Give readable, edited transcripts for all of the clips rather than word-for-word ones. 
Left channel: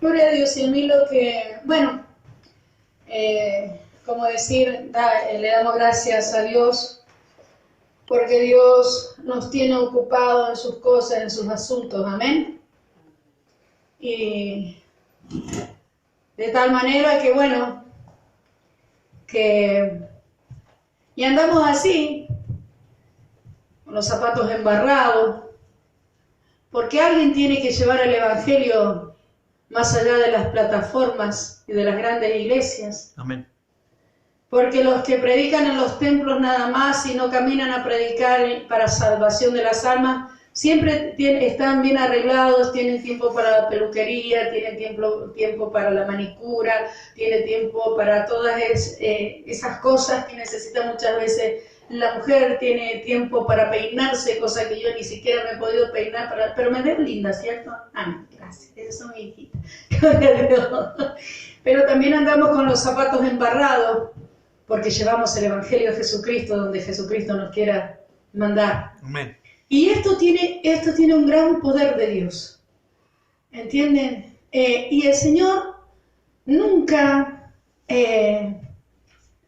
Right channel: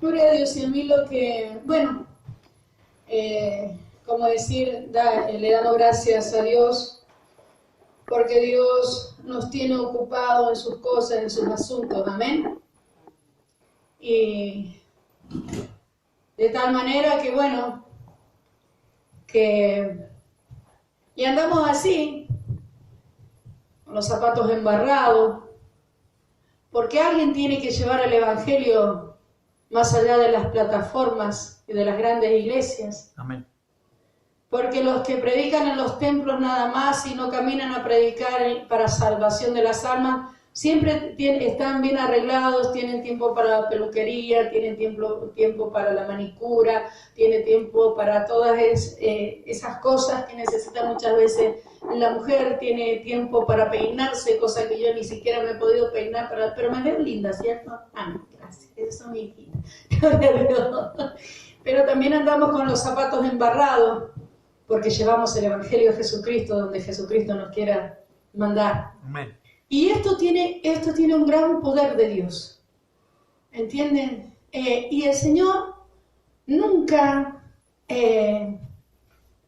Gloria a Dios. Y a mí lo que, bueno, como decir, le damos gracias a Dios porque Dios nos tiene ocupados en sus cosas, en sus asuntos, amén. Y de tal manera que, bueno, y andamos así, con los zapatos embarrados, porque alguien tiene que llevar el Evangelio más allá de las plataformas y de las grandes iglesias. Amén. Porque los que predican en los templos nada más y no caminan a predicar para salvación de las almas, siempre están bien arreglados, tienen tiempo para la peluquería, tienen tiempo para la manicura, tienen tiempo para todas esas cosas que necesita muchas veces la mujer, tiene tiempo para peinarse, cosa que yo ni siquiera me he podido peinar, pero me veo linda, ¿cierto? Ah, gracias, eso es mi hijita. Pero también andamos con los zapatos embarrados, porque llevamos el Evangelio de Jesucristo donde Jesucristo nos quiera mandar. Amén. Y esto tiene un gran poder de Dios, ¿entienden? Y el Señor nunca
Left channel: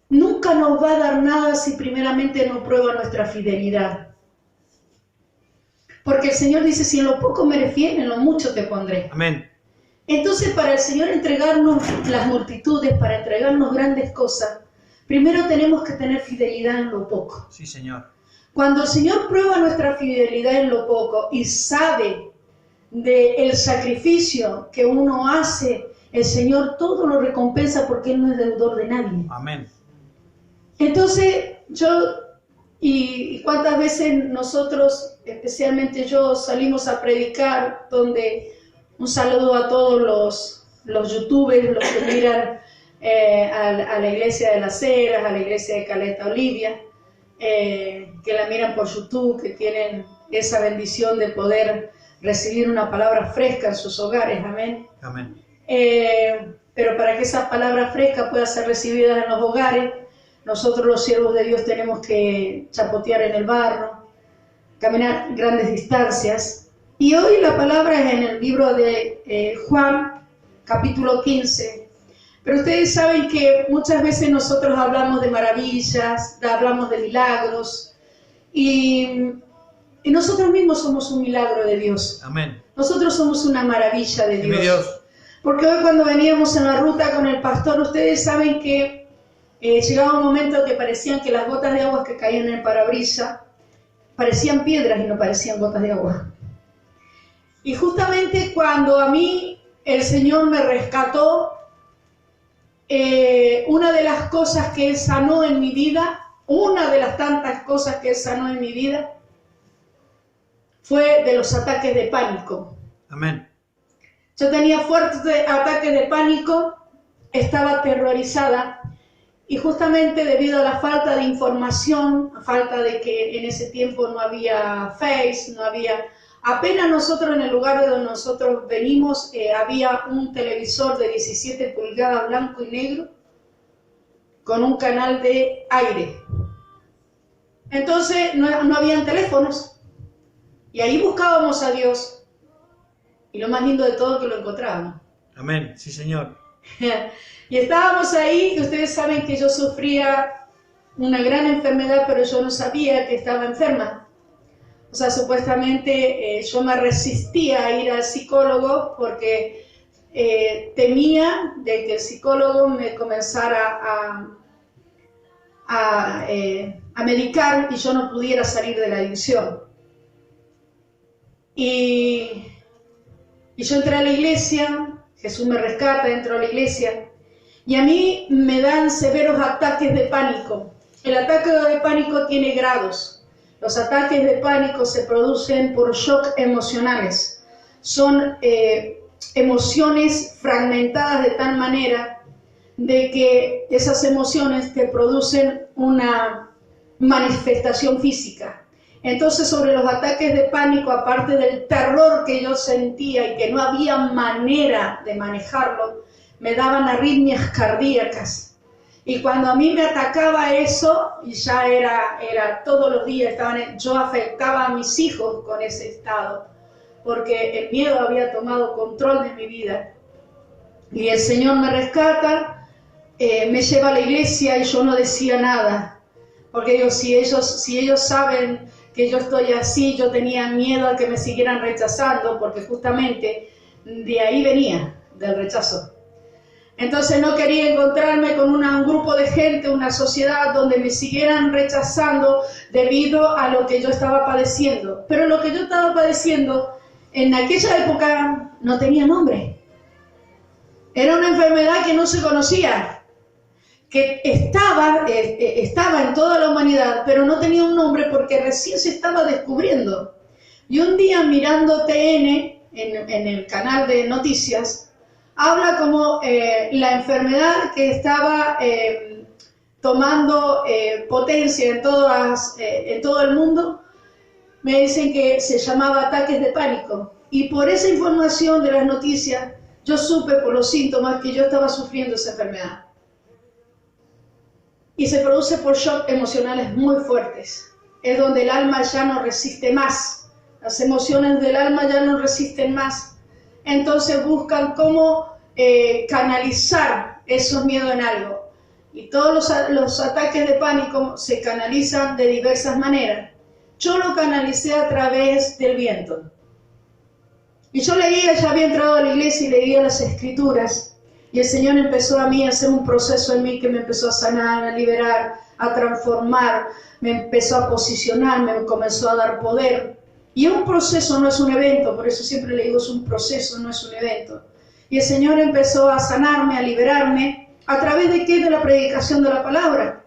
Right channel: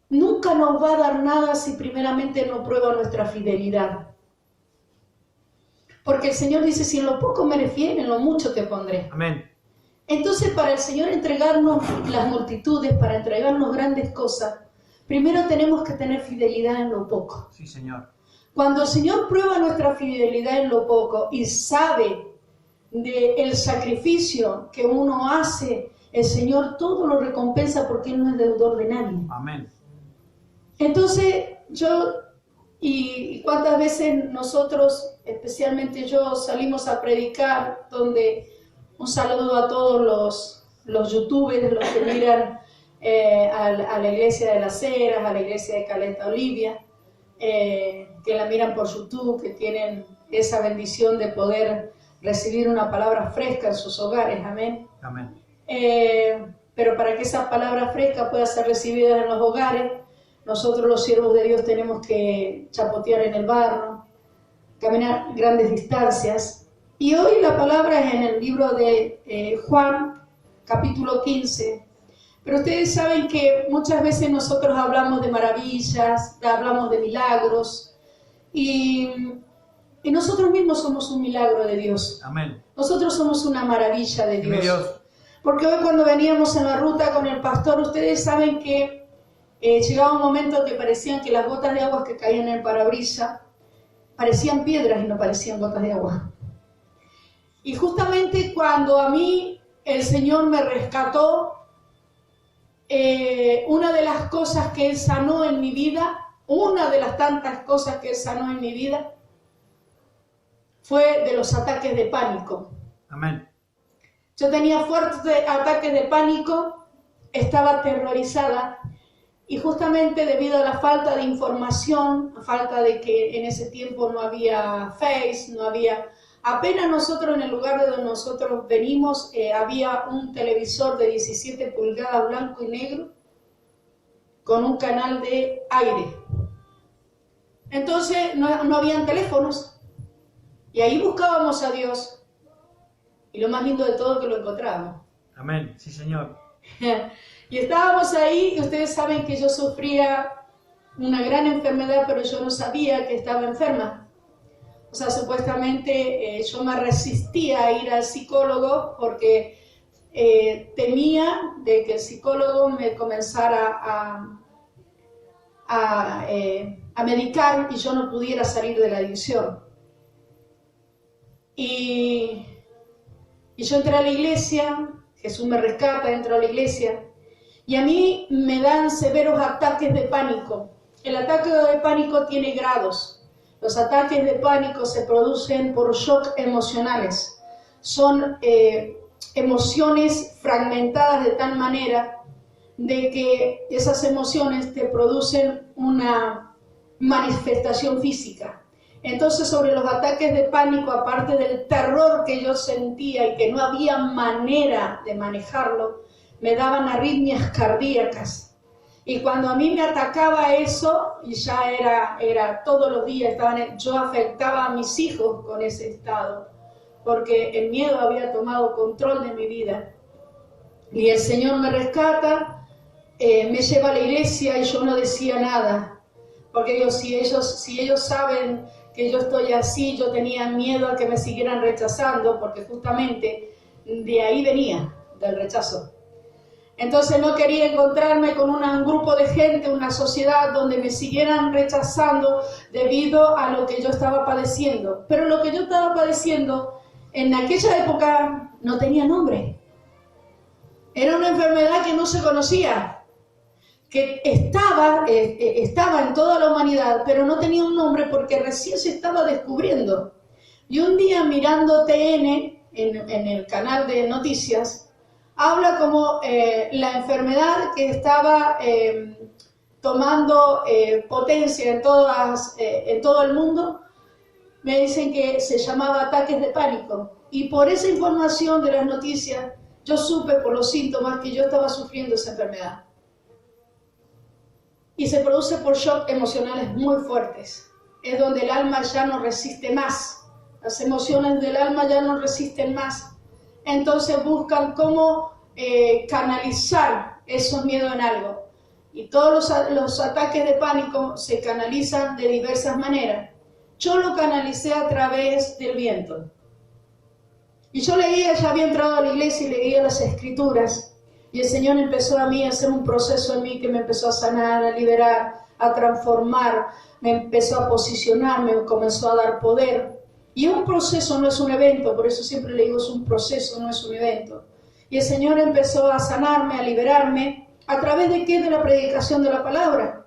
nos va a dar nada si primeramente no prueba nuestra fidelidad. Porque el Señor dice, si en lo poco me eres fiel, en lo mucho te pondré. Amén. Entonces, para el Señor entregarnos las multitudes, para entregarnos grandes cosas, primero tenemos que tener fidelidad en lo poco. Sí, Señor. Cuando el Señor prueba nuestra fidelidad en lo poco y sabe del sacrificio que uno hace, el Señor todo lo recompensa porque Él no es deudor de nadie. Amén. Entonces, y cuántas veces nosotros, especialmente yo, salimos a predicar, donde un saludo a todos los youtubers, los que miran a la iglesia de Las Heras, a la iglesia de Caleta Olivia, que la miran por YouTube, que tienen esa bendición de poder recibir una palabra fresca en sus hogares, amén. Amén. Pero para que esa palabra fresca pueda ser recibida en los hogares, nosotros los siervos de Dios tenemos que chapotear en el barro, caminar grandes distancias. Y hoy la palabra es en el libro de Juan, capítulo 15. Pero ustedes saben que muchas veces nosotros hablamos de maravillas, hablamos de milagros, y nosotros mismos somos un milagro de Dios. Amén. Nosotros somos una maravilla de Dime Dios. Dios. Porque hoy cuando veníamos en la ruta con el pastor, ustedes saben que llegaba un momento que parecían que las gotas de agua que caían en el parabrisas parecían piedras y no parecían gotas de agua. Y justamente cuando a mí el Señor me rescató, una de las cosas que Él sanó en mi vida, una de las tantas cosas que Él sanó en mi vida, fue de los ataques de pánico. Amén. Yo tenía fuertes ataques de pánico, estaba aterrorizada, y justamente debido a la falta de información, a falta de que en ese tiempo no había Face, no había... Apenas nosotros en el lugar donde nosotros venimos, había un televisor de 17 pulgadas blanco y negro con un canal de aire. Entonces no habían teléfonos y ahí buscábamos a Dios y lo más lindo de todo es que lo encontrábamos. Amén. Sí, Señor. Y estábamos ahí y ustedes saben que yo sufría una gran enfermedad, pero yo no sabía que estaba enferma. O sea, supuestamente yo me resistía a ir al psicólogo porque temía de que el psicólogo me comenzara a medicar y yo no pudiera salir de la adicción. Y yo entré a la iglesia, Jesús me rescata, entro a la iglesia y a mí me dan severos ataques de pánico. El ataque de pánico tiene grados. Los ataques de pánico se producen por shock emocionales. Son emociones fragmentadas de tal manera de que esas emociones te producen una manifestación física. Entonces, sobre los ataques de pánico, aparte del terror que yo sentía y que no había manera de manejarlo, me daban arritmias cardíacas. Y cuando a mí me atacaba eso, y ya era todos los días, yo afectaba a mis hijos con ese estado, porque el miedo había tomado control de mi vida. Y el Señor me rescata, me lleva a la iglesia y yo no decía nada. Porque digo, si ellos saben que yo estoy así, yo tenía miedo a que me siguieran rechazando, porque justamente de ahí venía, del rechazo. Entonces no quería encontrarme con un grupo de gente, una sociedad donde me siguieran rechazando debido a lo que yo estaba padeciendo. Pero lo que yo estaba padeciendo en aquella época no tenía nombre. Era una enfermedad que no se conocía, que estaba en toda la humanidad, pero no tenía un nombre porque recién se estaba descubriendo. Y un día mirando TN, en el canal de noticias, habla como la enfermedad que estaba tomando potencia en todo el mundo. Me dicen que se llamaba ataques de pánico. Y por esa información de las noticias, yo supe por los síntomas que yo estaba sufriendo esa enfermedad. Y se produce por shock emocionales muy fuertes. Es donde el alma ya no resiste más. Las emociones del alma ya no resisten más. Entonces buscan cómo canalizar esos miedos en algo. Y todos los ataques de pánico se canalizan de diversas maneras. Yo lo canalicé a través del viento. Y yo leía, ya había entrado a la iglesia y leía las escrituras. Y el Señor empezó a mí a hacer un proceso en mí que me empezó a sanar, a liberar, a transformar. Me empezó a posicionar, me comenzó a dar poder. Y un proceso no es un evento, por eso siempre le digo es un proceso, no es un evento. Y el Señor empezó a sanarme, a liberarme. ¿A través de qué? De la predicación de la palabra.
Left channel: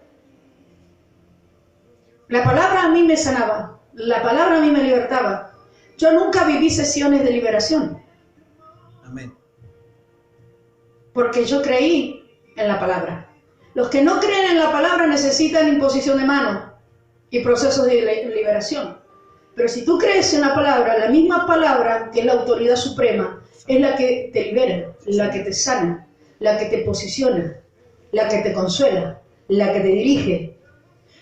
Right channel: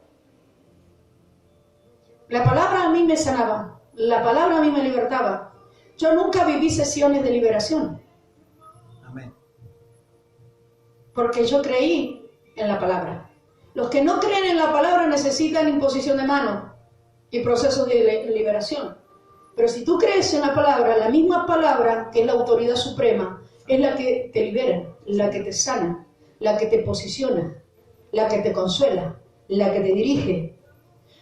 La palabra a mí me sanaba, la palabra a mí me libertaba. Yo nunca viví sesiones de liberación. Amén. Porque yo creí en la palabra. Los que no creen en la palabra necesitan imposición de mano y procesos de liberación. Pero si tú crees en la misma palabra, que es la autoridad suprema, es la que te libera, la que te sana, la que te posiciona, la que te consuela, la que te dirige.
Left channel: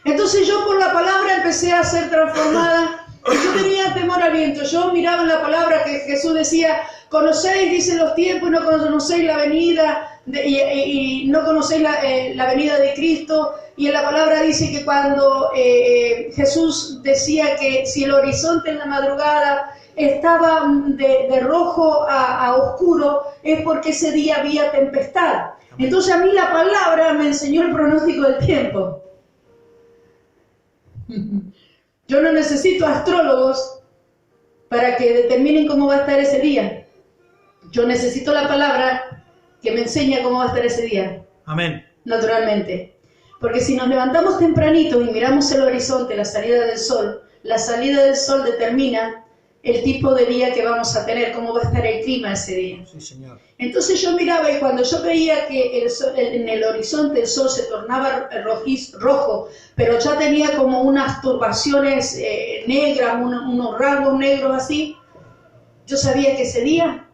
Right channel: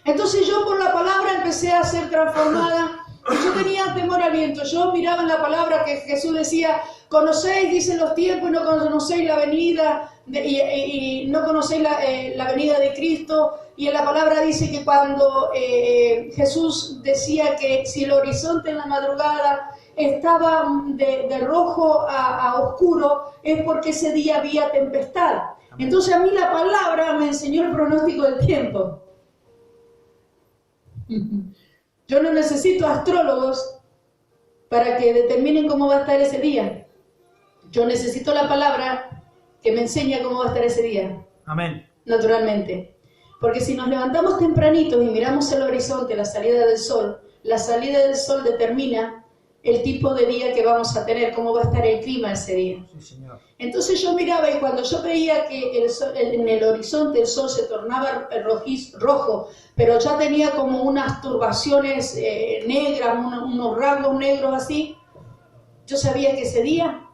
Entonces yo por la palabra empecé a ser transformada. Y yo tenía temor al viento. Yo miraba en la palabra que Jesús decía, conocéis, dicen los tiempos, y no conocéis la venida, y no conocéis la venida de Cristo. Y en la palabra dice que cuando Jesús decía que si el horizonte en la madrugada estaba de rojo a oscuro, es porque ese día había tempestad. Entonces a mí la palabra me enseñó el pronóstico del tiempo. Yo no necesito astrólogos para que determinen cómo va a estar ese día. Yo necesito la palabra que me enseña cómo va a estar ese día. Amén. Naturalmente. Porque si nos levantamos tempranitos y miramos el horizonte, la salida del sol determina el tipo de día que vamos a tener, cómo va a estar el clima ese día. Sí, Señor. Entonces yo miraba y cuando yo veía que en el horizonte el sol se tornaba rojo, pero ya tenía como unas turbaciones negras, unos rasgos negros así, yo sabía que ese día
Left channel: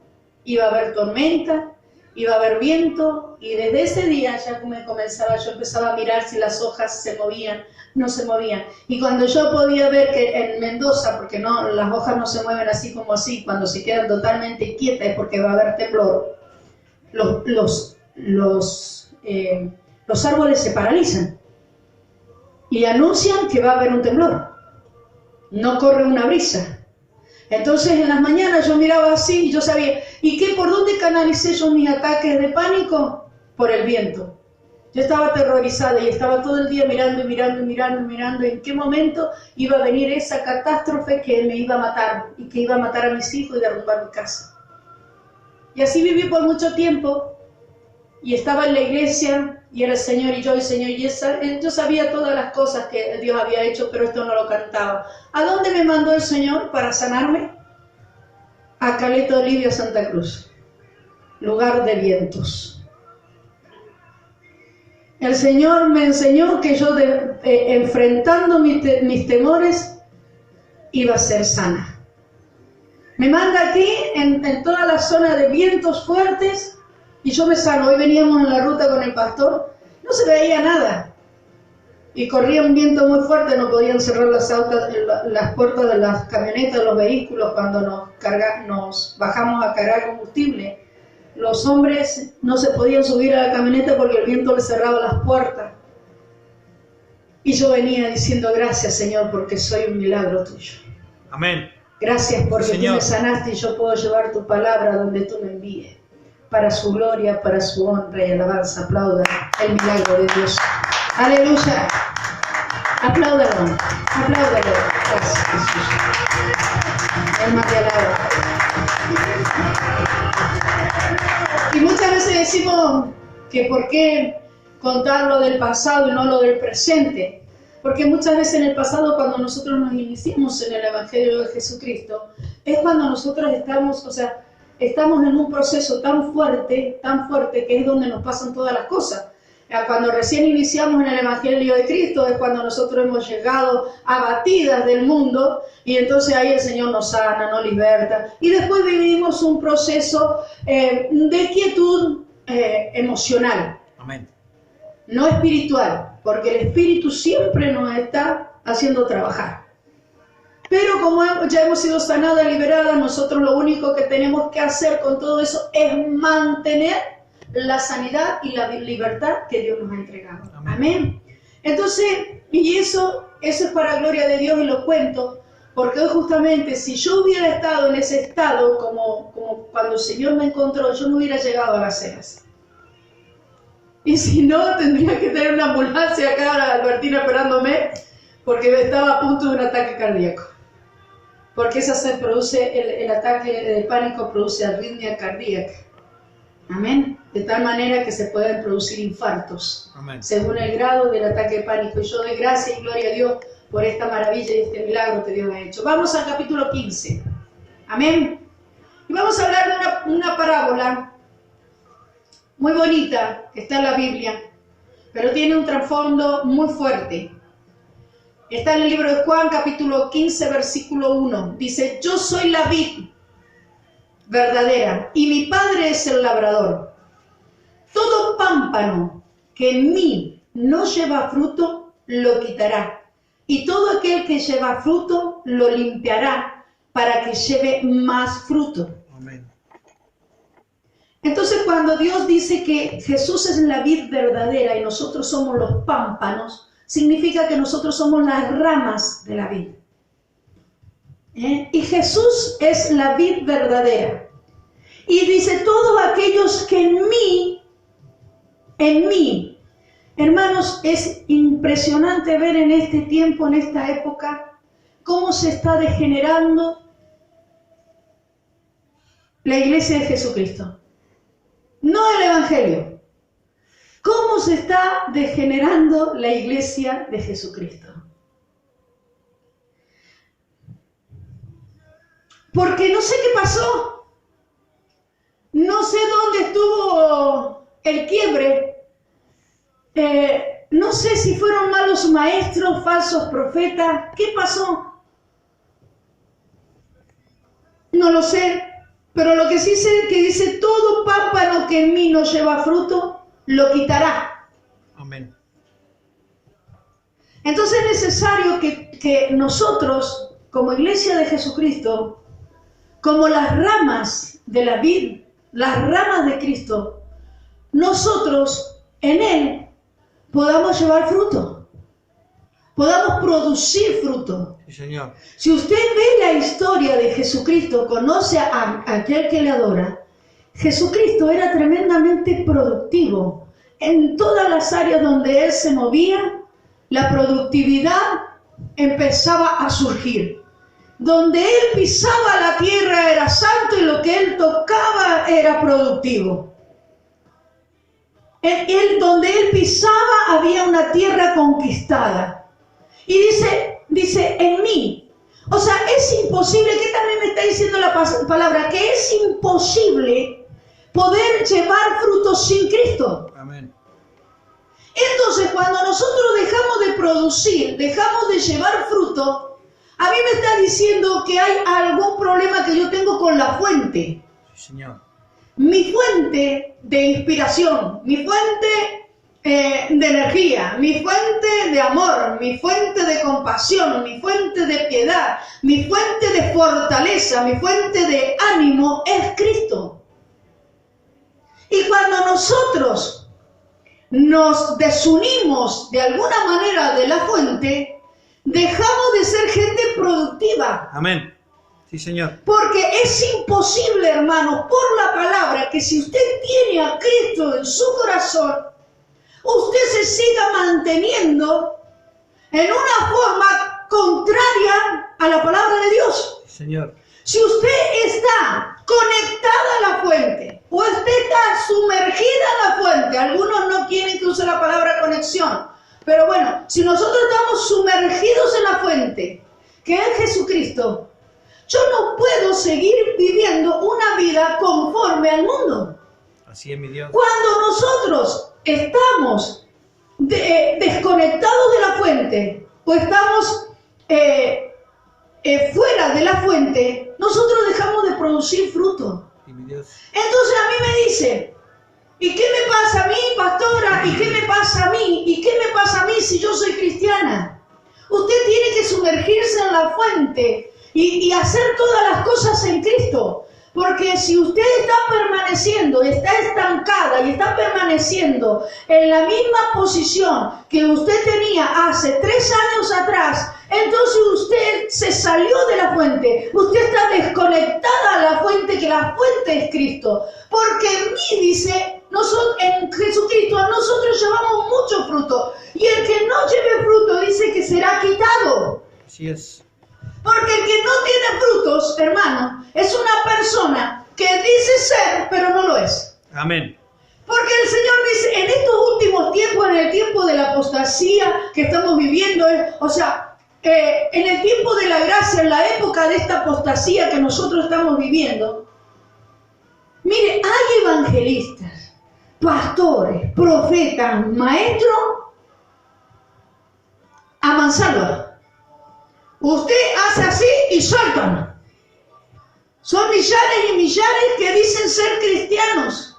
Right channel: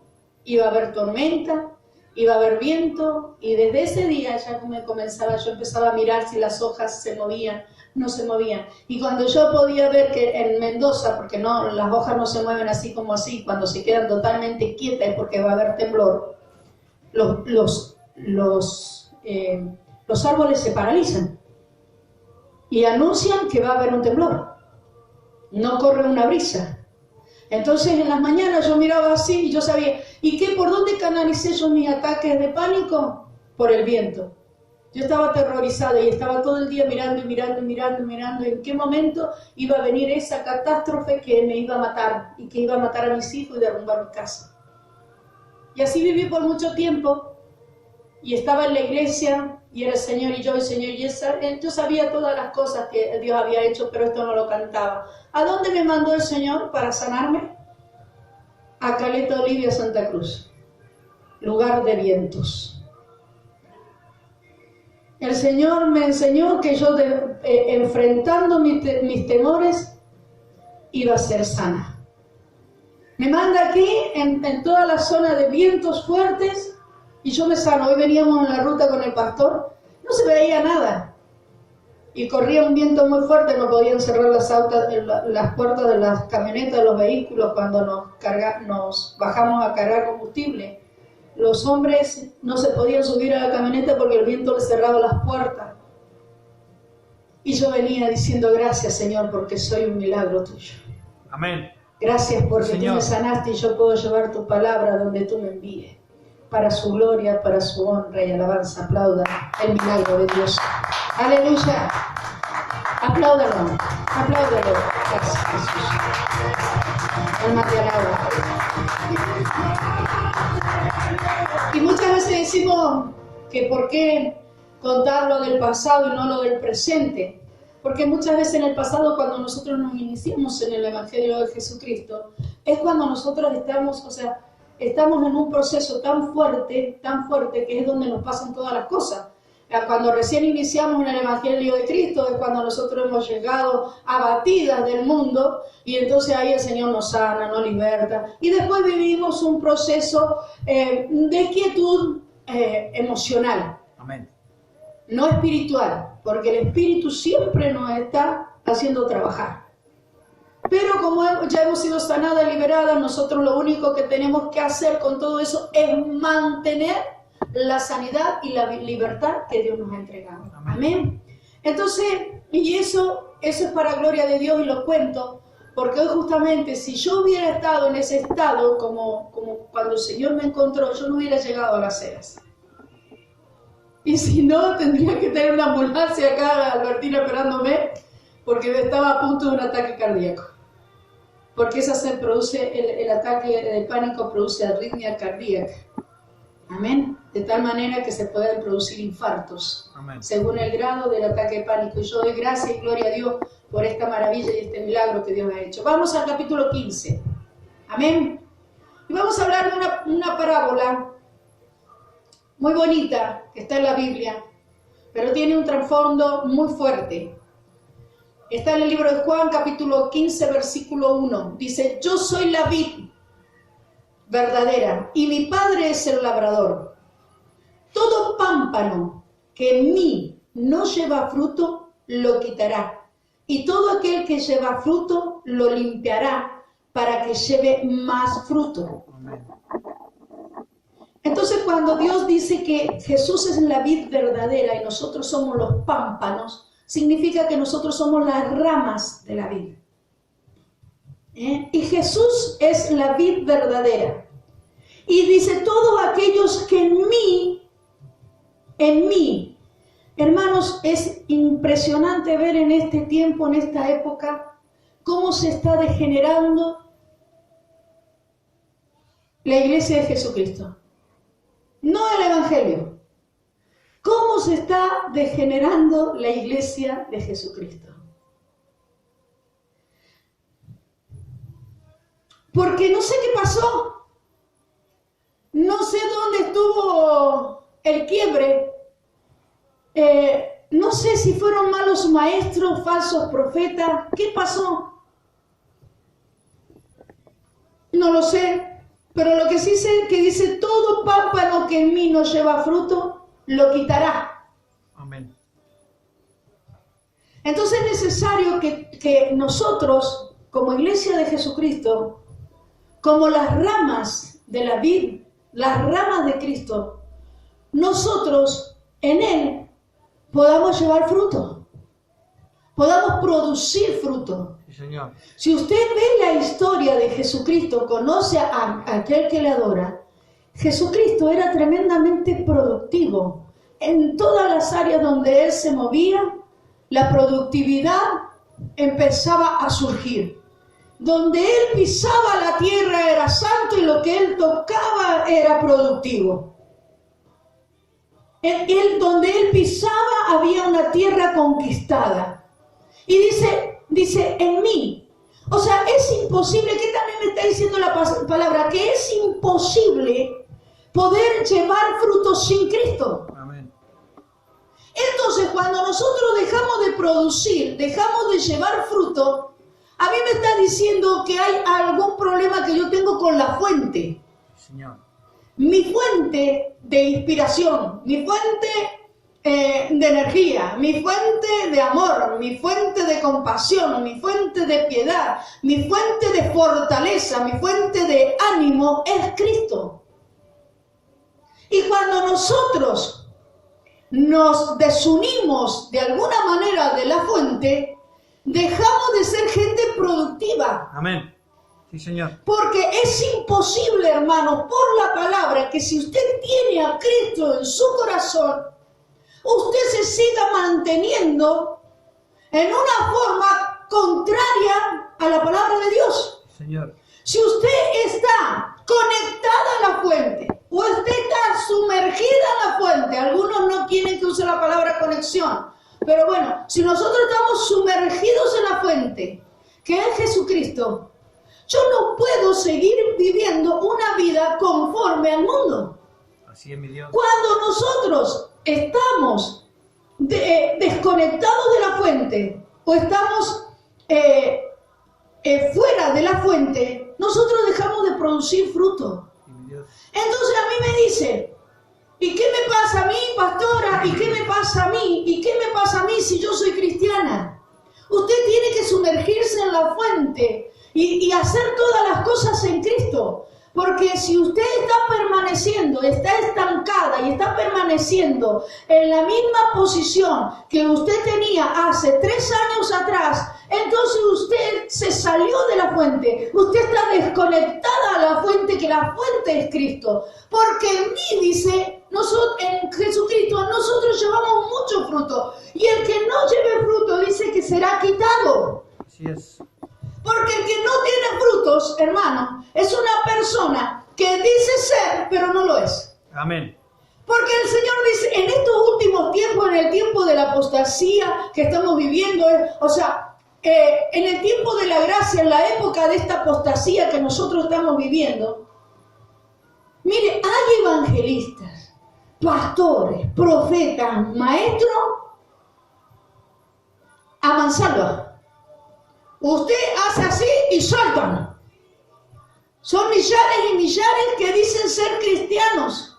iba a haber tormenta, iba a haber viento, y desde ese día yo empezaba a mirar si las hojas se movían, no se movían. Y cuando yo podía ver que en Mendoza, porque no, las hojas no se mueven así como así, cuando se quedan totalmente quietas es porque va a haber temblor, los árboles se paralizan y anuncian que va a haber un temblor, no corre una brisa. Entonces en las mañanas yo miraba así y yo sabía, ¿y qué? ¿Por dónde canalicé yo mis ataques de pánico? Por el viento. Yo estaba aterrorizada y estaba todo el día mirando en qué momento iba a venir esa catástrofe que me iba a matar y que iba a matar a mis hijos y derrumbar mi casa. Y así viví por mucho tiempo y estaba en la iglesia y era el Señor y yo, yo sabía todas las cosas que Dios había hecho, pero esto no lo cantaba. ¿A dónde me mandó el Señor para sanarme? A Caleta Olivia, Santa Cruz, lugar de vientos. El Señor me enseñó que yo, enfrentando mis temores, iba a ser sana. Me manda aquí, en toda la zona de vientos fuertes, y yo me sano. Hoy veníamos en la ruta con el pastor, no se veía nada. Y corría un viento muy fuerte, no podían cerrar las puertas de las camionetas, los vehículos, cuando nos bajamos a cargar combustible. Los hombres no se podían subir a la camioneta porque el viento les cerraba las puertas. Y yo venía diciendo gracias, Señor, porque soy un milagro tuyo. Amén. Gracias porque Señor, tú me sanaste y yo puedo llevar tu palabra donde tú me envíes. Para su gloria, para su honra y alabanza. Aplaudan el milagro de Dios. Aleluya. Apláudalo. Apláudalo. Gracias, Jesús. Alma te alaba. Y muchas veces decimos que por qué contar lo del pasado y no lo del presente. Porque muchas veces en el pasado, cuando nosotros nos iniciamos en el Evangelio de Jesucristo, es cuando nosotros estamos, estamos en un proceso tan fuerte, que es donde nos pasan todas las cosas. Cuando recién iniciamos en el Evangelio de Cristo es cuando nosotros hemos llegado abatidas del mundo y entonces ahí el Señor nos sana, nos liberta. Y después vivimos un proceso de quietud emocional. Amén. No espiritual, porque el Espíritu siempre nos está haciendo trabajar. Pero como ya hemos sido sanadas, liberadas, nosotros lo único que tenemos que hacer con todo eso es mantener la sanidad y la libertad que Dios nos ha entregado. Amén. Amén. Entonces, y eso es para gloria de Dios y lo cuento, porque hoy justamente si yo hubiera estado en ese estado, como cuando el Señor me encontró, yo no hubiera llegado a Las Heras. Y si no, tendría que tener una ambulancia acá, Albertina, esperándome, porque estaba a punto de un ataque cardíaco. Porque esa se produce, el ataque de pánico produce arritmia cardíaca. Amén. De tal manera que se pueden producir infartos. Amén. Según el grado del ataque de pánico. Y yo doy gracias y gloria a Dios por esta maravilla y este milagro que Dios ha hecho. Vamos al capítulo 15. Amén. Y vamos a hablar de una parábola muy bonita que está en la Biblia, pero tiene un trasfondo muy fuerte. Está en el libro de Juan, capítulo 15, versículo 1. Dice, yo soy la vid verdadera y mi Padre es el labrador. Todo pámpano que en mí no lleva fruto, lo quitará. Y todo aquel que lleva fruto, lo limpiará para que lleve más fruto. Amén. Entonces, cuando Dios dice que Jesús es la vid verdadera y nosotros somos los pámpanos, significa que nosotros somos las ramas de la vid. Y Jesús es la vid verdadera. Y dice, todos aquellos que en mí, hermanos, es impresionante ver en este tiempo, en esta época, cómo se está degenerando la iglesia de Jesucristo. No el Evangelio. ¿Cómo se está degenerando la iglesia de Jesucristo? Porque no sé qué pasó. No sé dónde estuvo el quiebre. No sé si fueron malos maestros, falsos profetas. ¿Qué pasó? No lo sé. Pero lo que sí sé es que dice, todo pámpano que en mí no lleva fruto, lo quitará. Amén. Entonces es necesario que nosotros, como iglesia de Jesucristo, como las ramas de la vid, las ramas de Cristo, nosotros en Él podamos llevar fruto, podamos producir fruto. Sí, Señor. Si usted ve la historia de Jesucristo, conoce a aquel que le adora, Jesucristo era tremendamente productivo. En todas las áreas donde Él se movía, la productividad empezaba a surgir. Donde Él pisaba la tierra era santo y lo que Él tocaba era productivo. Donde Él pisaba había una tierra conquistada. Y dice, en mí. O sea, es imposible, que también me está diciendo la palabra, que es imposible poder llevar frutos sin Cristo. Amén. Entonces, cuando nosotros dejamos de producir, dejamos de llevar fruto, a mí me está diciendo que hay algún problema que yo tengo con la fuente. Sí, Señor. Mi fuente de inspiración, mi fuente de energía, mi fuente de amor, mi fuente de compasión, mi fuente de piedad, mi fuente de fortaleza, mi fuente de ánimo es Cristo. nosotros nos desunimos de alguna manera de la fuente, dejamos de ser gente productiva. Amén. Sí, Señor. Porque es imposible, hermanos, por la palabra, que si usted tiene a Cristo en su corazón, usted se siga manteniendo en una forma contraria a la palabra de Dios. Sí, Señor. Si usted está conectada a la fuente o usted está sumergida en la fuente, algunos no quieren que use la palabra conexión, pero bueno, si nosotros estamos sumergidos en la fuente, que es Jesucristo, yo no puedo seguir viviendo una vida conforme al mundo. Así es, mi Dios. Cuando nosotros estamos desconectados de la fuente o estamos fuera de la fuente, nosotros dejamos de producir fruto. Sí, mi Dios. Entonces a mí me dice, ¿y qué me pasa a mí, pastora? ¿Y qué me pasa a mí? ¿Y qué me pasa a mí si yo soy cristiana? Usted tiene que sumergirse en la fuente y hacer todas las cosas en Cristo. Porque si usted está permaneciendo, está estancada y está permaneciendo en la misma posición que usted tenía hace 3 años atrás, entonces usted se salió de la fuente. Usted está desconectada a la fuente, que la fuente es Cristo. Porque en mí, dice, en Jesucristo nosotros llevamos mucho fruto. Y el que no lleve fruto dice que será quitado. Así es. Porque el que no tiene frutos, hermano, es una persona que dice ser, pero no lo es. Amén. Porque el Señor dice, en estos últimos tiempos, en el tiempo de la apostasía que estamos viviendo, en el tiempo de la gracia, en la época de esta apostasía que nosotros estamos viviendo, mire, hay evangelistas, pastores, profetas, maestros, a mansalva. Usted hace así y saltan. Son millares y millares que dicen ser cristianos.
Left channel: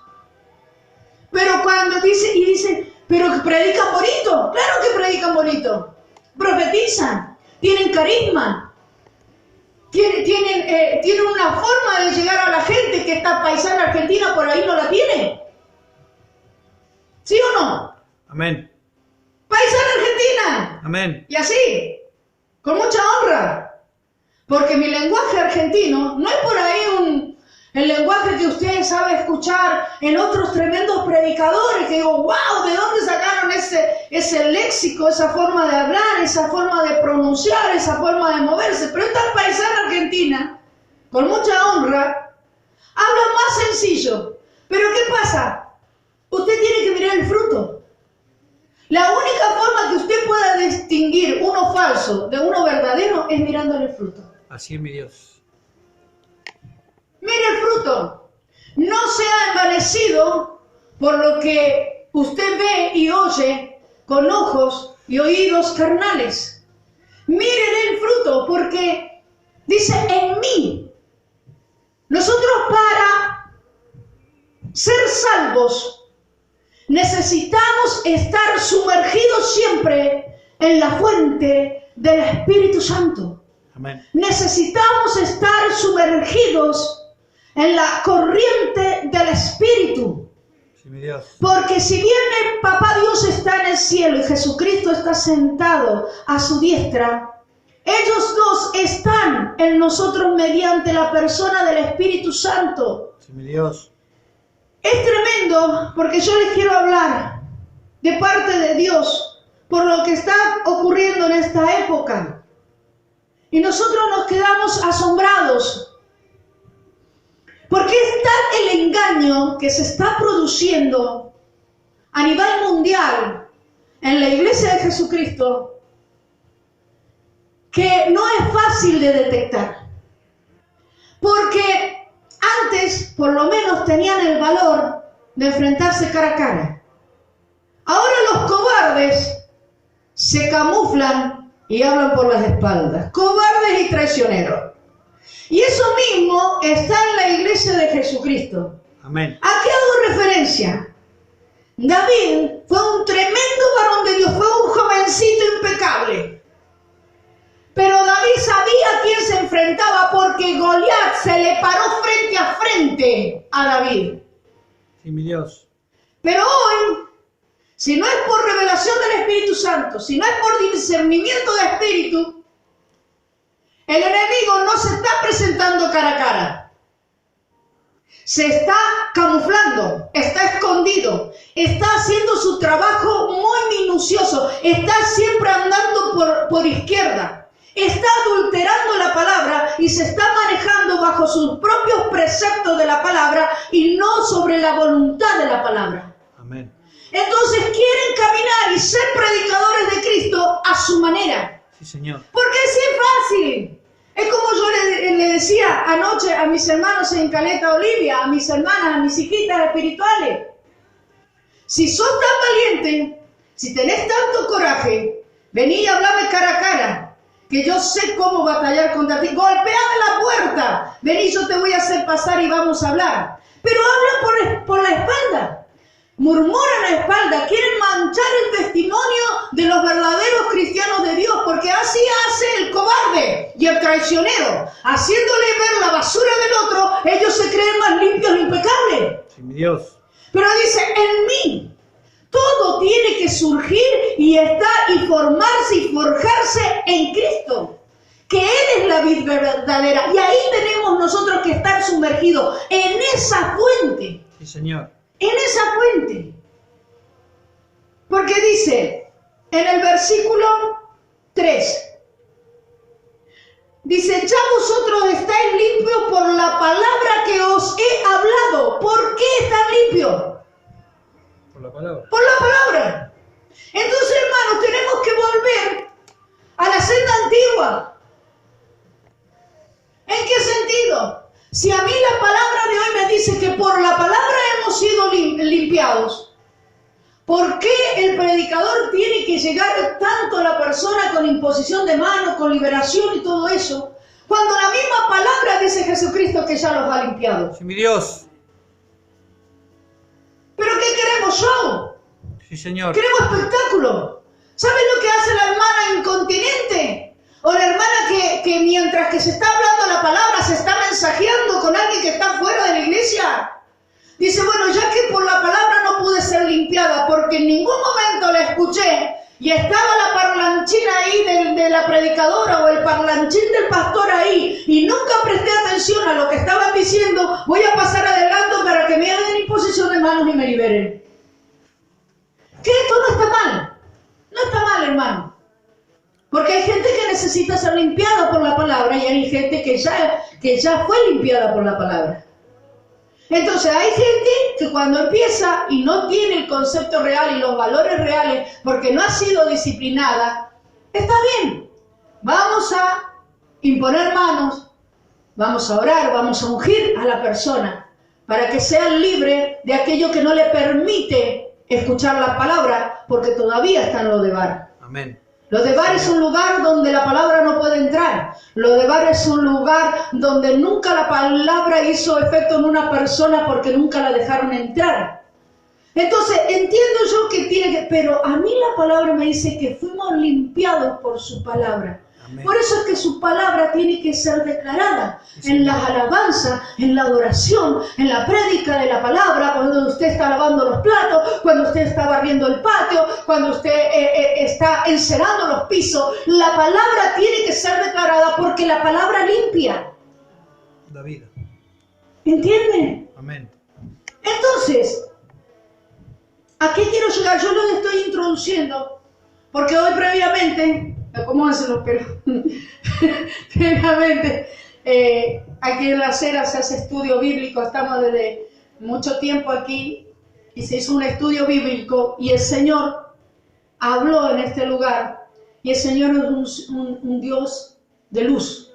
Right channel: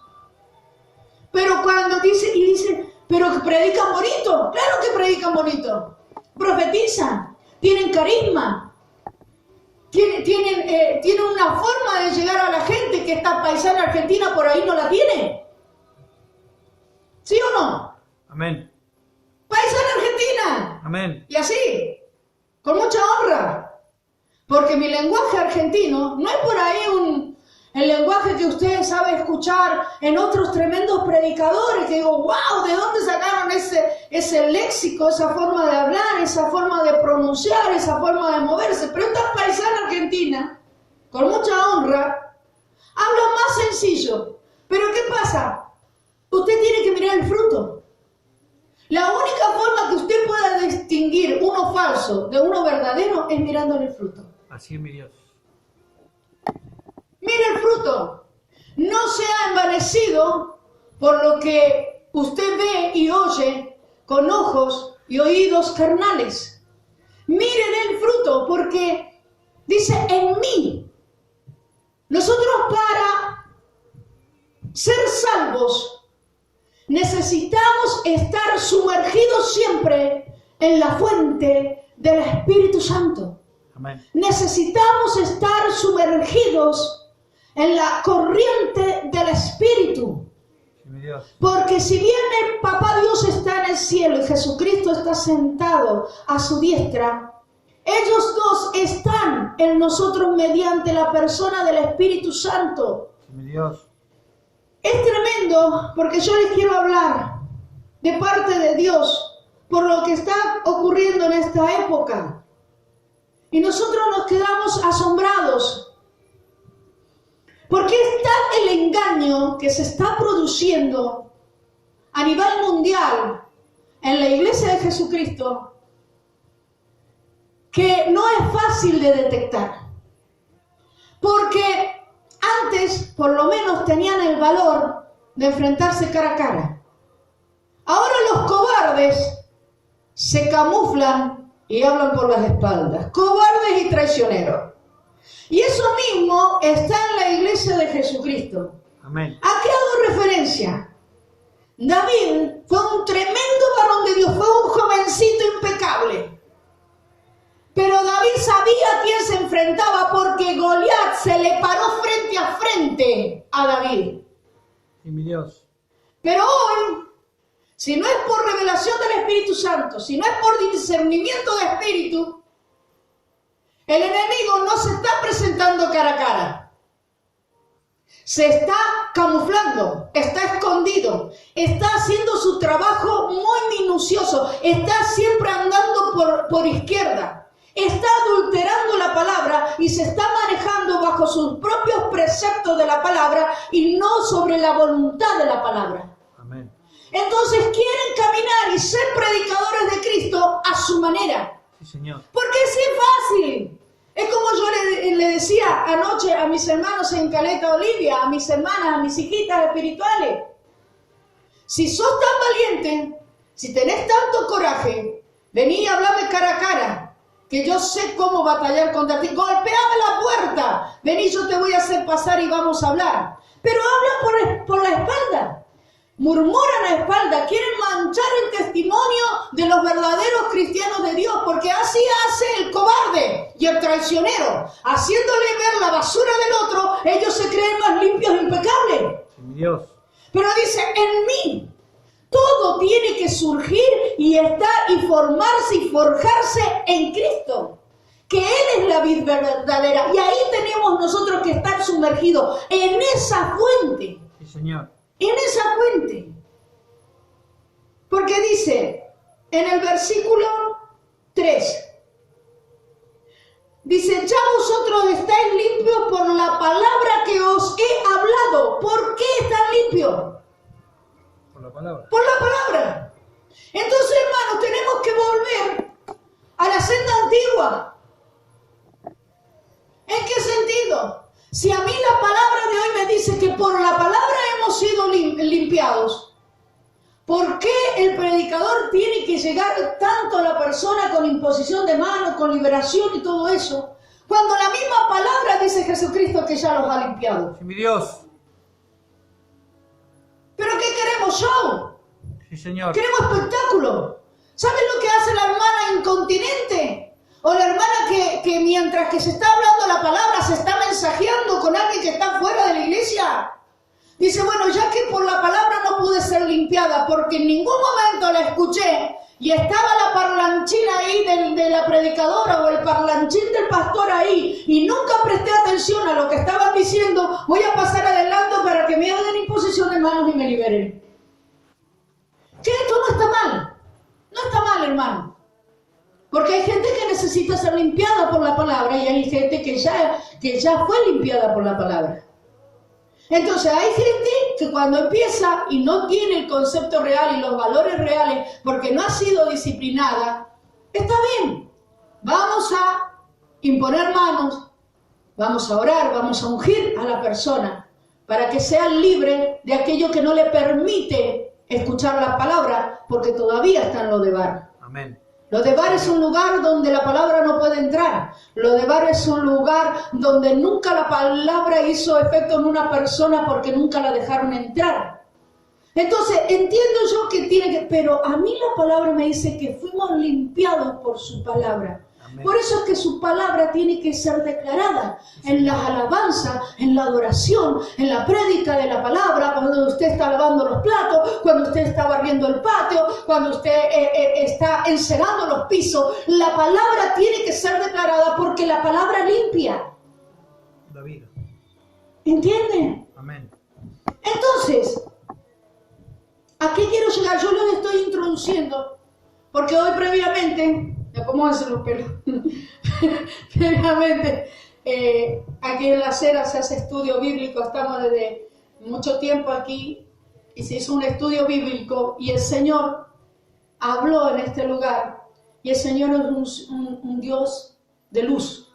Pero cuando dicen, pero que predican bonito. Claro que predican bonito. Profetizan. Tienen carisma. Tienen una forma de llegar a la gente que esta paisana argentina por ahí no la tiene. ¿Sí o no? Amén. Paisana argentina. Amén. Y así. Con mucha honra, porque mi lenguaje argentino no es por ahí el lenguaje que usted sabe escuchar en otros tremendos predicadores, que digo, wow, ¿de dónde sacaron ese léxico, esa forma de hablar, esa forma de pronunciar, esa forma de moverse? Pero esta paisana argentina, con mucha honra, habla más sencillo. ¿Pero qué pasa? Usted tiene que mirar el fruto. La única forma que usted pueda distinguir uno falso de uno verdadero es mirándole el fruto. Así es, mi Dios. Mire el fruto. No sea envanecido por lo que usted ve y oye con ojos y oídos carnales. Miren el fruto, porque dice en mí. Nosotros para ser salvos necesitamos estar sumergidos siempre en la fuente del Espíritu Santo. Amén. Necesitamos estar sumergidos en la corriente del Espíritu. Sí, mi Dios. Porque si bien el Papá Dios está en el cielo y Jesucristo está sentado a su diestra, ellos dos están en nosotros mediante la persona del Espíritu Santo. Sí, mi Dios. Es tremendo porque yo les quiero hablar de parte de Dios por lo que está ocurriendo en esta época. Y nosotros nos quedamos asombrados porque es tal el engaño que se está produciendo a nivel mundial en la iglesia de Jesucristo que no es fácil de detectar. Porque antes, por lo menos, tenían el valor de enfrentarse cara a cara. Ahora los cobardes se camuflan y hablan por las espaldas. Cobardes y traicioneros. Y eso mismo está en la iglesia de Jesucristo. Amén. ¿A qué hago referencia? David fue un tremendo varón de Dios, fue un jovencito impecable. Pero David sabía a quién se enfrentaba porque Goliat se le paró frente a frente a David. Sí, mi Dios. Pero hoy, si no es por revelación del Espíritu Santo, si no es por discernimiento de espíritu, el enemigo no se está presentando cara a cara. Se está camuflando, está escondido, está haciendo su trabajo muy minucioso, está siempre andando por izquierda, está adulterando la palabra y se está manejando bajo sus propios preceptos de la palabra y no sobre la voluntad de la palabra. Amén. Entonces quieren caminar y ser predicadores de Cristo a su manera. Sí, Señor. Porque sí es fácil. Es como yo le decía anoche a mis hermanos en Caleta Olivia, a mis hermanas, a mis hijitas espirituales. Si sos tan valiente, si tenés tanto coraje, vení y hablame cara a cara, que yo sé cómo batallar contra ti. Golpeame la puerta, vení, yo te voy a hacer pasar y vamos a hablar. Pero hablan por la espalda. Murmuran a la espalda, quieren manchar el testimonio de los verdaderos cristianos de Dios, porque así hace el cobarde y el traicionero. Haciéndole ver la basura del otro, ellos se creen más limpios e impecables. Sí, mi Dios. Pero dice, en mí, todo tiene que surgir y estar y formarse y forjarse en Cristo. Que Él es la vid verdadera. Y ahí tenemos nosotros que estar sumergidos en esa fuente. Sí, Señor. En esa fuente. Porque dice en el versículo 3, dice, ya vosotros estáis limpios por la palabra que os he hablado. ¿Por qué están limpios? Por la palabra. Por la palabra. Entonces, hermanos, tenemos que volver a la senda antigua. ¿En qué sentido? Si a mí la palabra de hoy me dice que por la palabra hemos sido limpiados, ¿por qué el predicador tiene que llegar tanto a la persona con imposición de manos, con liberación y todo eso, cuando la misma palabra dice Jesucristo que ya los ha limpiado? Sí, mi Dios. ¿Pero qué queremos? ¿Show? Sí, Señor. Queremos espectáculo. ¿Sabes lo que hace la hermana incontinente? O la hermana que mientras que se está hablando la palabra se está mensajeando con alguien que está fuera de la iglesia. Dice, bueno, ya que por la palabra no pude ser limpiada porque en ningún momento la escuché y estaba la parlanchina ahí de la predicadora o el parlanchín del pastor ahí y nunca presté atención a lo que estaban diciendo, voy a pasar adelante para que me hagan imposición de manos y me liberen. Que esto no está mal. No está mal, hermano. Porque hay gente que necesita ser limpiada por la palabra y hay gente que ya fue limpiada por la palabra. Entonces hay gente que cuando empieza y no tiene el concepto real y los valores reales porque no ha sido disciplinada, está bien. Vamos a imponer manos, vamos a orar, vamos a ungir a la persona para que sea libre de aquello que no le permite escuchar la palabra porque todavía está en lo de bar. Amén. Lo de bar es un lugar donde la palabra no puede entrar. Lo de bar es un lugar donde nunca la palabra hizo efecto en una persona porque nunca la dejaron entrar. Entonces, entiendo yo que tiene que... Pero a mí la palabra me dice que fuimos limpiados por su palabra. Amén. Por eso es que su palabra tiene que ser declarada en las alabanzas, en la adoración, en la prédica de la palabra, cuando usted está lavando los platos, cuando usted está barriendo el patio, cuando usted está encerando los pisos. La palabra tiene que ser declarada porque la palabra limpia. La vida. ¿Entienden? Amén. Entonces, ¿a qué quiero llegar? Yo lo estoy introduciendo porque hoy previamente... ¿Cómo hacen los pelos? Previamente, aquí en la acera se hace estudio bíblico, estamos desde mucho tiempo aquí y se hizo un estudio bíblico y el Señor habló en este lugar y el Señor es un Dios de luz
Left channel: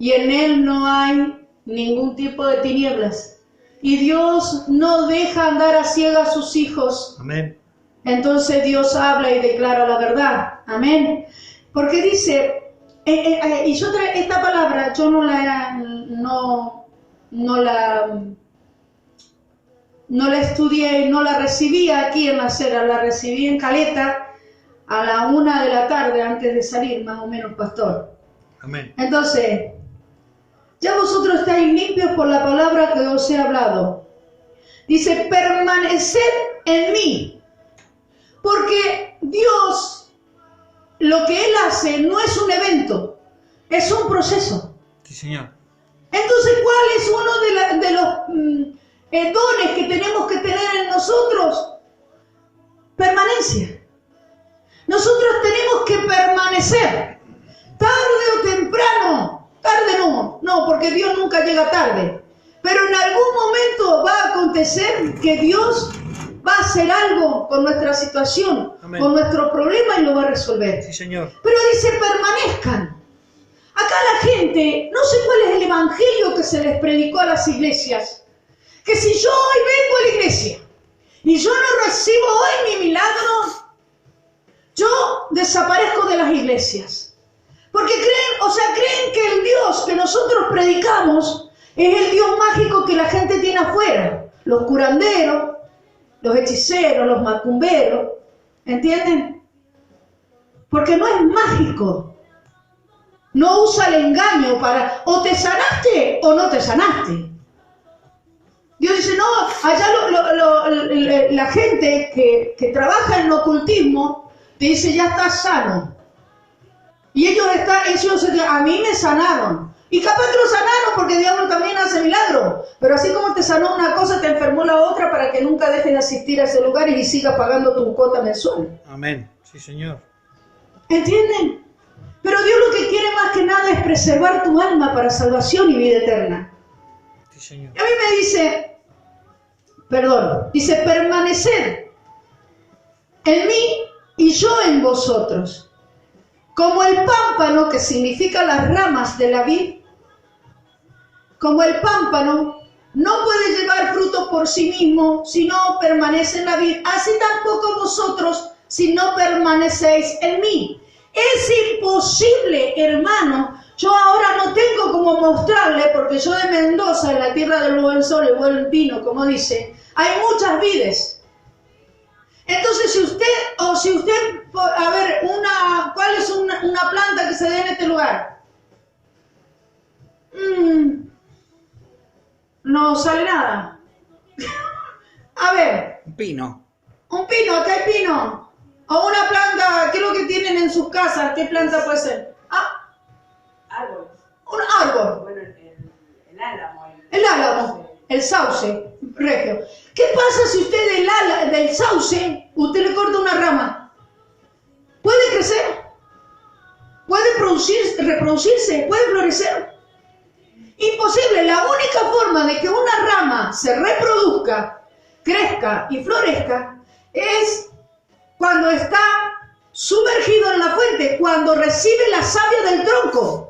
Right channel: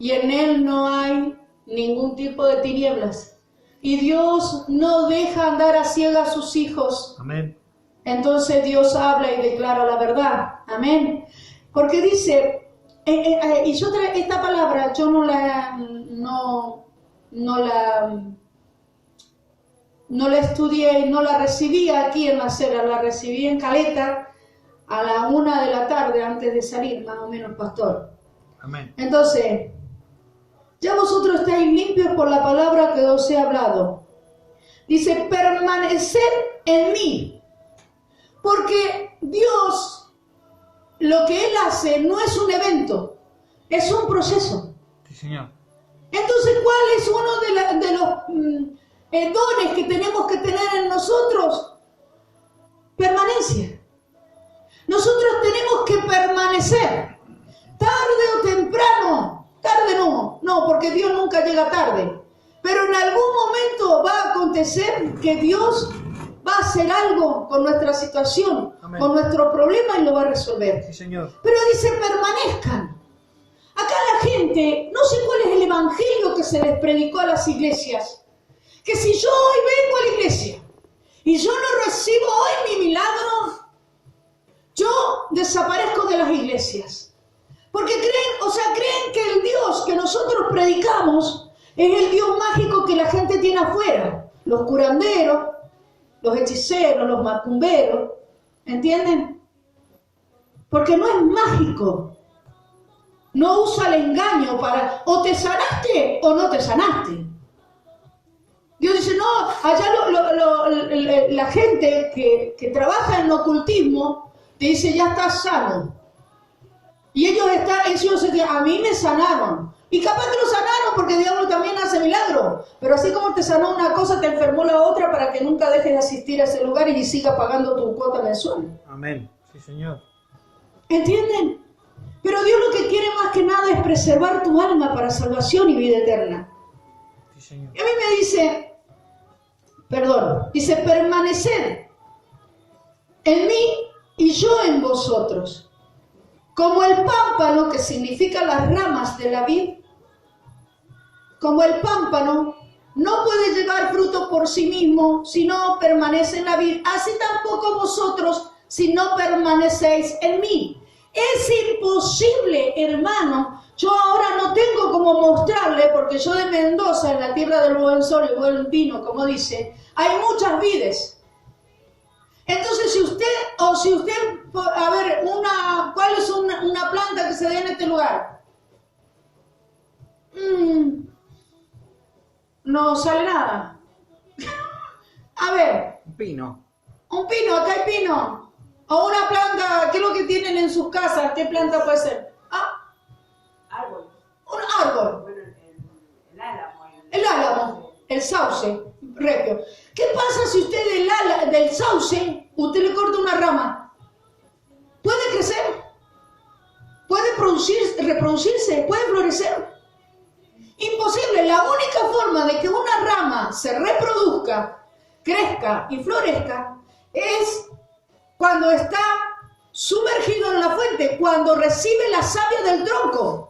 y en Él no hay ningún tipo de tinieblas y Dios no deja andar a ciegas a sus hijos. Amén. Entonces Dios habla y declara la verdad. Amén. Porque dice, y yo esta palabra yo no la estudié, no la recibí aquí en la acera, la recibí en Caleta a la 1 de la tarde antes de salir, más o menos, pastor. Amén. Entonces, ya vosotros estáis limpios por la palabra que os he hablado. Dice, permaneced en mí. Porque Dios, lo que Él hace no es un evento, es un proceso. Sí, Señor. Entonces, ¿cuál es uno de los dones que tenemos que tener en nosotros? Permanencia. Nosotros tenemos que permanecer. Tarde o temprano. Tarde no, porque Dios nunca llega tarde. Pero en algún momento va a acontecer que Dios va a hacer algo con nuestra situación, Amén. con nuestro problema y lo va a resolver. Sí, Señor. Pero dice, permanezcan. Acá la gente, no sé cuál es el evangelio que se les predicó a las iglesias. Que si yo hoy vengo a la iglesia y yo no recibo hoy mi milagro, yo desaparezco de las iglesias. Porque creen que el Dios que nosotros predicamos es el Dios mágico que la gente tiene afuera. Los curanderos, los hechiceros, los macumberos. ¿Entienden? Porque no es mágico. No usa el engaño para o te sanaste o no te sanaste. Dios dice, no, allá la gente que trabaja en ocultismo te dice, ya estás sano. Y ellos a mí me sanaron. Y capaz que lo sanaron porque el diablo también hace milagros. Pero así como te sanó una cosa, te enfermó la otra para que nunca dejen de asistir a ese lugar y sigas pagando tu cuota mensual. Amén. Sí, Señor. ¿Entienden? Pero Dios lo que quiere más que nada es preservar tu alma para salvación y vida eterna. Sí, Señor. Y a mí me dice, permaneced en mí y yo en vosotros. Como el pámpano, que significa las ramas de la vid, como el pámpano no puede llevar fruto por sí mismo si no permanece en la vid, así tampoco vosotros si no permanecéis en mí. Es imposible, hermano. Yo ahora no tengo como mostrarle, porque yo de Mendoza, en la tierra del buen sol y buen vino, como dice, hay muchas vides. Entonces, si usted, a ver, ¿cuál es una planta que se dé en este lugar? No sale nada. A ver. Un pino. Un pino, acá hay pino. O una planta, ¿qué es lo que tienen en sus casas? ¿Qué planta puede ser? Árbol. Un árbol. Bueno, el álamo. El álamo, el sauce, regio. ¿Qué pasa si usted del sauce, usted le corta una rama? ¿Puede crecer? ¿Puede reproducirse? ¿Puede florecer? Imposible. La única forma de que una rama se reproduzca, crezca y florezca es cuando está sumergido en la fuente, cuando recibe la savia del tronco.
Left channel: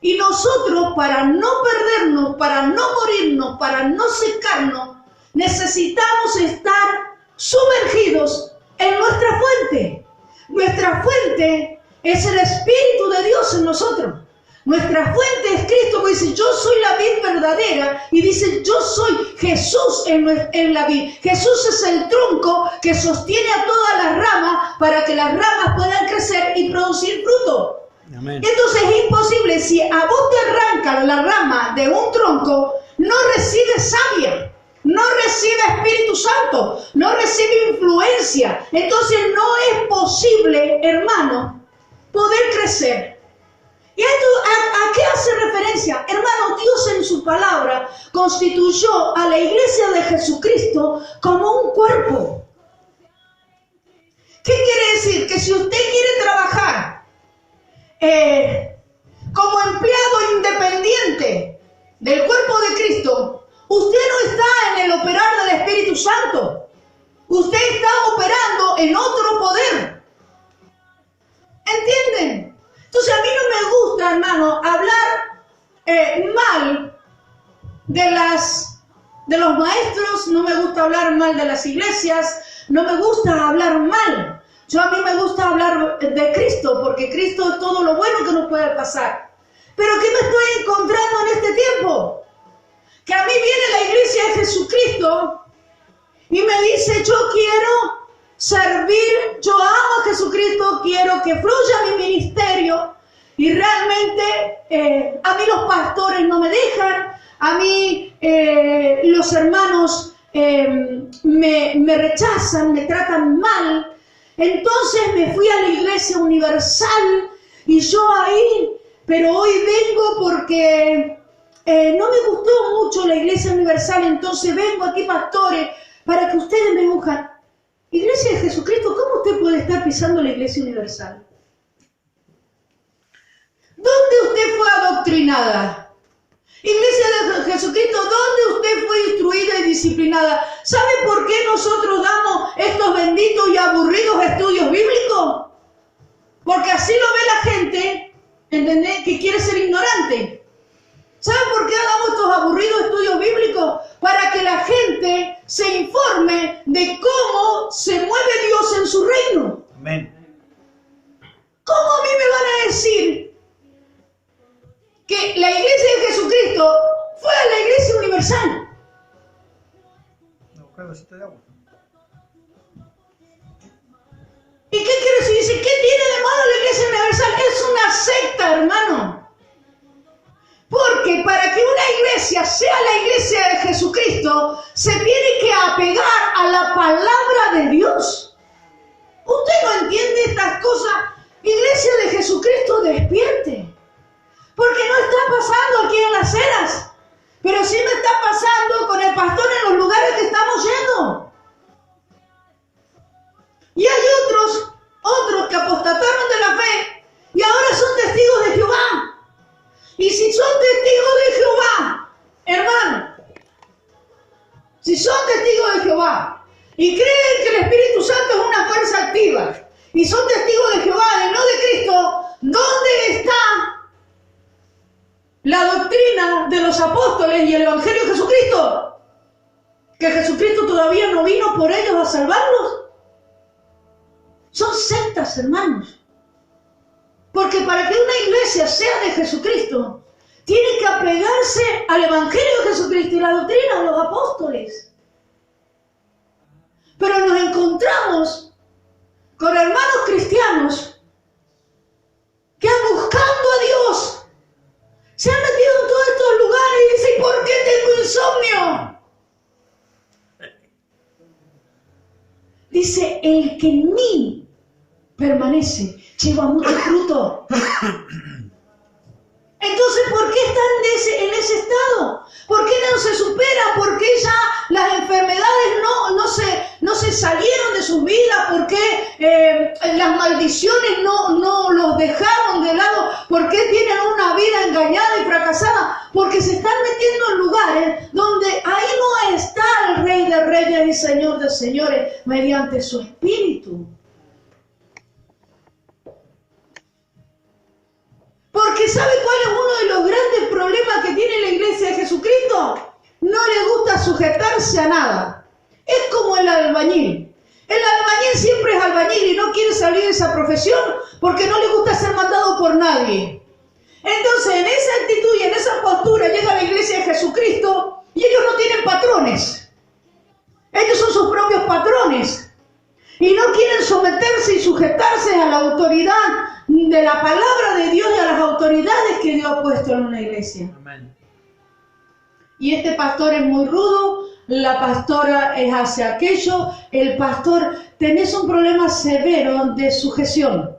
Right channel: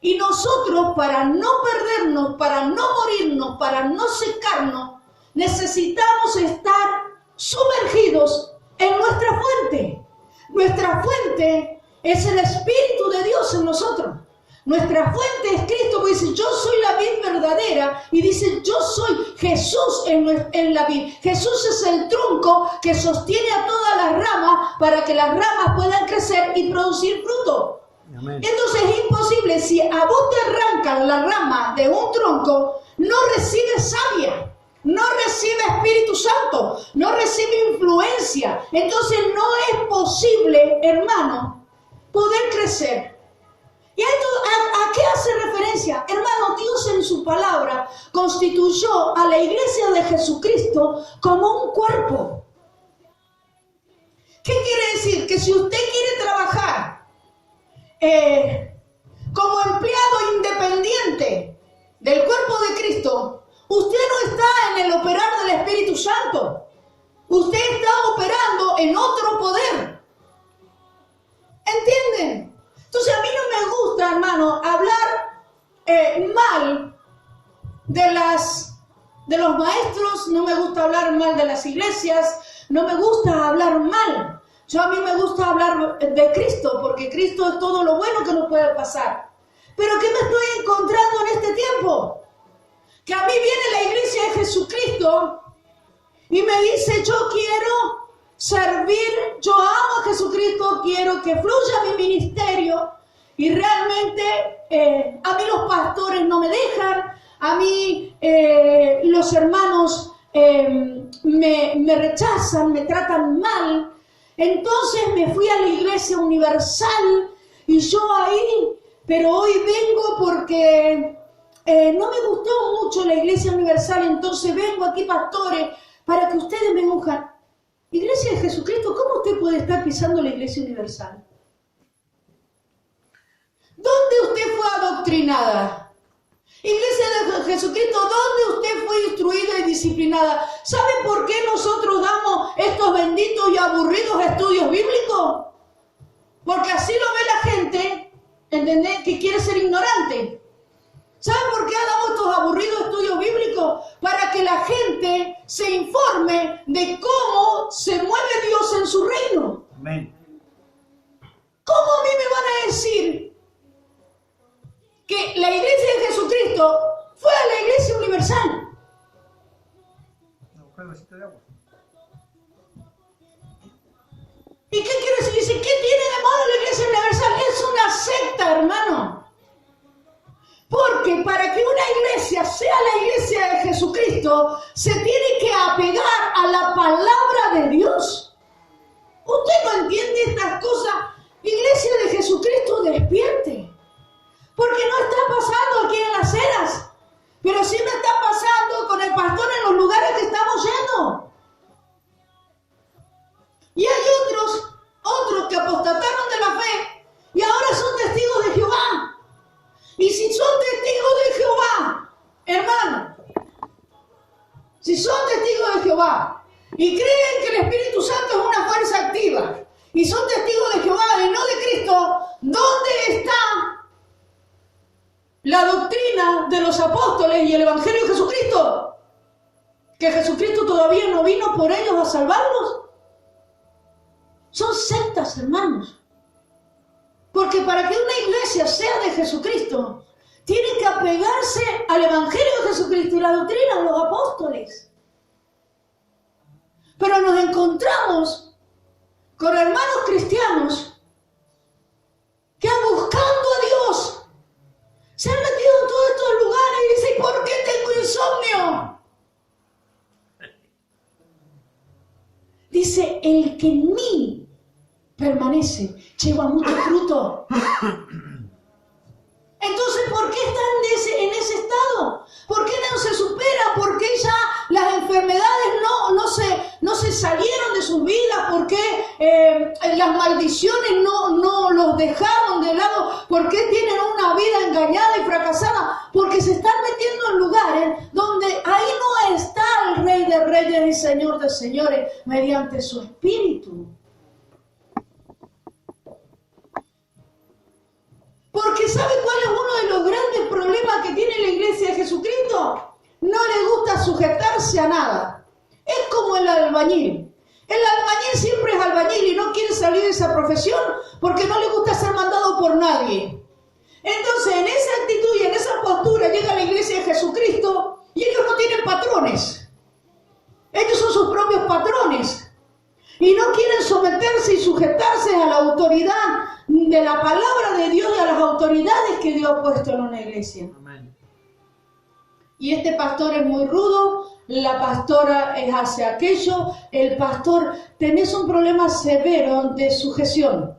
Y nosotros, para no perdernos, para no morirnos, para no secarnos, necesitamos estar sumergidos en nuestra fuente. Nuestra fuente es el Espíritu de Dios en nosotros. Nuestra fuente es Cristo, que dice, yo soy la vid verdadera, y dice, yo soy Jesús en la vid. Jesús es el tronco que sostiene a todas las ramas para que las ramas puedan crecer y producir fruto. Amén. Entonces es imposible, si a vos te arrancan la rama de un tronco, no recibes savia, no recibe Espíritu Santo, no recibe influencia. Entonces no es posible, hermano, poder crecer. ¿Y esto a qué hace referencia? Hermano, Dios en su palabra constituyó a la iglesia de Jesucristo como un cuerpo. ¿Qué quiere decir? Que si usted quiere trabajar como empleado independiente del cuerpo de Cristo, usted no está en el operar del Espíritu Santo. Usted está operando en otro poder. ¿Entienden? Entonces a mí no me gusta, hermano, hablar mal de los maestros, no me gusta hablar mal de las iglesias, no me gusta hablar mal. A mí me gusta hablar de Cristo, porque Cristo es todo lo bueno que nos puede pasar. Pero ¿qué me estoy encontrando en este tiempo? Que a mí viene la iglesia de Jesucristo y me dice, yo quiero servir, yo amo a Jesucristo, quiero que fluya mi ministerio, y realmente a mí los pastores no me dejan, a mí los hermanos me rechazan, me tratan mal. Entonces me fui a la Iglesia Universal y yo ahí, pero hoy vengo porque no me gustó mucho la Iglesia Universal, entonces vengo aquí, pastores, para que ustedes me unjan. Iglesia de Jesucristo, ¿cómo usted puede estar pisando la Iglesia Universal? ¿Dónde usted fue adoctrinada? Iglesia de Jesucristo, ¿dónde usted fue instruida y disciplinada? ¿Sabe por qué nosotros damos estos benditos y aburridos estudios bíblicos? Porque así lo ve la gente, ¿entendés? Que quiere ser ignorante. ¿Sabe por qué damos estos aburridos estudios bíblicos? Para que la gente se informe de cómo se mueve Dios en su reino. Amén. ¿Cómo a mí me van a decir que la Iglesia de Jesucristo fue a la Iglesia Universal? Un vasito de agua. ¿Y qué quiere decir? Dice, ¿qué tiene de malo la Iglesia Universal? Es una secta, hermano. Porque para que una iglesia sea la Iglesia de Jesucristo, se tiene que apegar a la palabra de Dios. ¿Usted no entiende estas cosas? Iglesia de Jesucristo, despierte. Porque no está pasando aquí en las ceras, pero sí me está pasando con el pastor en los lugares que estamos yendo. Y hay otros que apostataron de la fe y ahora son testigos de Jehová. Y si son testigos de Jehová, hermano, si son testigos de Jehová y creen que el Espíritu Santo es una fuerza activa y son testigos de Jehová y no de Cristo, ¿dónde está la doctrina de los apóstoles y el Evangelio de Jesucristo? ¿Que Jesucristo todavía no vino por ellos a salvarlos? Son sectas, hermanos. Porque para que una iglesia sea de Jesucristo, tiene que apegarse al Evangelio de Jesucristo y la doctrina de los apóstoles. Pero nos encontramos con hermanos cristianos que buscando a Dios se han metido en todos estos lugares y dicen, ¿por qué tengo insomnio? Dice, el que en mí permanece, lleva mucho fruto. Entonces, ¿por qué están en ese estado? ¿Por qué no se superan? ¿Por qué ya las enfermedades no se salieron de sus vidas? ¿Por qué las maldiciones no los dejaron de lado? ¿Por qué tienen una vida engañada y fracasada? Porque se están metiendo en lugares donde ahí no está el Rey de Reyes y Señor de Señores mediante su Espíritu. Porque ¿sabe cuál es uno de los grandes problemas que tiene la Iglesia de Jesucristo? No le gusta sujetarse a nada. Es como el albañil. El albañil siempre es albañil y no quiere salir de esa profesión porque no le gusta ser mandado por nadie. Entonces, en esa actitud y en esa postura llega a la Iglesia de Jesucristo y ellos no tienen patrones. Ellos son sus propios patrones. Y no quieren someterse y sujetarse a la autoridad de la palabra de Dios y a las autoridades que Dios ha puesto en una iglesia. Amén. Y este pastor es muy rudo, la pastora es hacia aquello, el pastor, tenés un problema severo de sujeción.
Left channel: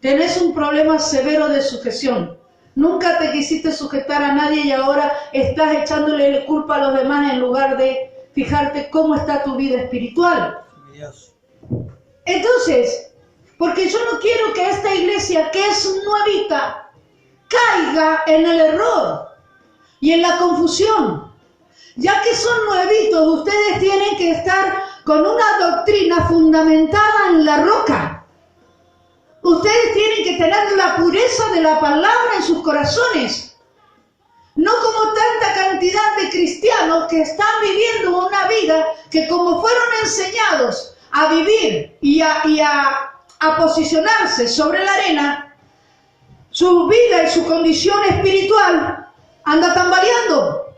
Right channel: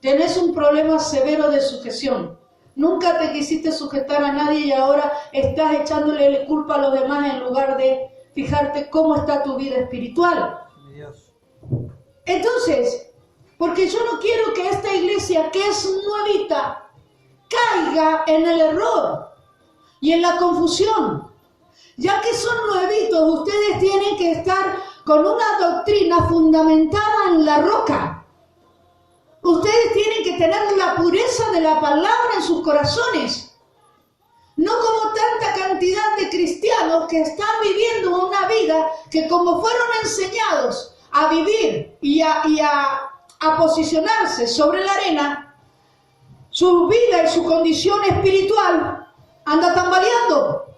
Tenés un problema severo de sujeción. Nunca te quisiste sujetar a nadie y ahora estás echándole culpa a los demás en lugar de fijarte cómo está tu vida espiritual. Dios. Entonces, porque yo no quiero que esta iglesia, que es nuevita, caiga en el error y en la confusión. Ya que son nuevitos, ustedes tienen que estar con una doctrina fundamentada en la roca. Ustedes tienen que tener la pureza de la palabra en sus corazones. No como tanta cantidad de cristianos que están viviendo una vida que como fueron enseñados a vivir y a posicionarse sobre la arena, su vida y su condición espiritual anda tambaleando.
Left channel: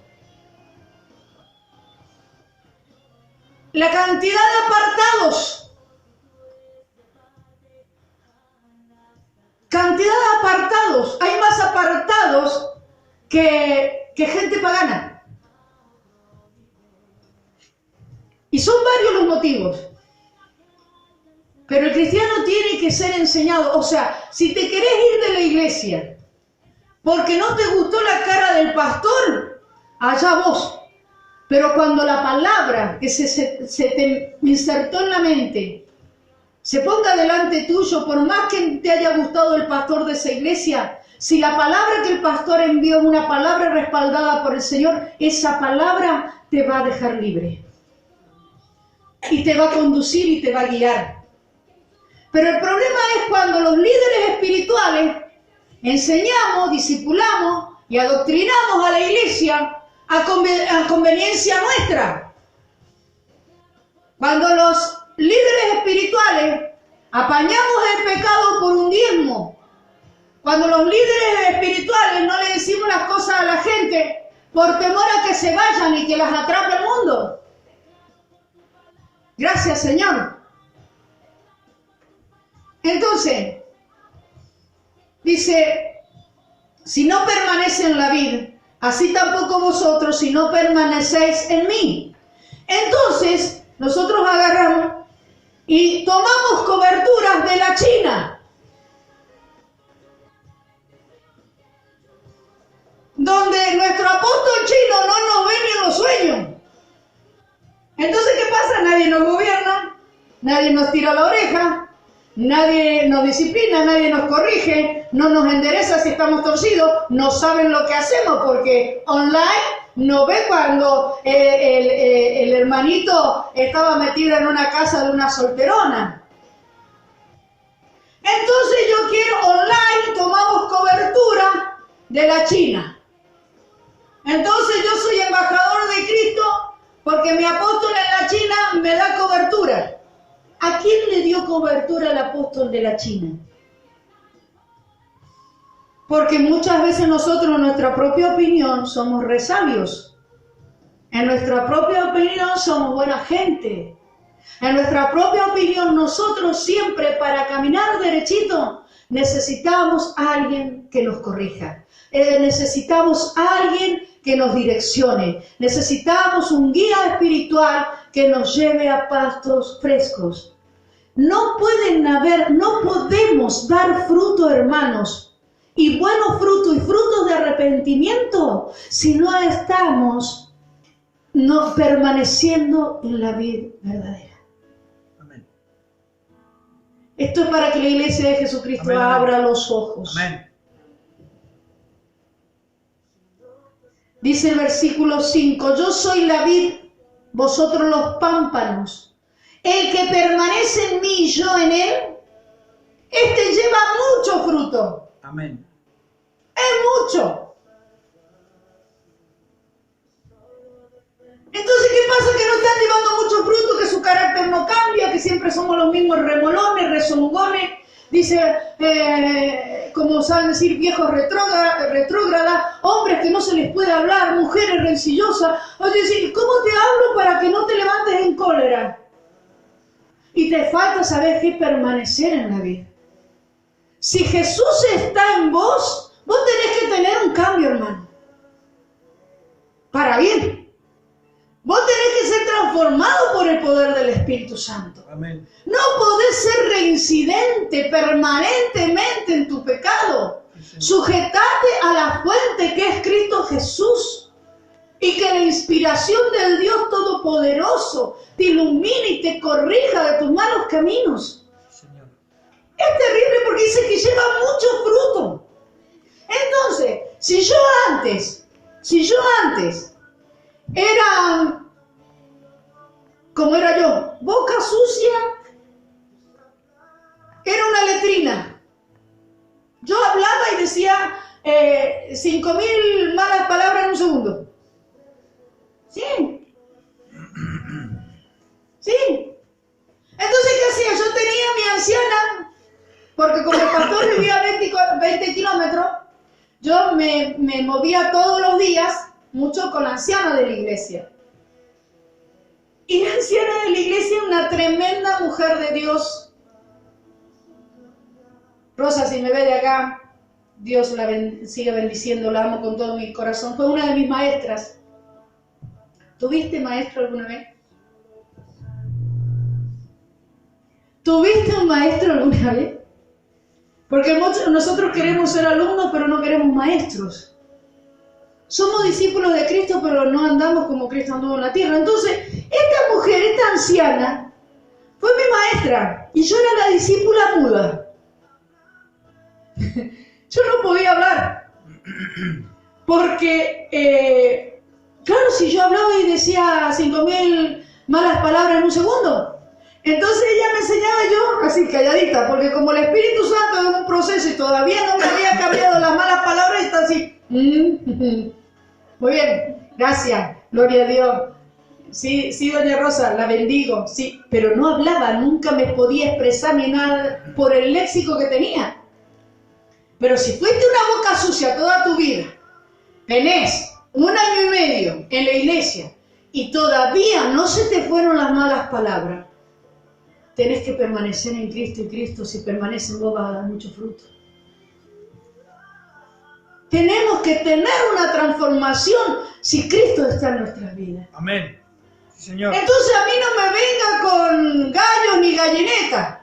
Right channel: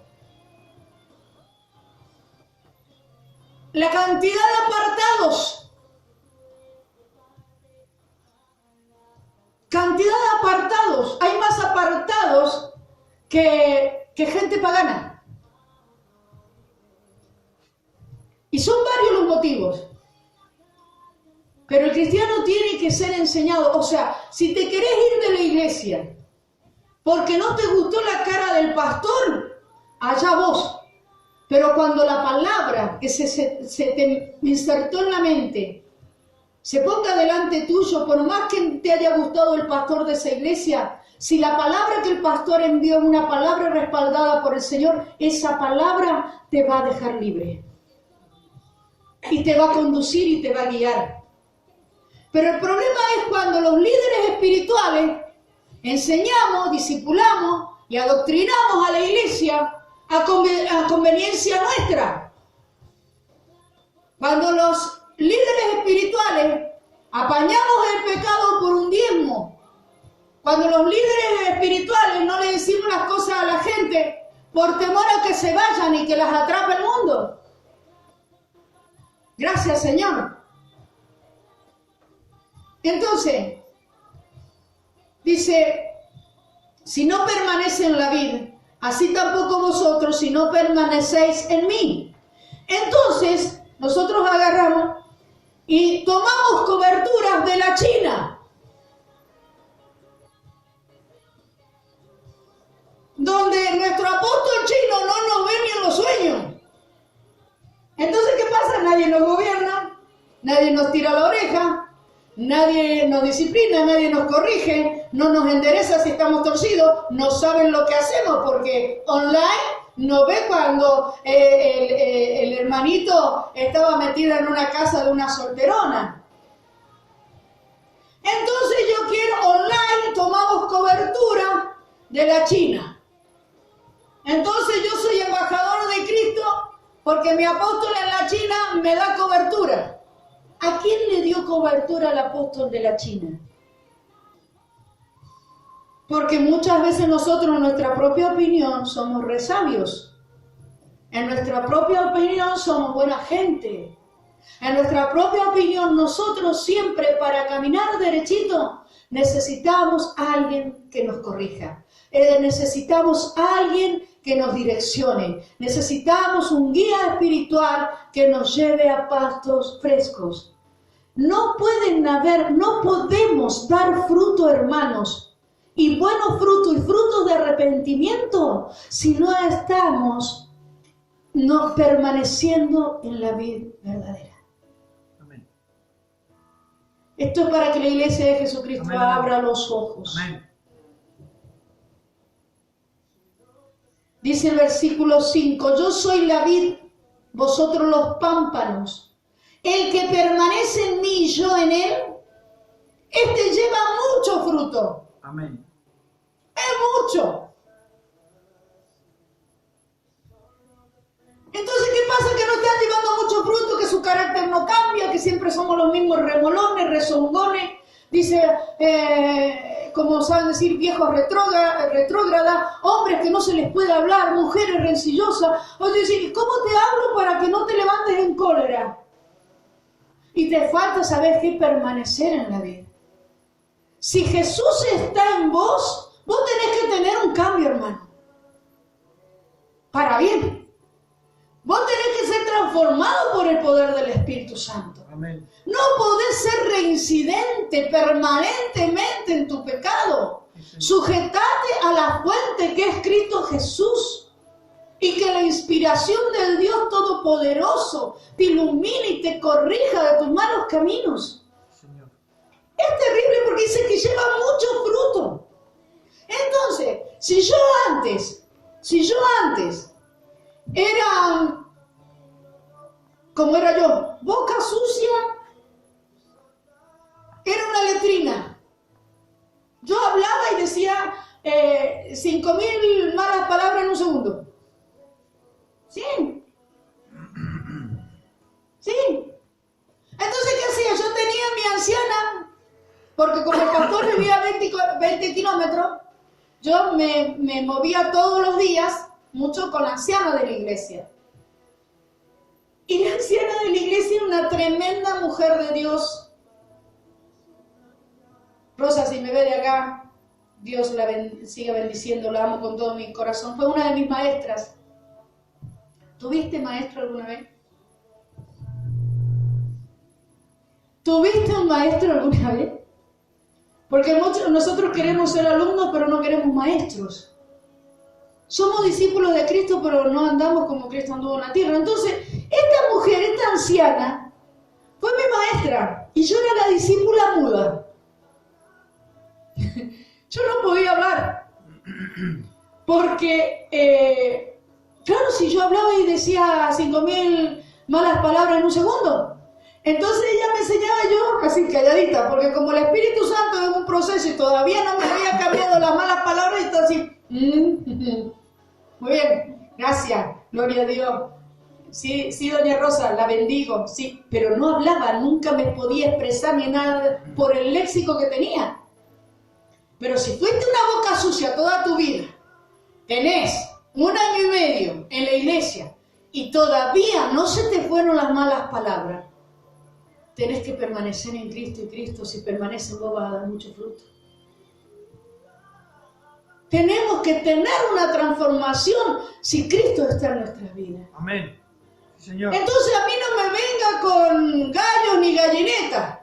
La cantidad de apartados, hay más apartados que gente pagana. Y son varios los motivos. Pero el cristiano tiene que ser enseñado. O sea, si te querés ir de la iglesia porque no te gustó la cara del pastor, allá vos. Pero cuando la palabra que se te insertó en la mente se ponga delante tuyo, por más que te haya gustado el pastor de esa iglesia, si la palabra que el pastor envió es una palabra respaldada por el Señor, esa palabra te va a dejar libre. Y te va a conducir y te va a guiar. Pero el problema es cuando los líderes espirituales enseñamos, discipulamos y adoctrinamos a la iglesia a conveniencia nuestra. Cuando los líderes espirituales apañamos el pecado por un diezmo. Cuando los líderes espirituales no le decimos las cosas a la gente por temor a que se vayan y que las atrape el mundo. Gracias, Señor. Entonces, dice, si no permanece en la vid, así tampoco vosotros si no permanecéis en mí. Entonces, nosotros agarramos y tomamos coberturas de la China, donde nuestro apóstol chino no nos ve ni en los sueños. Entonces, ¿qué pasa? Nadie nos gobierna, nadie nos tira la oreja, nadie nos disciplina, nadie nos corrige, no nos endereza si estamos torcidos, no saben lo que hacemos porque online no ve cuando el hermanito estaba metido en una casa de una solterona. Entonces yo quiero online, tomamos cobertura de la China. Entonces yo soy embajador de Cristo porque mi apóstol en la China me da cobertura. ¿A quién le dio cobertura el apóstol de la China? Porque muchas veces nosotros en nuestra propia opinión somos resabios. En nuestra propia opinión somos buena gente. En nuestra propia opinión nosotros siempre para caminar derechito necesitamos a alguien que nos corrija. Necesitamos a alguien que nos direccione. Necesitamos un guía espiritual que nos lleve a pastos frescos. No podemos dar fruto, hermanos, y buenos frutos y frutos de arrepentimiento si no estamos permaneciendo en la vid verdadera. Amén. Esto es para que la iglesia de Jesucristo Amén, abra amén. los ojos. Amén. Dice el versículo 5, yo soy la vid, vosotros los pámpanos. El que permanece en mí y yo en él, este lleva mucho fruto. Amén. Es mucho. Entonces, ¿qué pasa? Que no están llevando mucho fruto, que su carácter no cambia, que siempre somos los mismos remolones, rezongones. Dice, como saben decir, viejos retrógradas, hombres que no se les puede hablar, mujeres rencillosas. Oye, ¿cómo te hablo para que no te levantes en cólera? Y te falta saber qué permanecer en la vida. Si Jesús está en vos, vos tenés que tener un cambio, hermano. Para bien. Vos tenés que ser transformado por el poder del Espíritu Santo. Amén. No podés ser reincidente permanentemente en tu pecado. Sujetate a la fuente que es Cristo Jesús. Y que la inspiración del Dios Todopoderoso te ilumine y te corrija de tus malos caminos. Señor. Es terrible porque dice que lleva mucho fruto. Entonces, si yo antes era como era yo, boca sucia, era una letrina. Yo hablaba y decía 5.000 malas palabras en un segundo. Sí. Sí. Entonces, ¿qué hacía? Yo tenía a mi anciana, porque como el pastor vivía a 20 kilómetros, yo me movía todos los días, mucho con la anciana de la iglesia. Y la anciana de la iglesia, una tremenda mujer de Dios. Rosa, si me ve de acá, Dios la siga bendiciendo, la amo con todo mi corazón. Fue una de mis maestras. ¿Tuviste maestro alguna vez? ¿Tuviste un maestro alguna vez? Porque nosotros queremos ser alumnos, pero no queremos maestros. Somos discípulos de Cristo, pero no andamos como Cristo anduvo en la tierra. Entonces, esta mujer, esta anciana, fue mi maestra y yo era la discípula muda. Yo no podía hablar. Porque, claro, si yo hablaba y decía 5.000 malas palabras en un segundo, entonces ella me enseñaba yo así calladita, porque como el Espíritu Santo es un proceso y todavía no me había cambiado las malas palabras y está así. Muy bien, gracias, gloria a Dios. Sí, sí, doña Rosa, la bendigo, sí, pero no hablaba, nunca me podía expresar ni nada por el léxico que tenía. Pero si fuiste una boca sucia toda tu vida, tenés 1 año y medio en la iglesia y todavía no se te fueron las malas palabras, tenés que permanecer en Cristo, y Cristo, si permanece en vos, va a dar mucho fruto. Tenemos que tener una transformación si Cristo está en nuestras vidas. Amén. Sí, Señor. Entonces a mí no me venga con gallos ni gallinetas,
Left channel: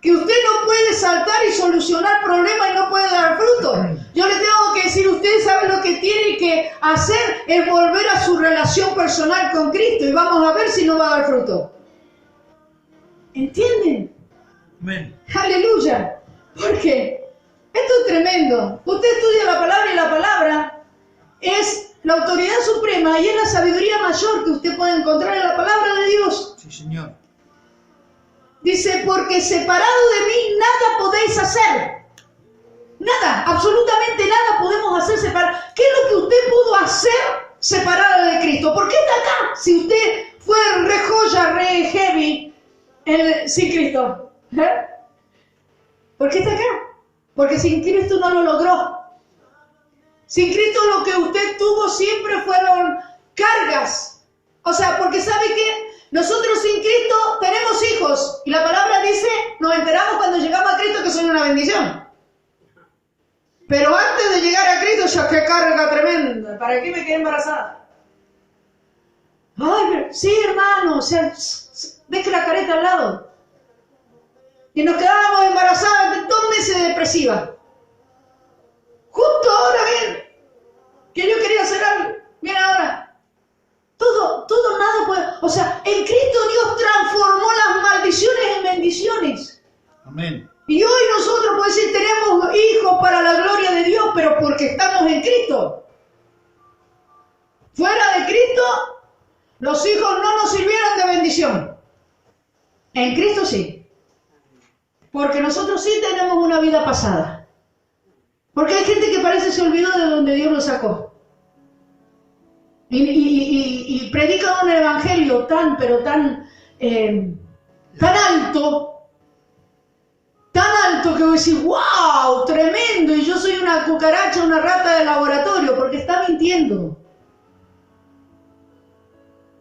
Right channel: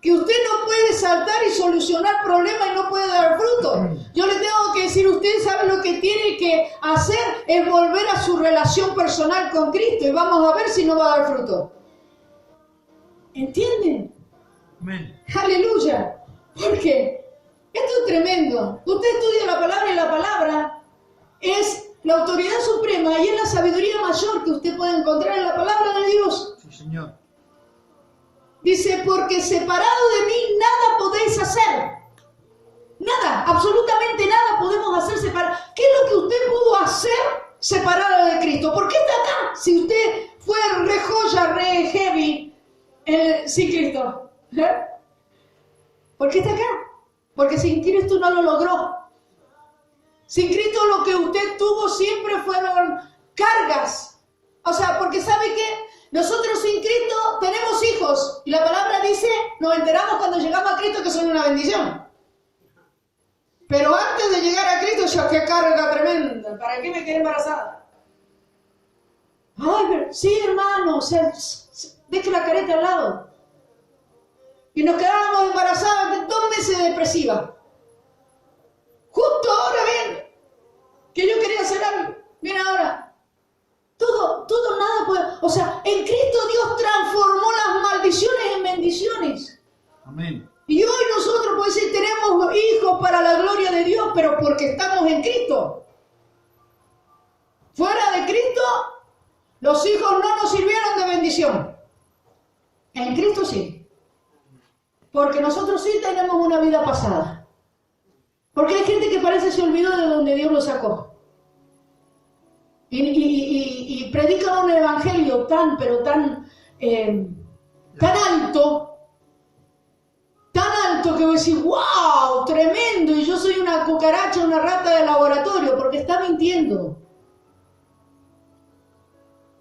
que usted no puede saltar y solucionar problemas y no puede dar fruto. Yo le tengo que decir, usted sabe lo que tiene que hacer es volver a su relación personal con Cristo y vamos a ver si no va a dar fruto. ¿Entienden? Amén. Aleluya. Porque esto es tremendo. Usted estudia la palabra y la palabra es la autoridad suprema y es la sabiduría mayor que usted puede encontrar en la palabra de Dios. Sí, Señor. Dice, porque separado de mí nada podéis hacer. Nada, absolutamente nada podemos hacer separado. ¿Qué es lo que usted pudo hacer separado de Cristo? ¿Por qué está acá? Si usted fue re joya, re heavy sin Cristo. ¿Por qué está acá? Porque sin Cristo no lo logró. Sin Cristo lo que usted tuvo siempre fueron cargas. O sea, porque ¿sabe qué? Nosotros sin Cristo tenemos hijos. Y la palabra dice, nos enteramos cuando llegamos a Cristo que son una bendición. Pero antes de llegar a Cristo, ya qué carga tremenda. ¿Para qué me quedé embarazada? Ay, pero, sí, hermano, o sea, deje la careta al lado. Y nos quedábamos embarazadas de 2 meses de depresiva. Justo ahora, ven, que yo quería hacer algo. Bien ahora. Todo, nada puede. O sea, en Cristo Dios transformó las maldiciones en bendiciones. Amén. Y hoy nosotros, pues decir, tenemos hijos para la gloria de Dios, pero porque estamos en Cristo. Fuera de Cristo, los hijos no nos sirvieron de bendición. En Cristo sí. Porque nosotros sí tenemos una vida pasada. Porque hay gente que parece se olvidó de donde Dios lo sacó. Y predican un evangelio pero tan alto que voy a decir, wow, tremendo, y yo soy una cucaracha, una rata de laboratorio, porque está mintiendo.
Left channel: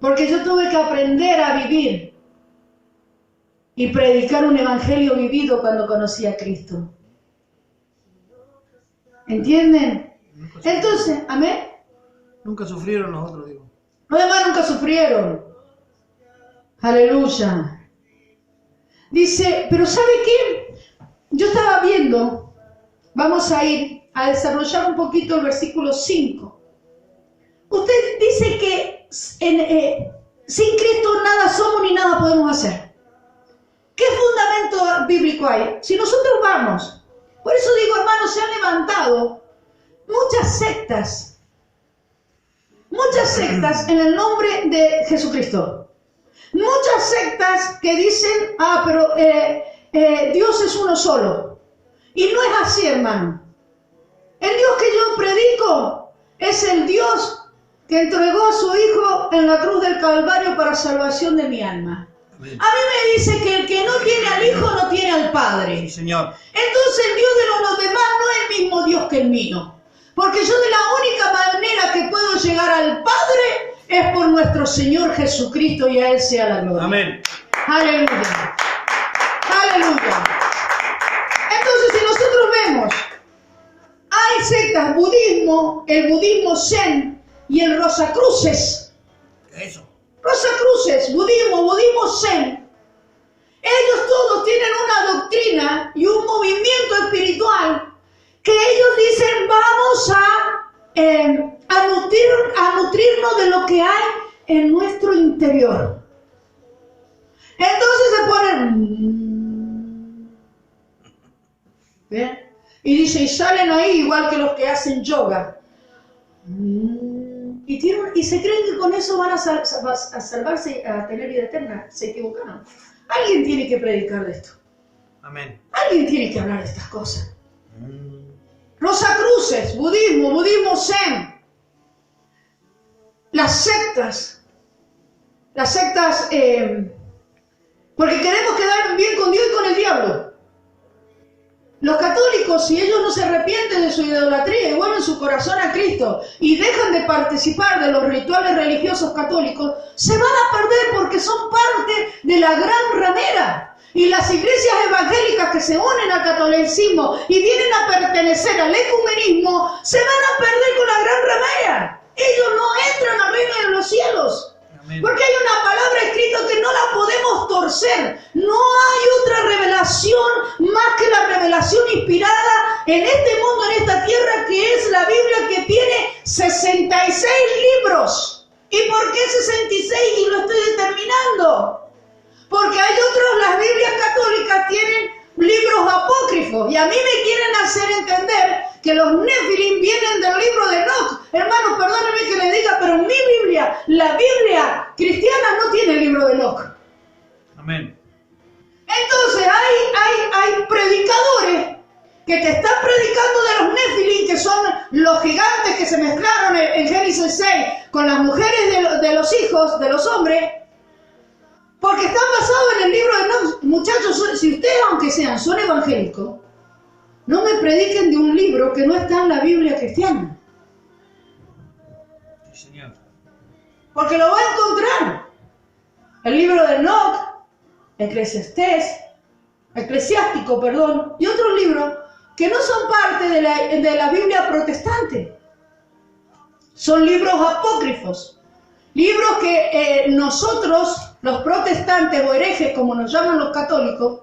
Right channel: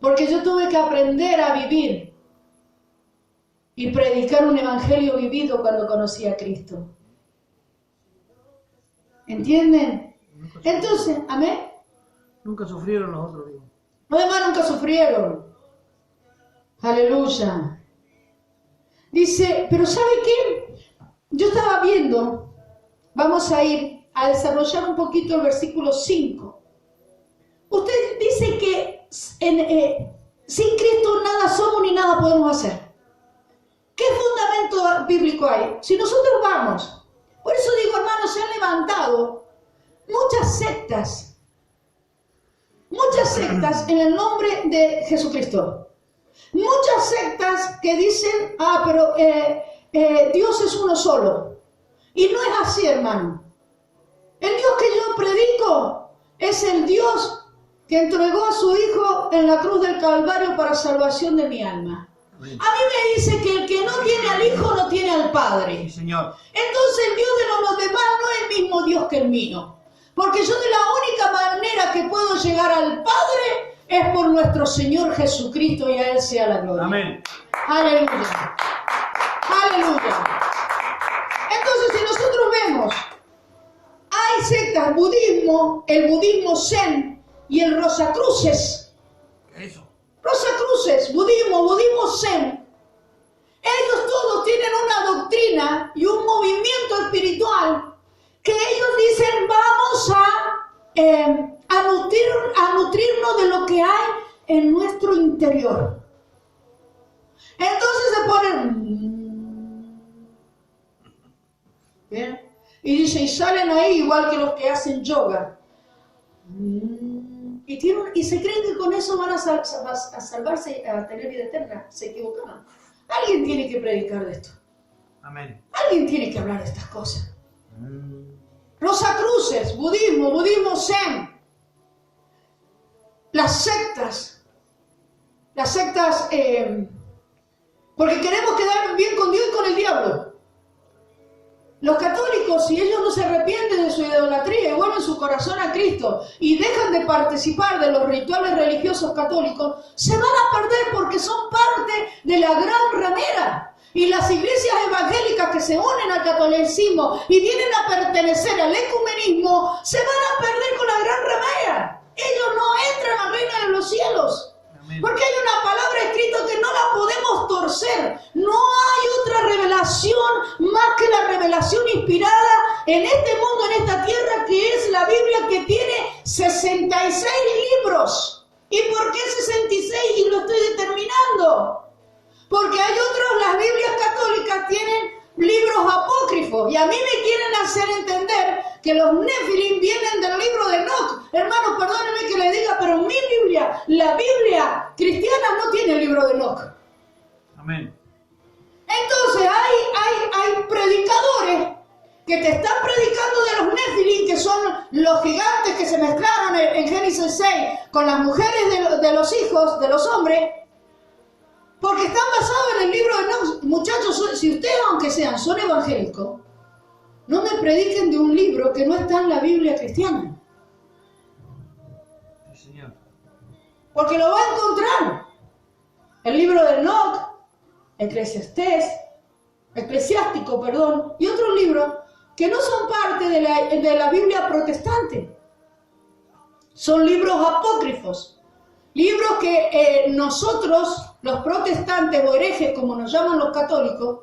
Porque yo tuve que aprender a vivir y predicar un evangelio vivido cuando conocí a Cristo. ¿Entienden? Entonces, amén. Nunca sufrieron los otros, digo. Los demás nunca sufrieron. Aleluya. Dice, pero ¿sabe qué? Yo estaba viendo, vamos a ir a desarrollar un poquito el versículo 5. Usted dice que sin Cristo nada somos ni nada podemos hacer. ¿Qué fundamento bíblico hay? Si nosotros vamos, por eso digo, hermanos, se han levantado muchas sectas en el nombre de Jesucristo. Muchas sectas que dicen, pero Dios es uno solo. Y no es así, hermano. El Dios que yo predico es el Dios que entregó a su Hijo en la cruz del Calvario para salvación de mi alma. Amén. A mí me dice que el que no tiene al Hijo no tiene al Padre. Sí, Señor. Entonces el Dios de los demás no es el mismo Dios que el mío. Porque yo de la única manera que puedo llegar al Padre es por nuestro Señor Jesucristo, y a Él sea la gloria. Amén. Aleluya. Aleluya. Entonces, si nosotros vemos, el budismo zen y el rosacruces. Eso. Rosacruces, budismo zen. Ellos todos tienen una doctrina y un movimiento espiritual que ellos dicen vamos a nutrirnos de lo que hay en nuestro interior. Entonces se ponen... ¿Ven? Y dice, y salen ahí igual que los que hacen yoga. Y se creen que con eso van a salvarse, a tener vida eterna. Se equivocaron. Alguien tiene que predicar de esto. Amén. Alguien tiene que hablar de estas cosas. Rosacruces, budismo zen. Las sectas, porque queremos quedar bien con Dios y con el diablo. Los católicos, si ellos no se arrepienten de su idolatría y vuelven su corazón a Cristo y dejan de participar de los rituales religiosos católicos, se van a perder porque son parte de la gran ramera. Y las iglesias evangélicas que se unen al catolicismo y vienen a pertenecer al ecumenismo, se van a perder con la gran ramera. Ellos no entran al reino de los cielos. Porque hay una palabra escrita que no la podemos torcer. No hay otra revelación más que la revelación inspirada en este mundo, en esta tierra, que es la Biblia, que tiene 66 libros. ¿Y por qué 66? Y lo estoy determinando. Porque hay otros, las Biblias católicas tienen libros apócrifos. Y a mí me quieren hacer entender que los Nefilim vienen del libro de Enoch. Hermano, perdóneme que le diga, pero mi Biblia, la Biblia cristiana, no tiene el libro de Enoch. Amén. Entonces hay predicadores que te están predicando de los Nefilim, que son los gigantes que se mezclaron en Génesis 6 con las mujeres de los hijos, de los hombres, porque están basados en el libro de Enoch. Muchachos, si ustedes, aunque son evangélicos, no me prediquen de un libro que no está en la Biblia cristiana. Sí, Señor. Porque lo va a encontrar. El libro de Enoch, Eclesiástico, y otros libros que no son parte de la Biblia protestante. Son libros apócrifos. Libros que nosotros, los protestantes o herejes, como nos llaman los católicos,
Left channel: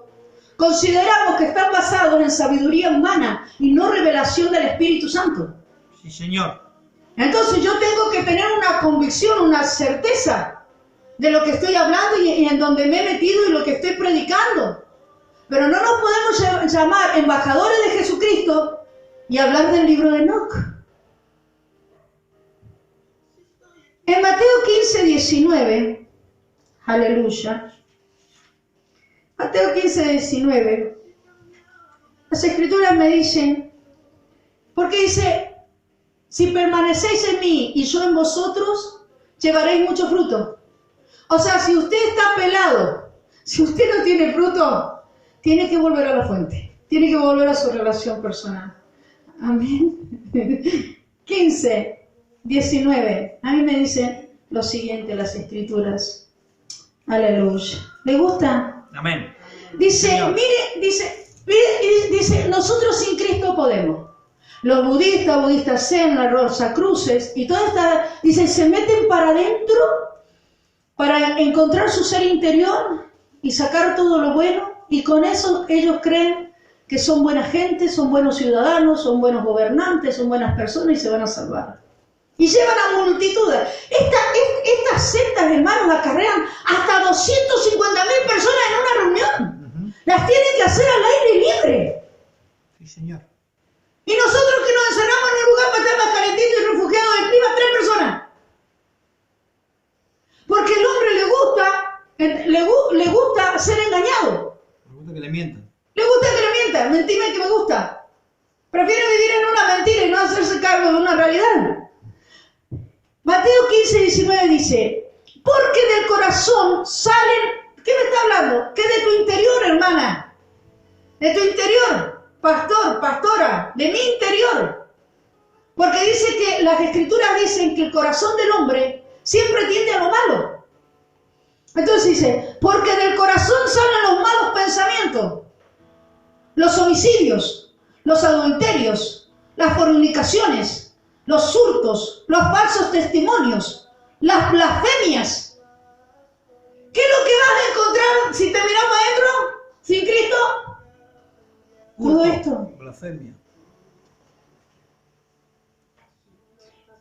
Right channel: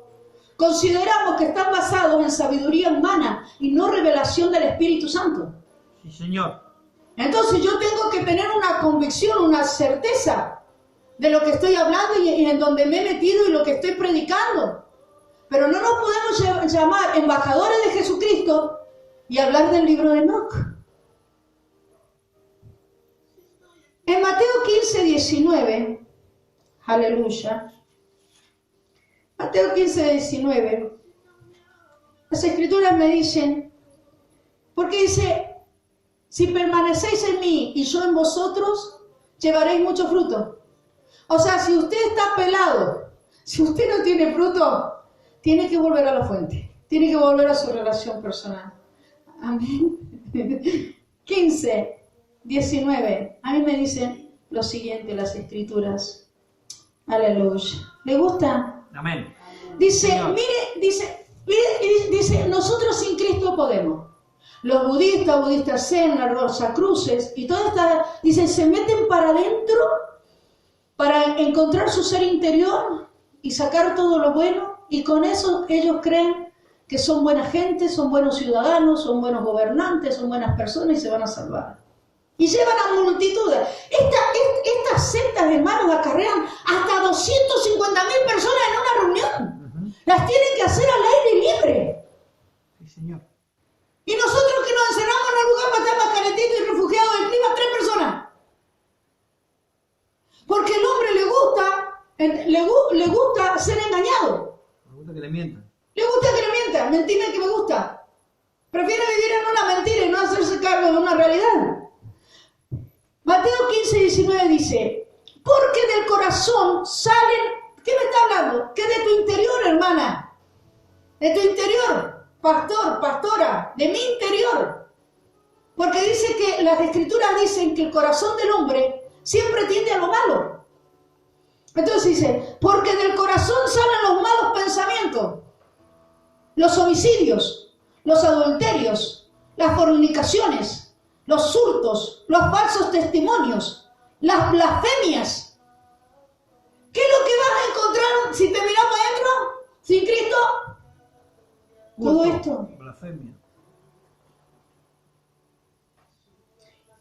consideramos que están basados en sabiduría humana y no revelación del Espíritu Santo. Sí, Señor. Entonces yo tengo que tener una convicción, una certeza de lo que estoy hablando y en donde me he metido y lo que estoy predicando. Pero no nos podemos llamar embajadores de Jesucristo y hablar del libro de Enoch. En Mateo 15, 19, aleluya. Mateo 15, 19, las escrituras me dicen, porque dice, si permanecéis en mí y yo en vosotros, llevaréis mucho fruto. O sea, si usted está pelado, si usted no tiene fruto, tiene que volver a la fuente, tiene que volver a su relación personal. Amén. 15, 19, a mí me dicen lo siguiente las escrituras. Aleluya. ¿Le gusta? Amén. Dice, Señor. dice, nosotros sin Cristo podemos. Los budistas zen, las rosacruces y todas estas, dice, se meten para adentro para encontrar su ser interior y sacar todo lo bueno, y con eso ellos creen que son buena gente, son buenos ciudadanos, son buenos gobernantes, son buenas personas y se van a salvar. Y llevan a multitudes. Estas sectas, hermanos, acarrean hasta 250.000 personas en una reunión. Las tienen que hacer al aire libre. Sí, Señor. Y nosotros que nos encerramos en un lugar para estar más calentito y refugiados del clima, 3 personas. Porque el hombre le gusta ser engañado. Me gusta que le mientan. Le gusta que le mientan. Mentime que me gusta. Prefiere vivir en una mentira y no hacerse cargo de una realidad. Mateo 15, 19 dice, porque del corazón salen, ¿qué me está hablando? Que de tu interior, hermana, de tu interior, pastor, pastora, de mi interior. Porque dice que las escrituras dicen que el corazón del hombre siempre tiende a lo malo. Entonces dice, porque del corazón salen los malos pensamientos, los homicidios, los adulterios, las fornicaciones, los hurtos, los falsos testimonios, las blasfemias. ¿Qué es lo que vas a encontrar si te miramos adentro sin Cristo? Todo esto. Blasfemia.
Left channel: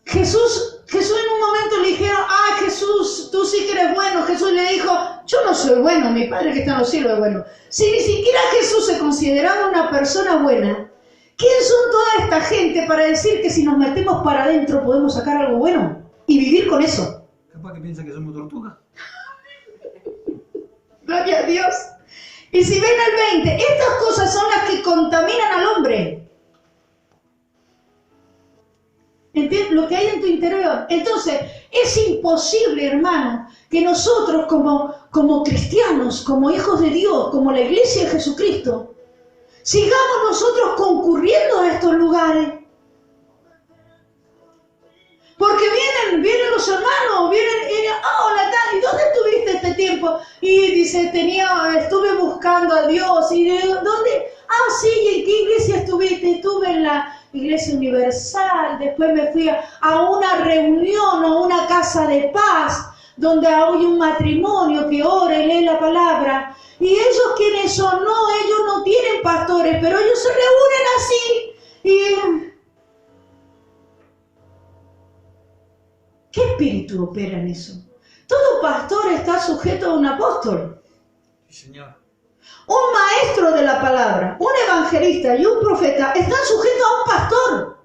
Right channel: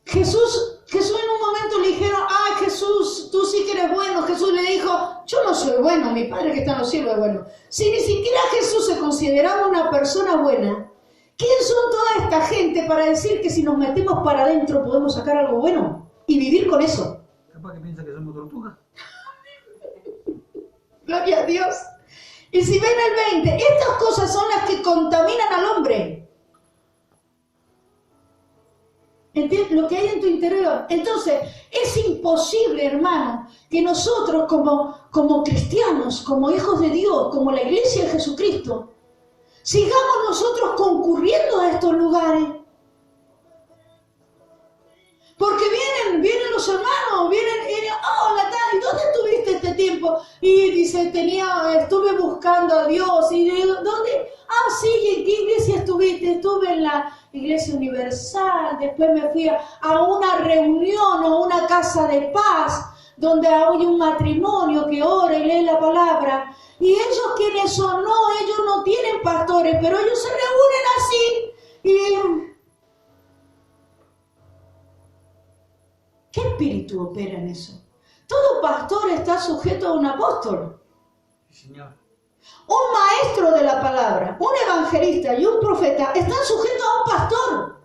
Jesús en un momento le dijeron, ay Jesús, tú sí que eres bueno. Jesús le dijo, yo no soy bueno, mi Padre que está en los cielos es bueno. Si ni siquiera Jesús se consideraba una persona buena, ¿quién son toda esta gente para decir que si nos metemos para adentro podemos sacar algo bueno y vivir con eso? Capaz que piensa que somos tortugas. Gloria a Dios. Y si ven el 20, estas cosas son las que contaminan al hombre. ¿Entiendes? Lo que hay en tu interior. Entonces, es imposible, hermano, que nosotros como cristianos, como hijos de Dios, como la iglesia de Jesucristo, sigamos nosotros concurriendo a estos lugares. Porque vienen los hermanos, vienen, hola, ¿y dónde estuviste este tiempo? Y dice, estuve buscando a Dios. Y digo, ¿dónde? Ah, sí, ¿y en qué iglesia estuviste? Estuve en la Iglesia Universal, después me fui a una reunión, a una casa de paz, donde hay un matrimonio que ora y lee la palabra. Y ellos, ¿quiénes son? No, ellos no tienen pastores, pero ellos se reúnen así. Y ¿qué espíritu opera en eso? Todo pastor está sujeto a un apóstol. Sí, Señor. Un maestro de la palabra, un evangelista y un profeta están sujetos a un pastor.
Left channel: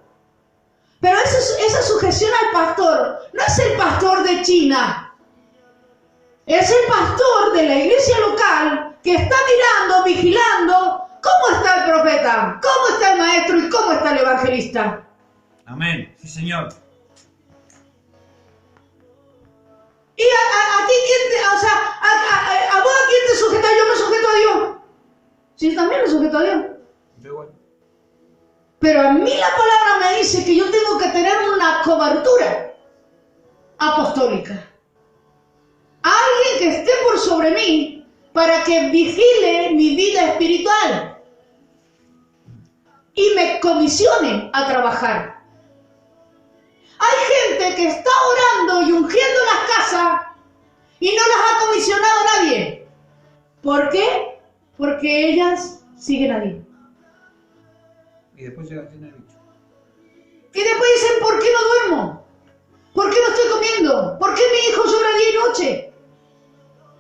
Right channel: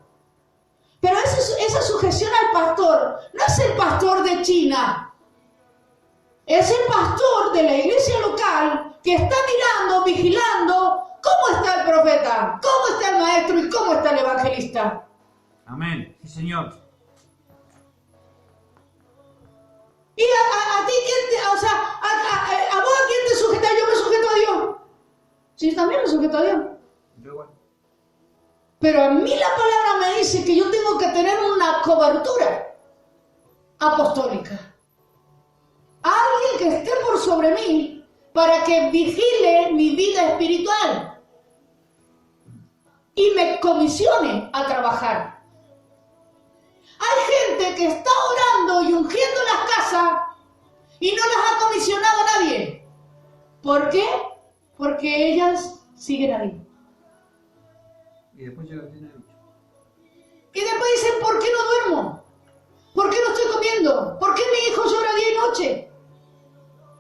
Pero esa sujeción al pastor no es el pastor de China. Es el pastor de la iglesia local que está mirando, vigilando cómo está el profeta, cómo está el maestro y cómo está el evangelista. Amén. Sí, Señor. Y a ti, a vos a quién te sujeta, yo me sujeto a Dios. Sí, también me sujeto a Dios. Igual. Pero a mí la palabra me dice que yo tengo que tener una cobertura apostólica. Alguien que esté por sobre mí para que vigile mi vida espiritual y me comisione a trabajar. Hay gente que está orando y ungiendo las casas y no las ha comisionado a nadie. ¿Por qué? Porque ellas siguen a Dios. Y después llega el fin del bicho. Y después dicen, ¿por qué no duermo? ¿Por qué no estoy comiendo? ¿Por qué mi hijo llora día y noche?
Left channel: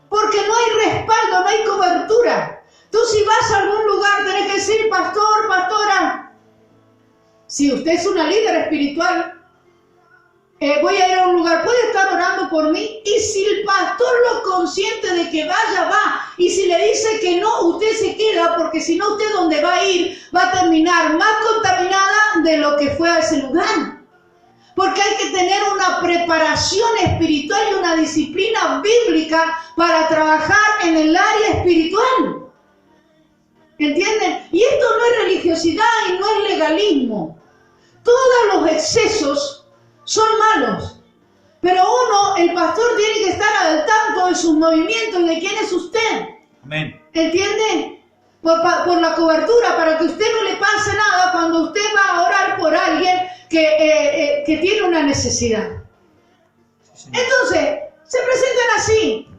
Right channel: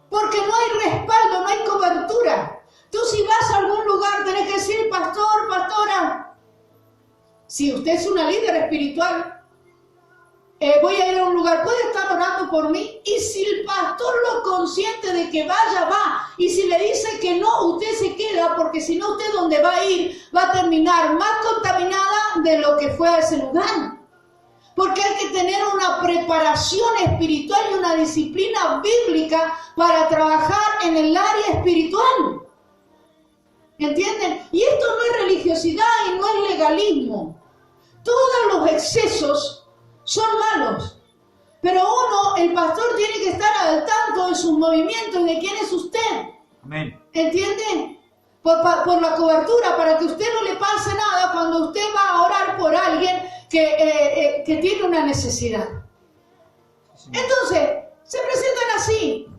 Porque no hay respaldo, no hay cobertura. Tú si vas a algún lugar tenés que decir, pastor, pastora. Si usted es una líder espiritual, voy a ir a un lugar, ¿puede estar orando por mí? Y si el pastor lo consiente de que vaya, va. Y si le dice que no, usted se queda, porque si no, usted donde va a ir va a terminar más contaminada de lo que fue a ese lugar. Porque hay que tener una preparación espiritual y una disciplina bíblica para trabajar en el área espiritual. ¿Entienden? Y esto no es religiosidad y no es legalismo. Todos los excesos son malos, pero el pastor tiene que estar al tanto de sus movimientos y de quién es usted. Amén. ¿Entiende? Por la cobertura, para que usted no le pase nada cuando usted va a orar por alguien que tiene una necesidad. Sí, Señor. Entonces, se presentan así.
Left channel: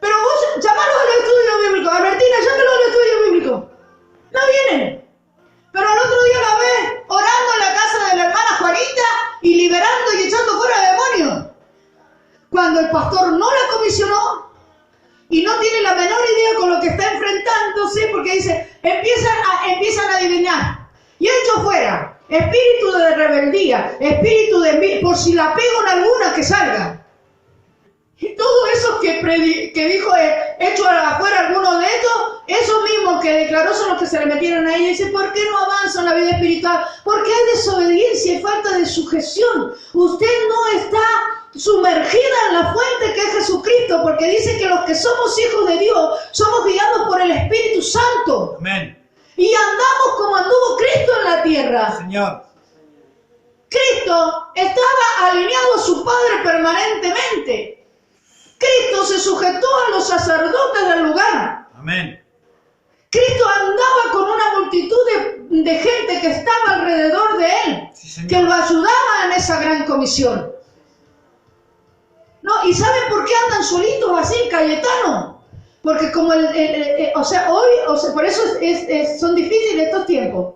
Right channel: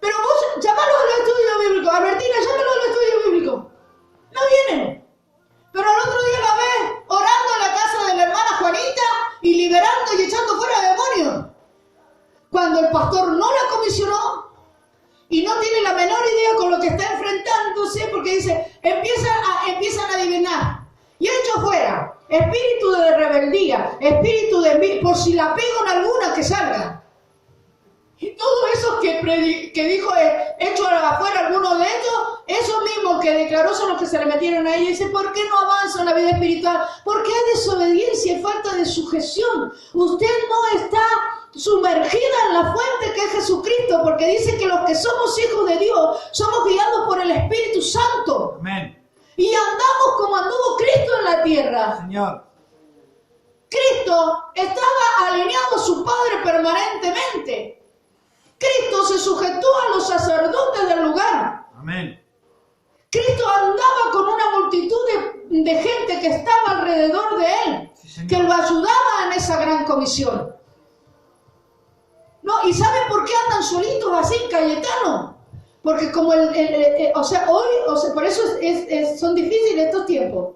Pero vos llamalos al estudio bíblico. Albertina, llámalo al estudio bíblico. No vienen. Pero al otro día la ves orando en la casa de la hermana Juanita y liberando y echando fuera demonios. Cuando el pastor no la comisionó y no tiene la menor idea con lo que está enfrentándose, porque dice, empiezan a adivinar. Y echo fuera, espíritu de rebeldía, espíritu de envidia, por si la pego en alguna que salga. Y todo eso que dijo, hecho afuera alguno de estos, esos mismos que declaró son los que se le metieron a ella. Y dice, ¿por qué no avanza en la vida espiritual? Porque hay desobediencia y falta de sujeción. Usted no está sumergida en la fuente que es Jesucristo, porque dice que los que somos hijos de Dios somos guiados por el Espíritu Santo. Amén. Y andamos como anduvo Cristo en la tierra. Señor. Cristo estaba alineado a su Padre permanentemente. Cristo se sujetó a los sacerdotes del lugar. Amén. Cristo andaba con una multitud de gente que estaba alrededor de él, Sí, señor. que lo ayudaba en esa gran comisión. ¿No? ¿Y saben por qué andan solitos así, Cayetano? Porque como por eso son difíciles estos tiempos.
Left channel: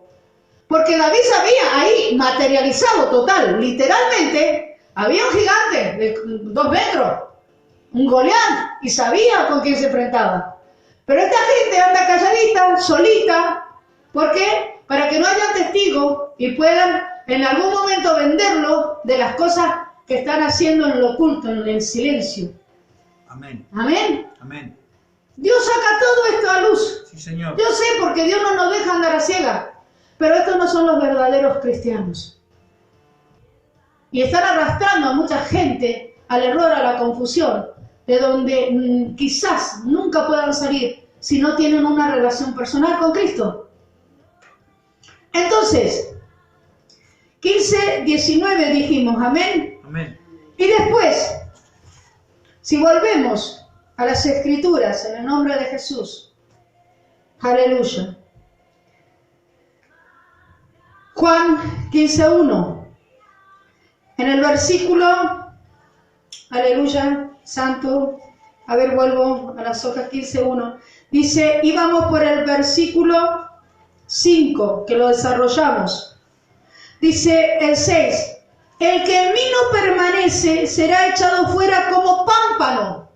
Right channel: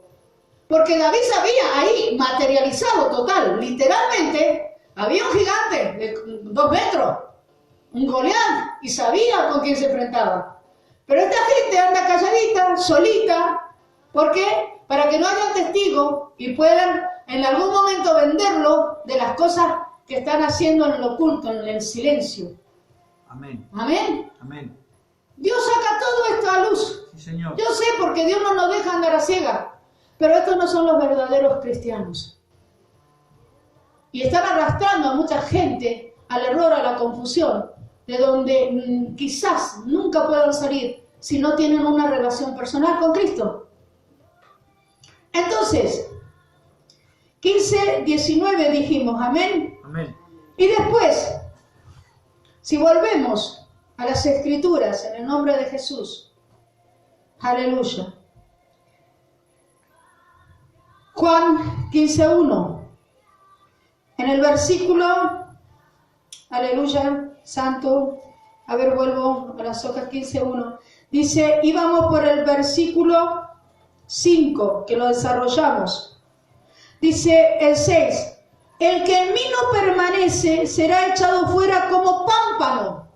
Porque David sabía ahí, materializado total, literalmente, había un gigante de 2 metros, un Goliat, y sabía con quién se enfrentaba. Pero esta gente anda calladita, solita. ¿Por qué? Para que no haya testigos y puedan en algún momento venderlo de las cosas que están haciendo en lo oculto, en el silencio. Amén. Amén. Amén. Dios saca todo esto a luz. Sí, señor. Yo sé, porque Dios no nos deja andar a ciega. Pero estos no son los verdaderos cristianos. Y están arrastrando a mucha gente al error, a la confusión, de donde quizás nunca puedan salir si no tienen una relación personal con Cristo. Entonces, 15, 19 dijimos, amén. Amén. Y después, si volvemos a las Escrituras en el nombre de Jesús, aleluya. Juan 15:1, en el versículo, aleluya, santo, a ver, vuelvo a las hojas 15:1, dice, y vamos por el versículo 5, que lo desarrollamos. Dice el 6, el que en mí no permanece será echado fuera como pámpano.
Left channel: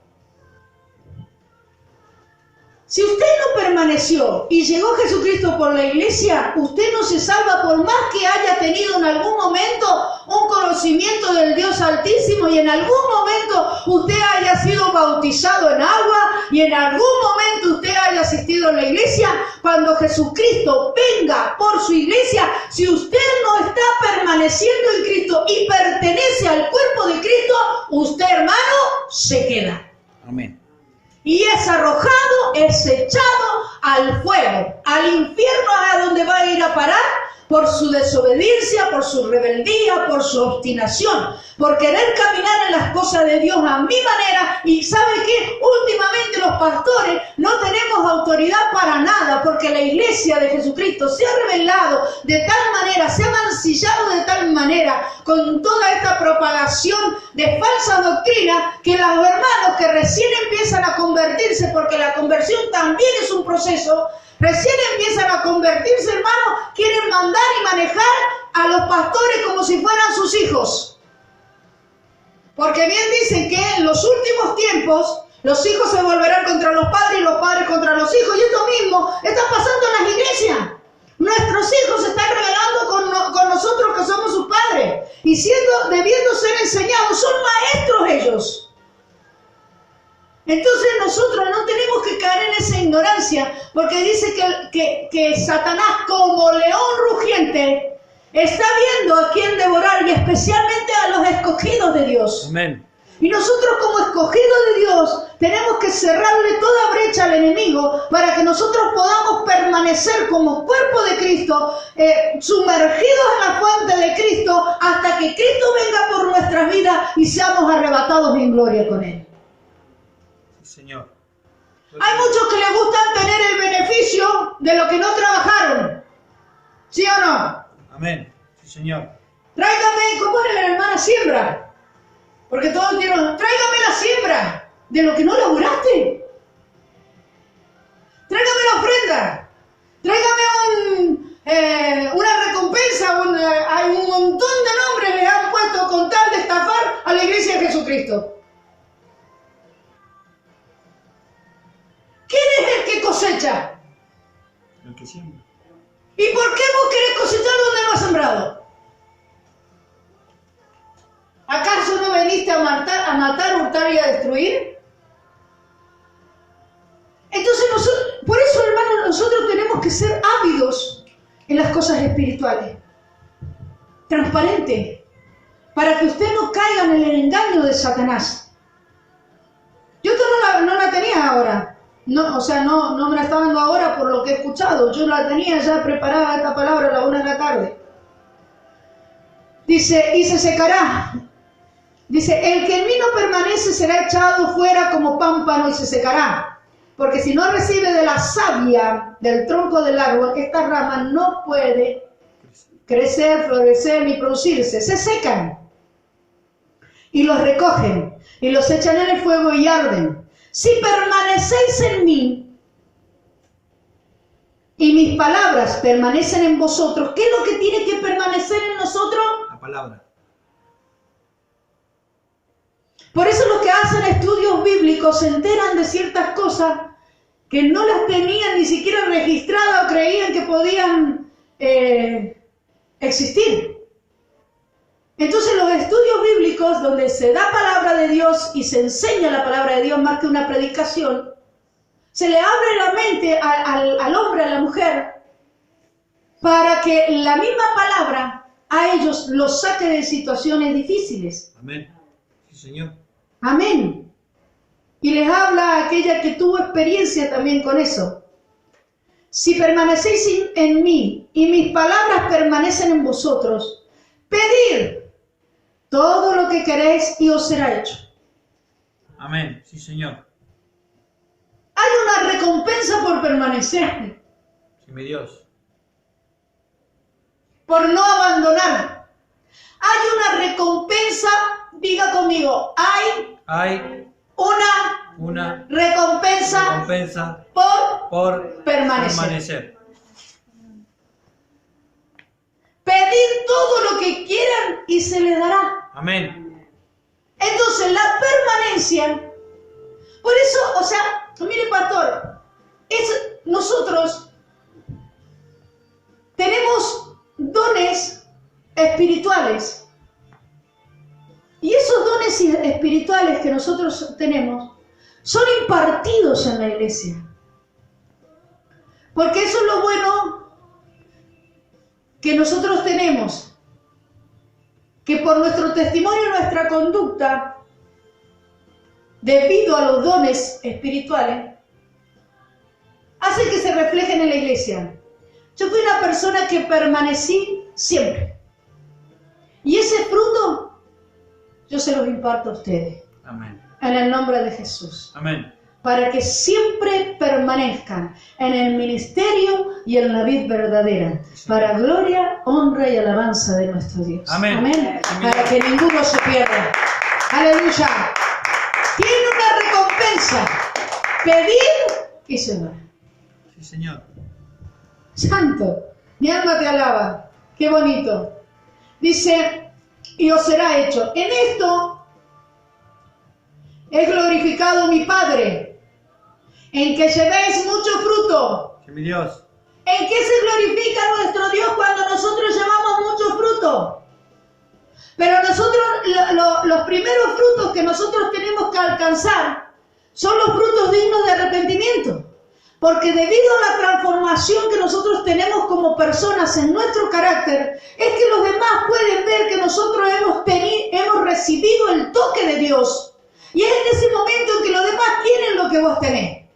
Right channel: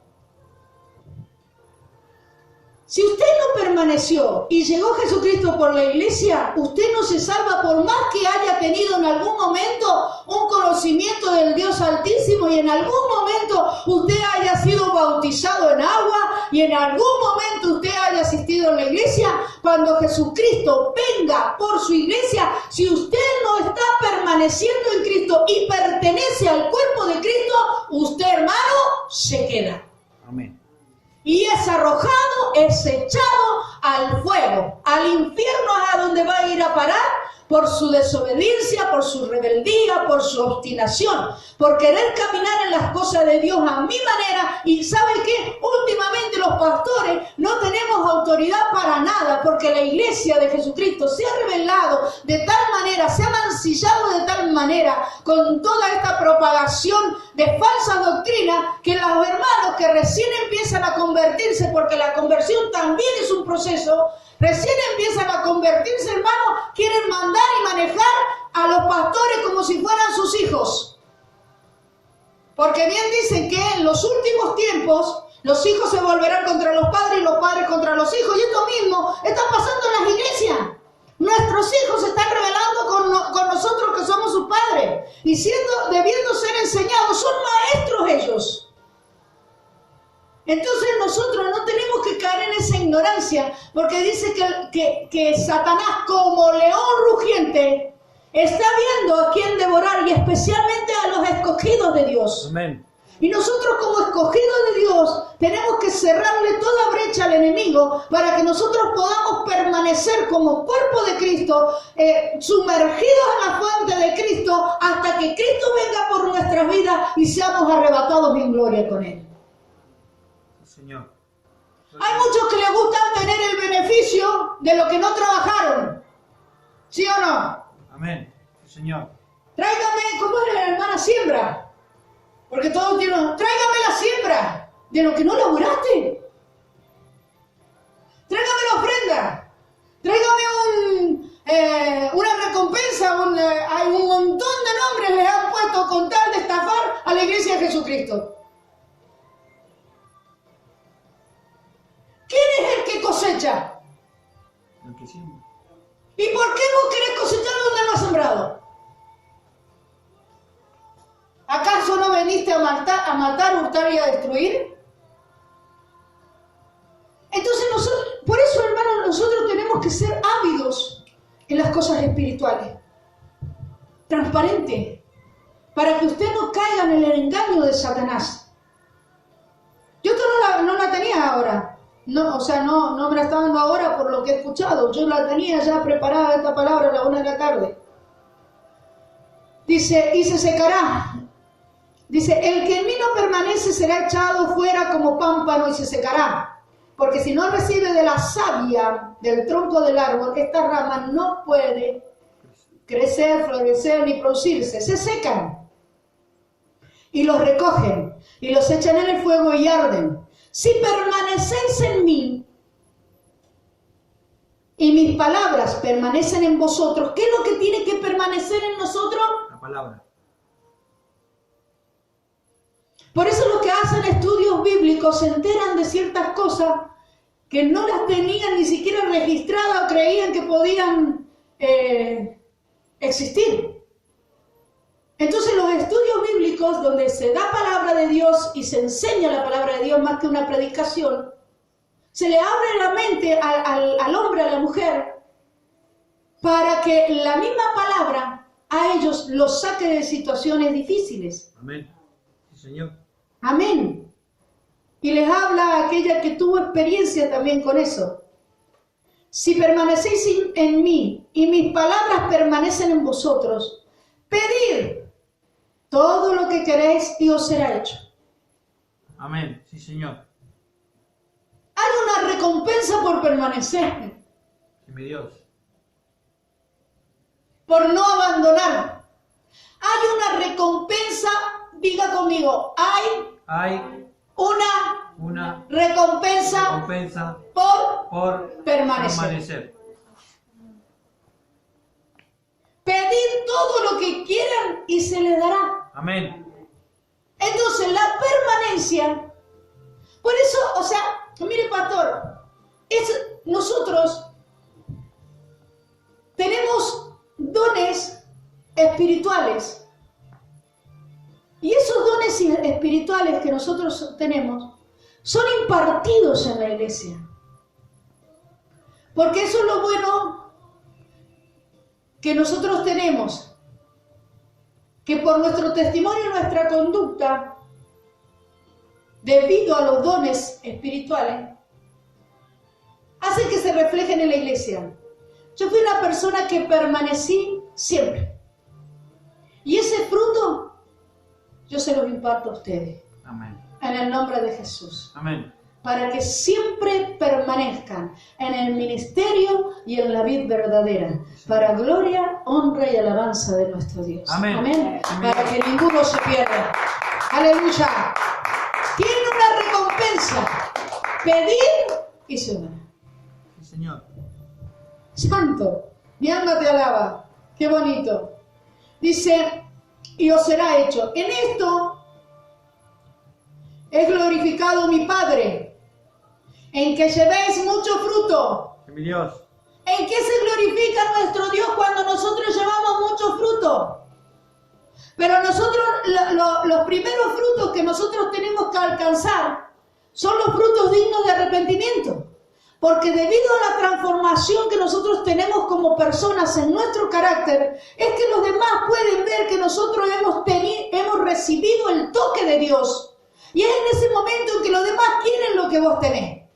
Si usted no permaneció y llegó Jesucristo por la iglesia, usted no se salva por más que haya tenido en algún momento un conocimiento del Dios Altísimo y en algún momento usted haya sido bautizado en agua y en algún momento usted haya asistido a la iglesia. Cuando Jesucristo venga por su iglesia, si usted no está permaneciendo en Cristo y pertenece al cuerpo de Cristo, usted, hermano, se queda. Amén. Y es arrojado, es echado al fuego, al infierno, a donde va a ir a parar por su desobediencia, por su rebeldía, por su obstinación, por querer caminar en las cosas de Dios a mi manera. Y ¿sabe qué? Últimamente los pastores no tenemos autoridad para nada, porque la iglesia de Jesucristo se ha revelado de tal manera, se ha mancillado de tal manera con toda esta propagación de falsa doctrina, que los hermanos que recién empiezan a convertirse, porque la conversión también es un proceso, recién empiezan a convertirse, hermanos, quieren mandar y manejar a los pastores como si fueran sus hijos. Porque bien dicen que en los últimos tiempos los hijos se volverán contra los padres y los padres contra los hijos. Y esto mismo está pasando en las iglesias. Nuestros hijos se están rebelando con nosotros que somos sus padres. Y debiendo ser enseñados, son maestros ellos. Entonces nosotros no tenemos que caer en esa ignorancia, porque dice que Satanás, como león rugiente, está viendo a quién devorar, y especialmente a los escogidos de Dios. Amén. Y nosotros, como escogidos de Dios, tenemos que cerrarle toda brecha al enemigo para que nosotros podamos permanecer como cuerpo de Cristo, sumergidos en la fuente de Cristo, hasta que Cristo venga por nuestras vidas y seamos arrebatados en gloria con Él. Señor. Hay muchos que les gusta tener el beneficio de lo que no trabajaron. ¿Sí o no? Amén. Sí, Señor. Tráigame, ¿cómo era la hermana siembra? Porque todos tienen, tráigame la siembra de lo que no laburaste. Tráigame la ofrenda. Tráigame una recompensa. Hay un montón de nombres les han puesto con tal de estafar a la iglesia de Jesucristo. ¿Quién es el que cosecha? El que siembra. ¿Y por qué vos querés cosechar donde no has sembrado? ¿Acaso no veniste a matar, hurtar y a destruir? Entonces por eso, hermanos, nosotros tenemos que ser ávidos en las cosas espirituales. Transparente. Para que usted no caiga en el engaño de Satanás. Yo esto no la tenía ahora. No, o sea, no me la está dando ahora por lo que he escuchado. Yo la tenía ya preparada esta palabra a la 1 de la tarde. Dice, y se secará. Dice, el que en mí no permanece será echado fuera como pámpano y se secará. porque si no recibe de la savia del tronco del árbol, esta rama no puede crecer, florecer ni producirse. Se secan y los recogen y los echan en el fuego y arden. Si permanecéis en mí y mis palabras permanecen en vosotros, ¿qué es lo que tiene que permanecer en nosotros? La palabra. Por eso los que hacen estudios bíblicos se enteran de ciertas cosas que no las tenían ni siquiera registradas o creían que podían existir. Entonces los estudios bíblicos donde se da palabra de Dios y se enseña la palabra de Dios más que una predicación, se le abre la mente al hombre, a la mujer, para que la misma palabra a ellos los saque de situaciones difíciles. Amén. Sí, Señor. Amén. Y les habla a aquella que tuvo experiencia también con eso. Si permanecéis en mí y mis palabras permanecen en vosotros, pedid todo lo que queréis y os será hecho. Amén. Sí, Señor. Hay una recompensa por permanecer, Sí, mi Dios. por no abandonar. Hay una recompensa, diga conmigo, hay una recompensa por permanecer. Pedid todo lo que quieran y se les dará. Amén. Entonces la permanencia, por eso, o sea, mire pastor, nosotros tenemos dones espirituales y esos dones espirituales que nosotros tenemos son impartidos en la iglesia, porque eso es lo bueno que nosotros tenemos, que por nuestro testimonio y nuestra conducta, debido a los dones espirituales, hacen que se reflejen en la iglesia. Yo fui una persona que permanecí siempre. Y ese fruto, yo se los imparto a ustedes. Amén. En el nombre de Jesús. Amén. Para que siempre permanezcan en el ministerio y en la vid verdadera. Para gloria, honra y alabanza de nuestro Dios. Amén. Amén. Amén. Para que ninguno se pierda. Aleluya. Tiene una recompensa. Pedid y se dará. Sí, Señor. Santo, mi alma te alaba. Qué bonito. Dice, y os será hecho. En esto es glorificado mi Padre, en que llevéis mucho fruto. Sí, mi Dios. ¿En qué se glorifica nuestro Dios cuando nosotros llevamos mucho fruto? Pero nosotros, los primeros frutos que nosotros tenemos que alcanzar son los frutos dignos de arrepentimiento. Porque debido a la transformación que nosotros tenemos como personas en nuestro carácter, es que los demás pueden ver que nosotros hemos recibido el toque de Dios. Y es en ese momento en que los demás quieren lo que vos tenés.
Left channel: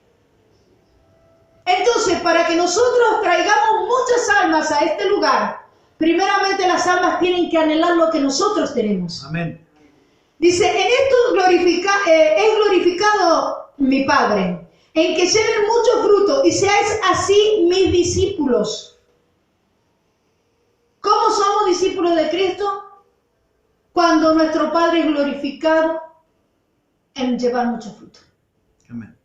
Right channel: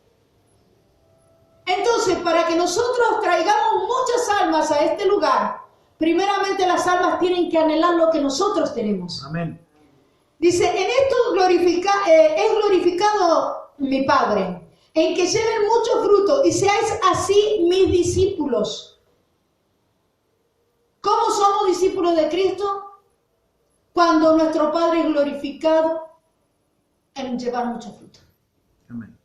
Entonces, para que nosotros traigamos muchas almas a este lugar, primeramente las almas tienen que anhelar lo que nosotros tenemos. Amén. Dice, en esto es glorificado mi Padre, en que lleven mucho fruto y seáis así mis discípulos. ¿Cómo somos discípulos de Cristo? Cuando nuestro Padre es glorificado en llevar mucho fruto. Amén.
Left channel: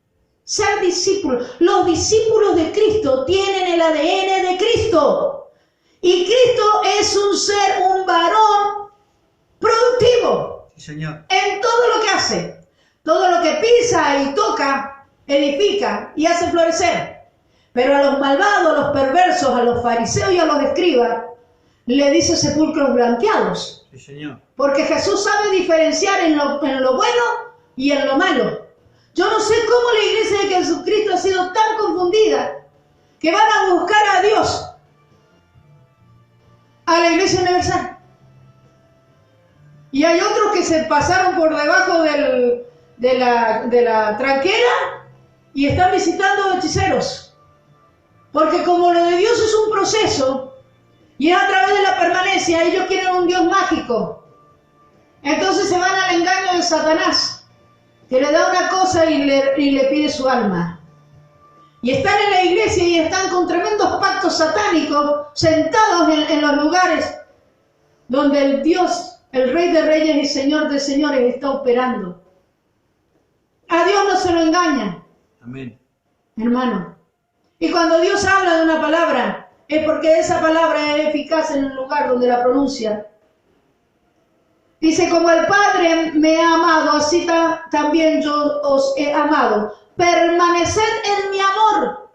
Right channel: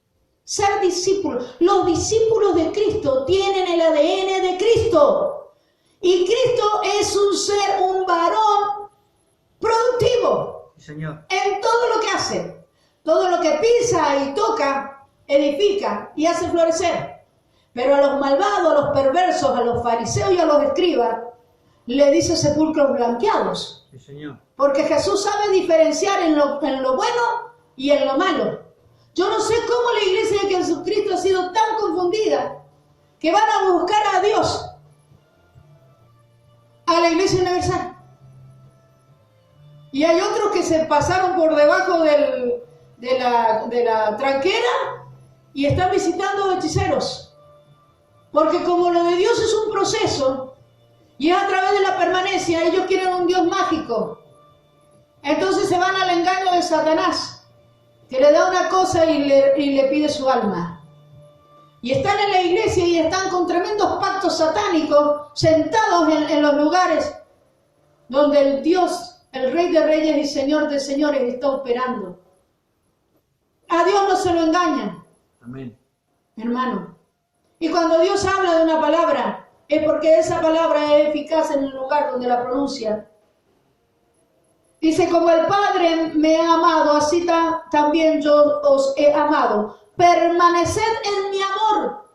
Ser discípulos. Los discípulos de Cristo tienen el ADN de Cristo. Y Cristo es un ser, un varón productivo. Sí, Señor. En todo lo que hace. Todo lo que pisa y toca, edifica y hace florecer. Pero a los malvados, a los perversos, a los fariseos y a los escribas, le dice sepulcros blanqueados. Sí, Señor. Porque Jesús sabe diferenciar en lo bueno y en lo malo. Yo no sé cómo la iglesia de Jesucristo ha sido tan confundida que van a buscar a Dios, a la iglesia universal. Y hay otros que se pasaron por debajo de la tranquera y están visitando hechiceros. Porque como lo de Dios es un proceso y es a través de la permanencia, ellos quieren un Dios mágico. Entonces se van al engaño de Satanás, que le da una cosa y le pide su alma. Y están en la iglesia y están con tremendos pactos satánicos, sentados en los lugares donde el Dios, el Rey de Reyes y Señor de Señores está operando. A Dios no se lo engaña. Amén. Hermano. Y cuando Dios habla de una palabra, es porque esa palabra es eficaz en el lugar donde la pronuncia. Dice, como el Padre me ha amado, así también yo os he amado. Permaneced en mi amor.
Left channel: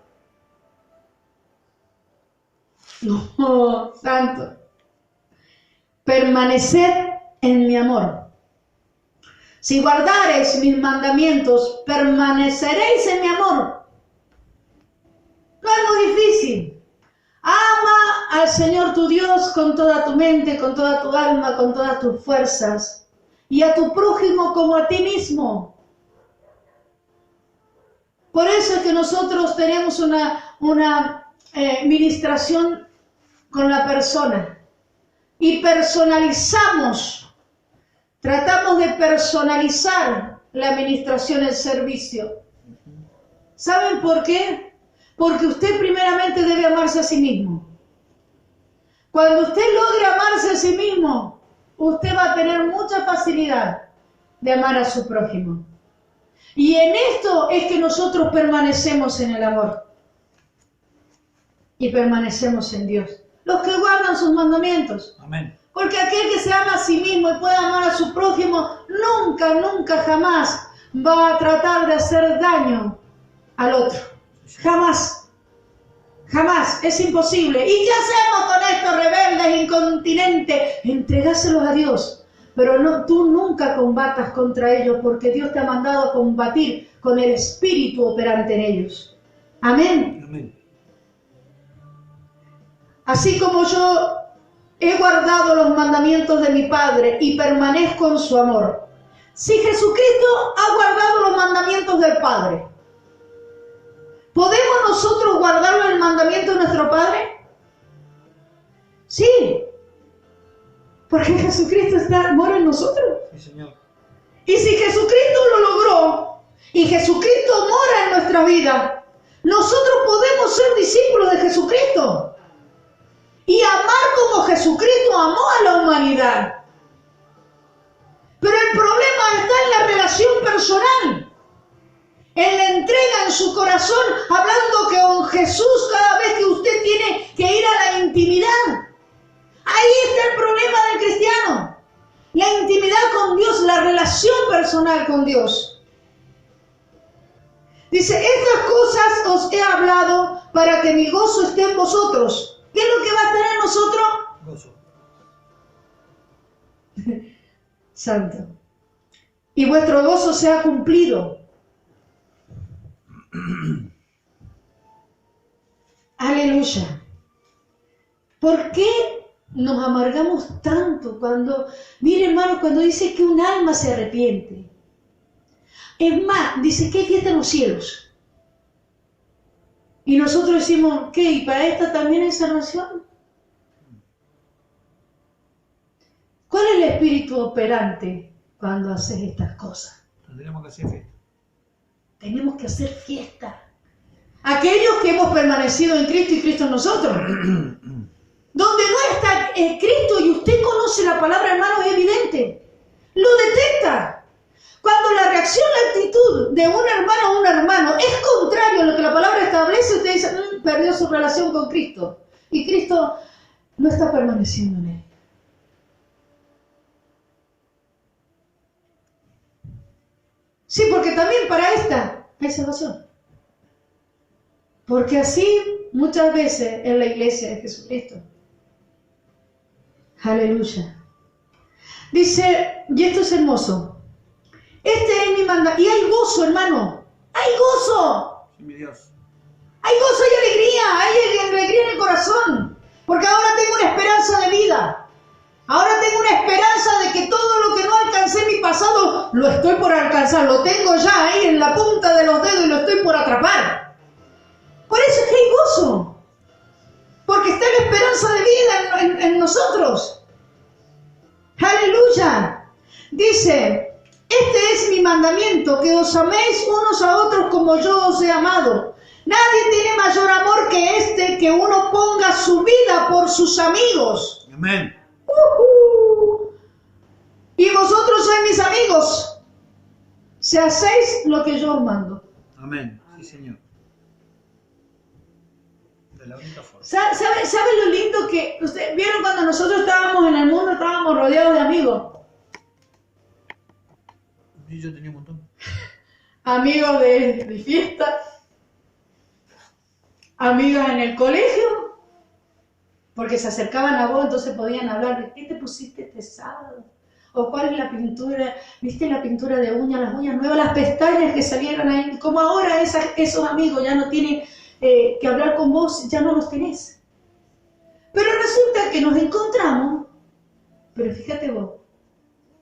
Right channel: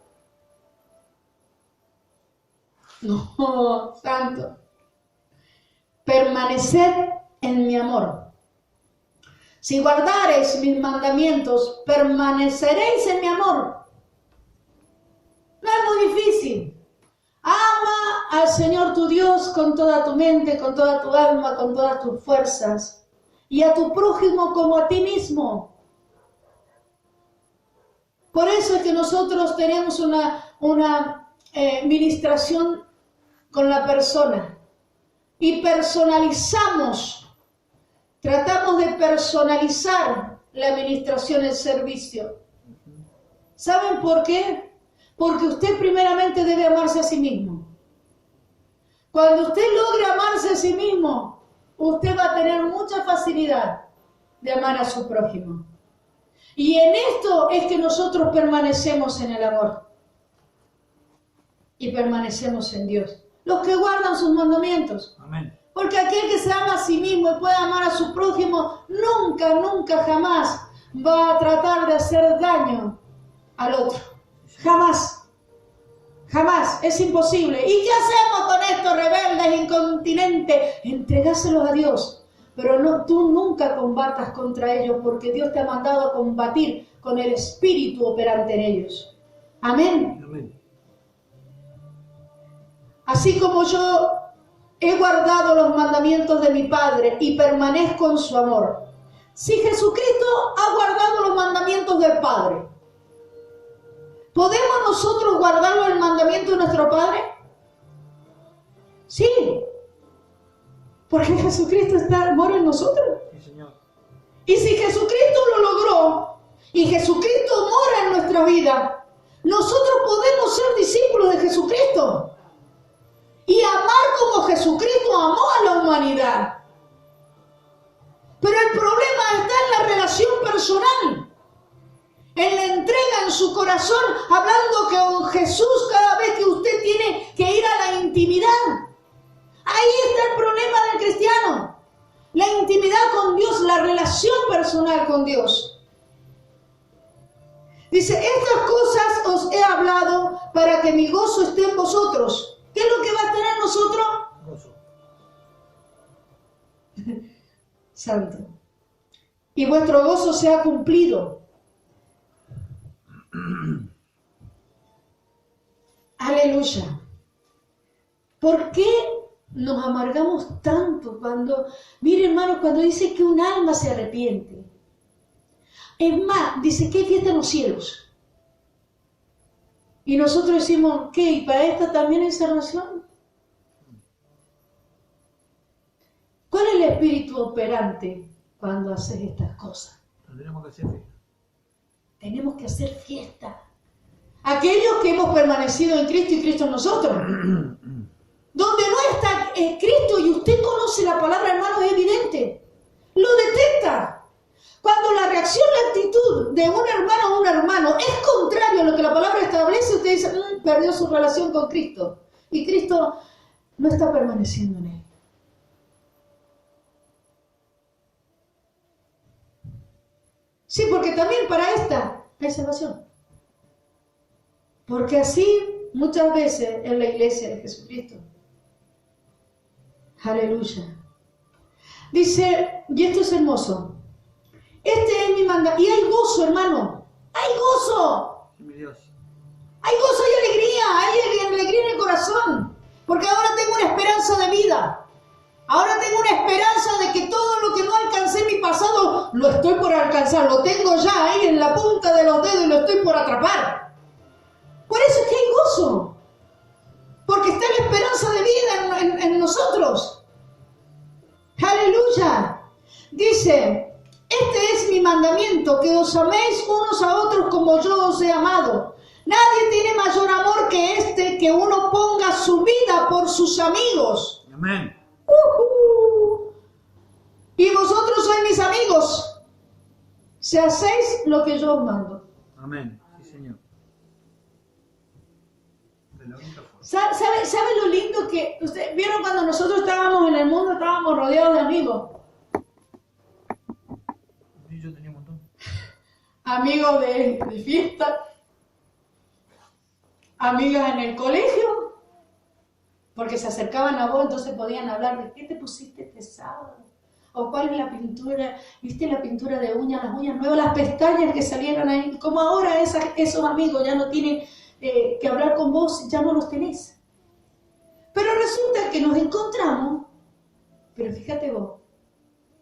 No, santo. Permaneced en mi amor. Si guardareis mis mandamientos, permaneceréis en mi amor. No es muy difícil. Ama al Señor tu Dios con toda tu mente, con toda tu alma, con todas tus fuerzas. Y a tu prójimo como a ti mismo. Por eso es que nosotros tenemos una ministración con la persona. Y personalizamos. Tratamos de personalizar la administración, el servicio. ¿Saben por qué? Porque usted primeramente debe amarse a sí mismo. Cuando usted logre amarse a sí mismo, usted va a tener mucha facilidad de amar a su prójimo. Y en esto es que nosotros permanecemos en el amor. Y permanecemos en Dios. Los que guardan sus mandamientos. Amén. Porque aquel que se ama a sí mismo y puede amar a su prójimo, nunca, nunca, jamás va a tratar de hacer daño al otro. Jamás. Jamás. Es imposible. ¿Y qué hacemos con estos rebeldes, incontinentes? Entregáselos a Dios. Pero no, tú nunca combatas contra ellos porque Dios te ha mandado a combatir con el Espíritu operante en ellos. Amén. Amén. Así como yo he guardado los mandamientos de mi Padre y permanezco en su amor. Si Jesucristo ha guardado los mandamientos del Padre, ¿podemos nosotros guardar el mandamiento de nuestro Padre? Sí. Porque Jesucristo mora en nosotros. Sí, Señor. Y si Jesucristo lo logró y Jesucristo mora en nuestra vida, nosotros podemos ser discípulos de Jesucristo. Y amar como Jesucristo amó a la humanidad. Pero el problema está en la relación personal. En la entrega en su corazón, hablando que con Jesús cada vez que usted tiene que ir a la intimidad. Ahí está el problema del cristiano. La intimidad con Dios, la relación personal con Dios. Dice, estas cosas os he hablado para que mi gozo esté en vosotros. ¿Qué es lo que va a tener nosotros? Gozo. Santo. Y vuestro gozo sea cumplido. Aleluya. ¿Por qué nos amargamos tanto cuando, mire hermano, cuando dice que un alma se arrepiente? Es más, dice que hay fiesta en los cielos. Y nosotros decimos, ¿qué? ¿Y para esta también hay salvación? ¿Cuál es el espíritu operante cuando haces estas cosas? Tendremos que hacer fiesta. Tenemos que hacer fiesta. Aquellos que hemos permanecido en Cristo y Cristo en nosotros. Donde no está Cristo y usted conoce la palabra, hermano, es evidente. Lo detecta. Cuando la reacción, la actitud de un hermano a un hermano es contrario a lo que la palabra establece, usted dice, perdió su relación con Cristo. Y Cristo no está permaneciendo en él. Sí, porque también para esta hay salvación. Porque así muchas veces en la iglesia de Jesucristo. Aleluya. Dice, y esto es hermoso. Este es mi mandato. Y hay gozo, hermano. Hay gozo. Sí, mi Dios. Hay gozo y alegría. Hay alegría en el corazón. Porque ahora tengo una esperanza de vida. Ahora tengo una esperanza de que todo lo que no alcancé en mi pasado, lo estoy por alcanzar. Lo tengo ya ahí en la punta de los dedos y lo estoy por atrapar. Por eso es que hay gozo. Porque está la esperanza de vida en nosotros. Aleluya. Dice, este es mi mandamiento, que os améis unos a otros como yo os he amado. Nadie tiene mayor amor que este, que uno ponga su vida por sus amigos. Amén. Y vosotros sois mis amigos, si hacéis lo que yo os mando. Amén. Sí, Señor. De la única forma. ¿Sabe lo lindo que ustedes vieron cuando nosotros estábamos en el mundo? Estábamos rodeados de amigos. Sí, yo tenía un montón. Amigos de fiesta, amigas en el colegio, porque se acercaban a vos, entonces podían hablar de qué te pusiste este sábado, o cuál es la pintura, viste la pintura de uñas, las uñas nuevas, las pestañas que salieron ahí, como ahora esos amigos ya no tienen que hablar con vos, ya no los tenés. Pero resulta que nos encontramos, pero fíjate vos,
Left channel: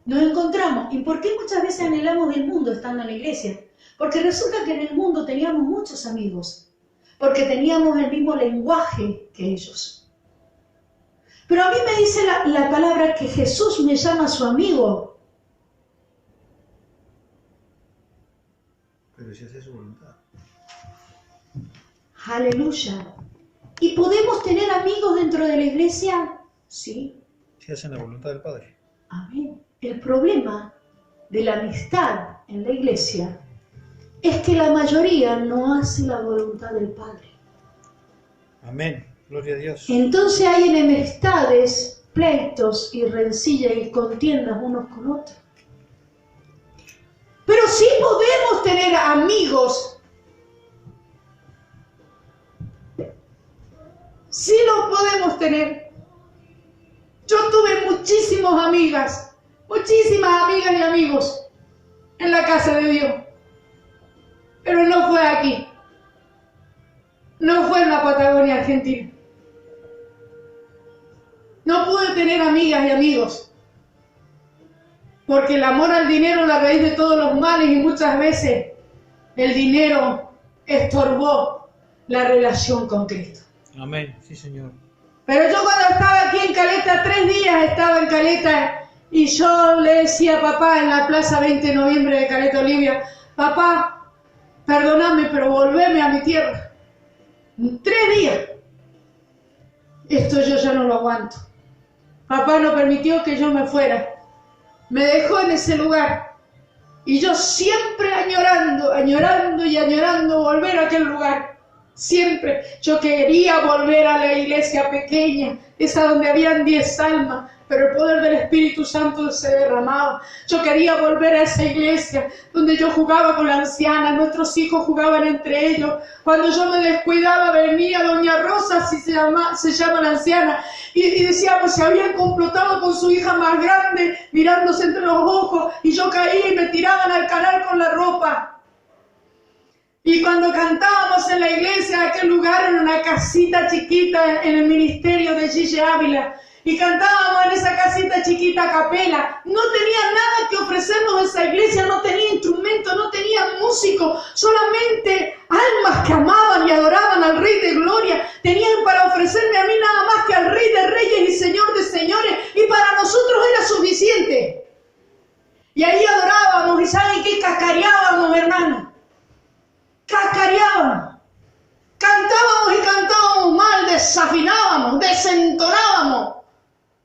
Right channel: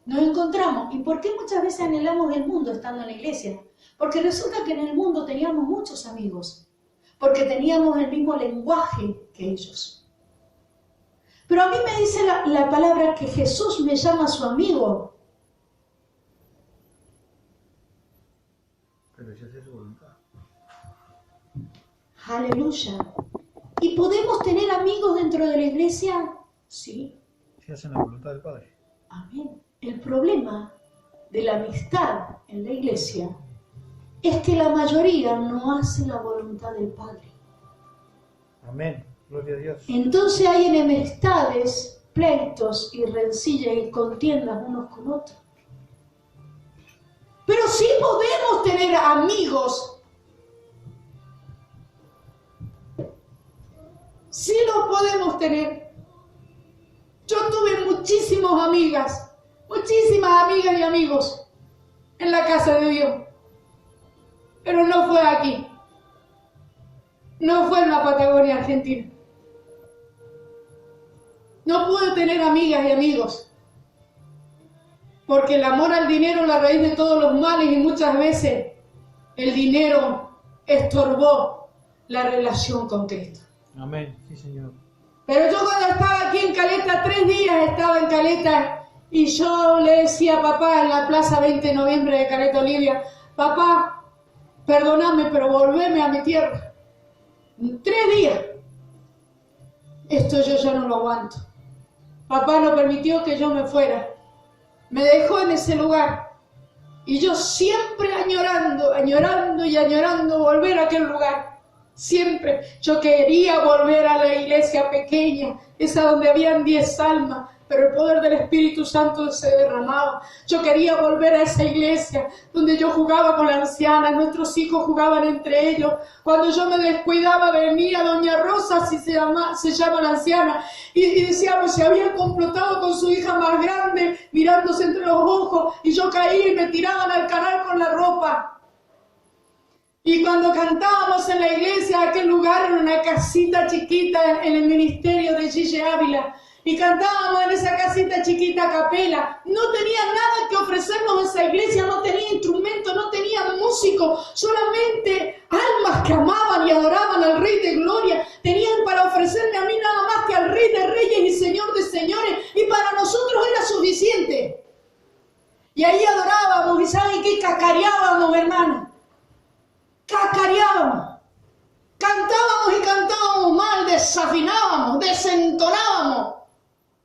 nos encontramos, ¿y por qué muchas veces anhelamos el mundo estando en la iglesia? Porque resulta que en el mundo teníamos muchos amigos, porque teníamos el mismo lenguaje que ellos. Pero a mí me dice la palabra que Jesús me llama su amigo. Pero si hace su voluntad. Aleluya. ¿Y podemos tener amigos dentro de la iglesia? Sí. Si hacen la voluntad del Padre. Amén. El problema de la amistad en la iglesia es que la mayoría no hace la voluntad del Padre. Amén. Gloria a Dios. Entonces hay enemistades, pleitos y rencillas y contiendas unos con otros. Pero sí podemos tener amigos. Sí los podemos tener. Yo tuve muchísimas amigas y amigos en la casa de Dios. Pero no fue aquí. No fue en la Patagonia Argentina. No pude tener amigas y amigos. Porque el amor al dinero es la raíz de todos los males y muchas veces el dinero estorbó la relación con Cristo. Amén. Sí, Señor. Pero yo cuando estaba aquí en Caleta, 3 días estaba en Caleta y yo le decía a papá en la plaza 20 de noviembre de Caleta Olivia, papá, perdóname, pero volveme a mi tierra. 3 días. Esto yo ya no lo aguanto. Papá no permitió que yo me fuera. Me dejó en ese lugar. Y yo siempre añorando y añorando volver a aquel lugar. Siempre. Yo quería volver a la iglesia pequeña, esa donde habían 10 almas, pero el poder del Espíritu Santo se derramaba. Yo quería volver a esa iglesia donde yo jugaba con la anciana, nuestros hijos jugaban entre ellos. Cuando yo me descuidaba venía doña Rosa, así se llama la anciana, y decíamos, se habían complotado con su hija más grande, mirándose entre los ojos, y yo caía y me tiraban al canal con la ropa. Y cuando cantábamos en la iglesia, aquel lugar era una casita chiquita en el ministerio de Gigi Ávila, y cantábamos en esa casita chiquita a capela. No tenía nada que ofrecernos esa iglesia, no tenía instrumentos, no tenía músicos, solamente almas que amaban y adoraban al Rey de Gloria. Tenían para ofrecerme a mí nada más que al Rey de Reyes y Señor de Señores, y para nosotros era suficiente. Y ahí adorábamos, y ¿saben qué? Cacareábamos, hermano. Cacareábamos. Cantábamos y cantábamos mal, desafinábamos, desentonábamos.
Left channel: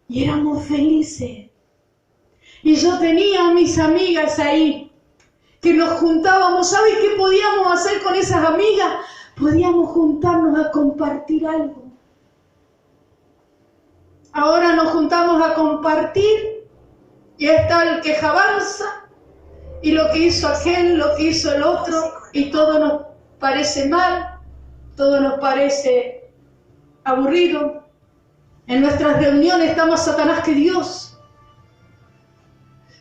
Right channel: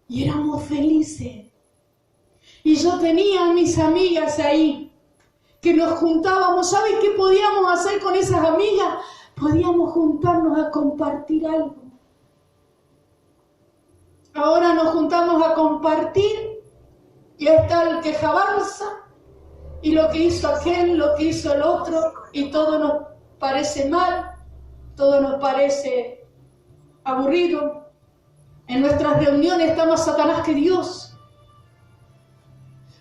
Y éramos felices. Y yo tenía a mis amigas ahí, que nos juntábamos. ¿Sabes qué podíamos hacer con esas amigas? Podíamos juntarnos a compartir algo. Ahora nos juntamos a compartir y está el quejabanza y lo que hizo aquel, lo que hizo el otro, y todo nos parece mal, todo nos parece aburrido. En nuestras reuniones está más Satanás que Dios.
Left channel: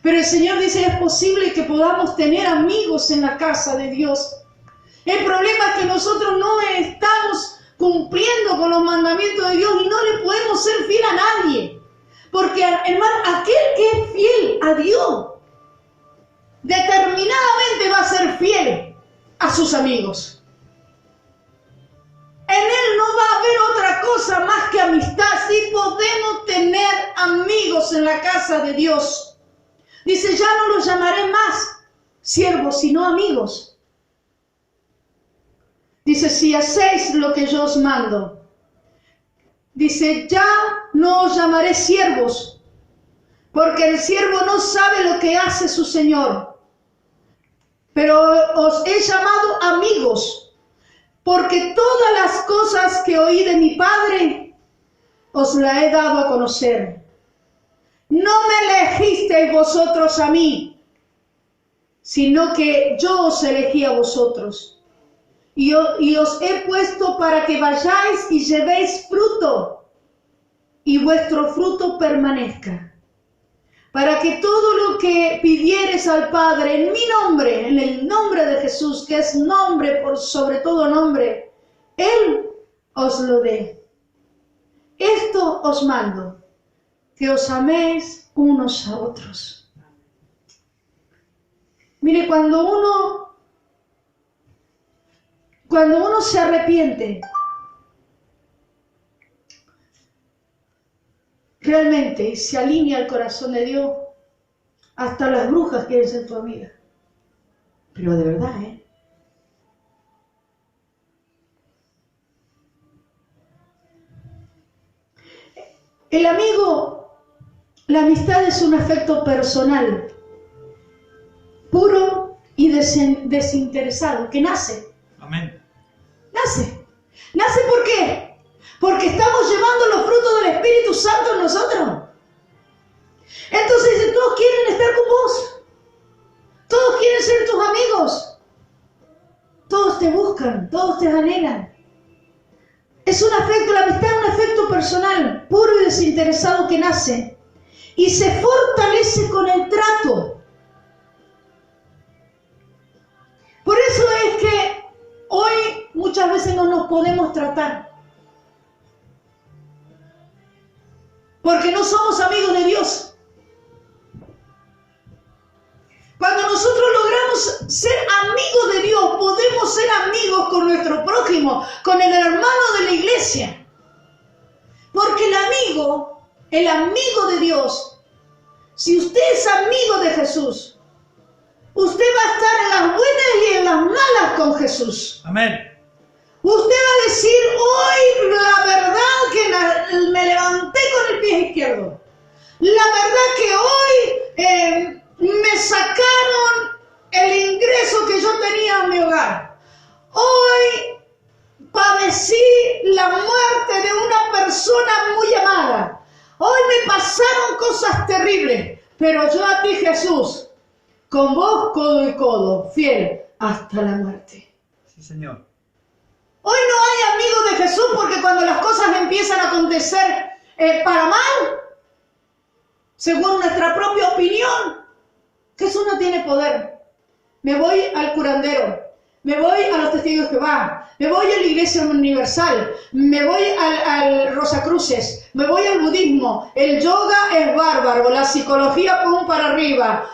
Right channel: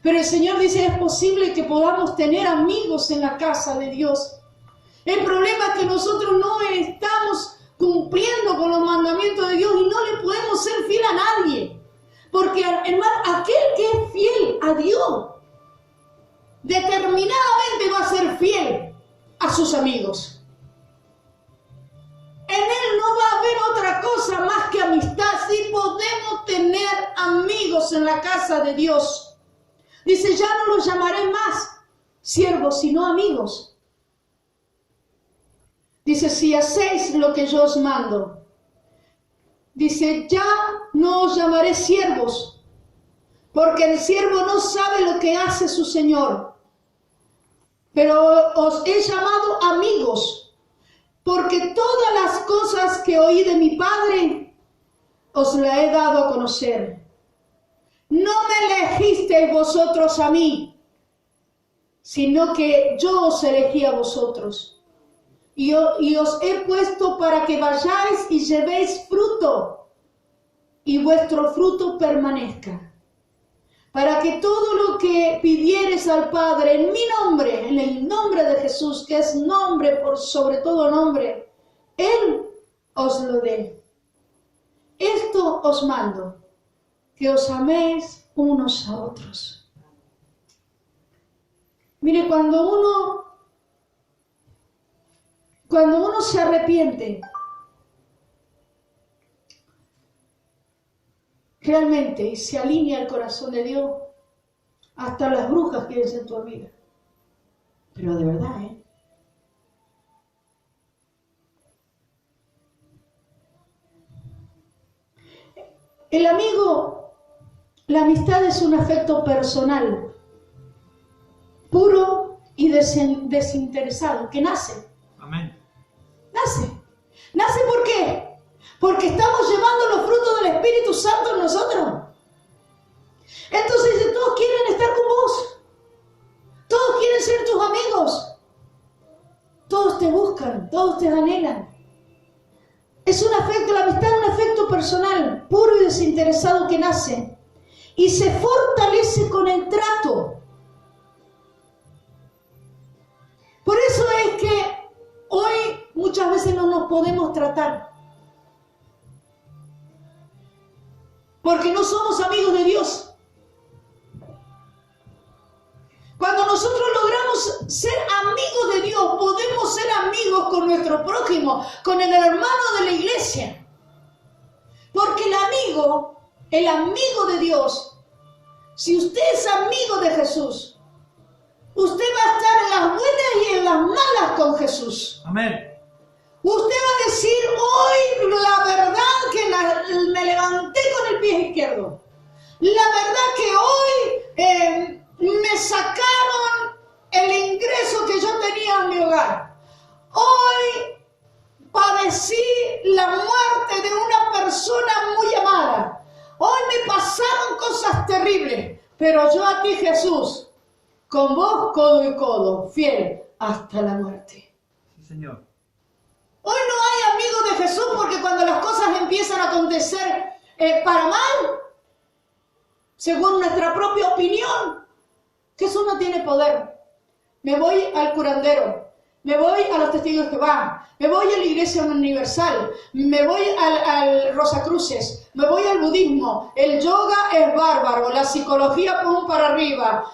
Pero el Señor dice, es posible que podamos tener amigos en la casa de Dios. El problema es que nosotros no estamos cumpliendo con los mandamientos de Dios y no le podemos ser fiel a nadie. Porque, hermano, aquel que es fiel a Dios, determinadamente va a ser fiel a sus amigos. En Él no va a haber otra cosa más que amistad. Sí podemos tener amigos en la casa de Dios. Dice, ya no los llamaré más siervos, sino amigos. Dice, si hacéis lo que yo os mando. Dice, ya no os llamaré siervos, porque el siervo no sabe lo que hace su Señor. Pero os he llamado amigos, porque todas las cosas que oí de mi Padre, os la he dado a conocer. No me elegisteis vosotros a mí, sino que yo os elegí a vosotros. Y os he puesto para que vayáis y llevéis fruto, y vuestro fruto permanezca. Para que todo lo que pidiereis al Padre en mi nombre, en el nombre de Jesús, que es nombre por sobre todo nombre, Él os lo dé. Esto os mando, que os améis unos a otros. Mire, cuando uno se arrepiente, realmente, y se alinea al corazón de Dios, hasta las brujas quieren ser tu amiga. Pero de verdad, El amigo, la amistad es un afecto personal, puro y desinteresado, que nace. Amén. ¿Nace por qué? Porque estamos llevando los frutos del Espíritu Santo en nosotros. Entonces todos quieren estar con vos. Todos quieren ser tus amigos. Todos te buscan, todos te anhelan. Es un afecto, la amistad es un afecto personal, puro y desinteresado que nace. Y se fortalece con el trato. Por eso es que hoy muchas veces no nos podemos tratar. Porque no somos amigos de Dios. Cuando nosotros logramos ser amigos de Dios, podemos ser amigos con nuestro prójimo, con el hermano de la iglesia. Porque el amigo de Dios, si usted es amigo de Jesús, usted va a estar en las buenas y en las malas con Jesús. Amén. Usted va a decir, hoy la verdad que me levanté con el pie izquierdo. La verdad que hoy me sacaron el ingreso que yo tenía en mi hogar. Hoy padecí la muerte de una persona muy amada. Hoy me pasaron cosas terribles. Pero yo a ti, Jesús, con vos codo y codo, fiel hasta la muerte. Sí, Señor. Hoy no hay amigos de Jesús porque cuando las cosas empiezan a acontecer para mal, según nuestra propia opinión, Jesús no tiene poder. Me voy al curandero, me voy a los testigos de Jehová, me voy a la Iglesia Universal, me voy al Rosacruces, me voy al budismo. El yoga es bárbaro, la psicología pum para arriba.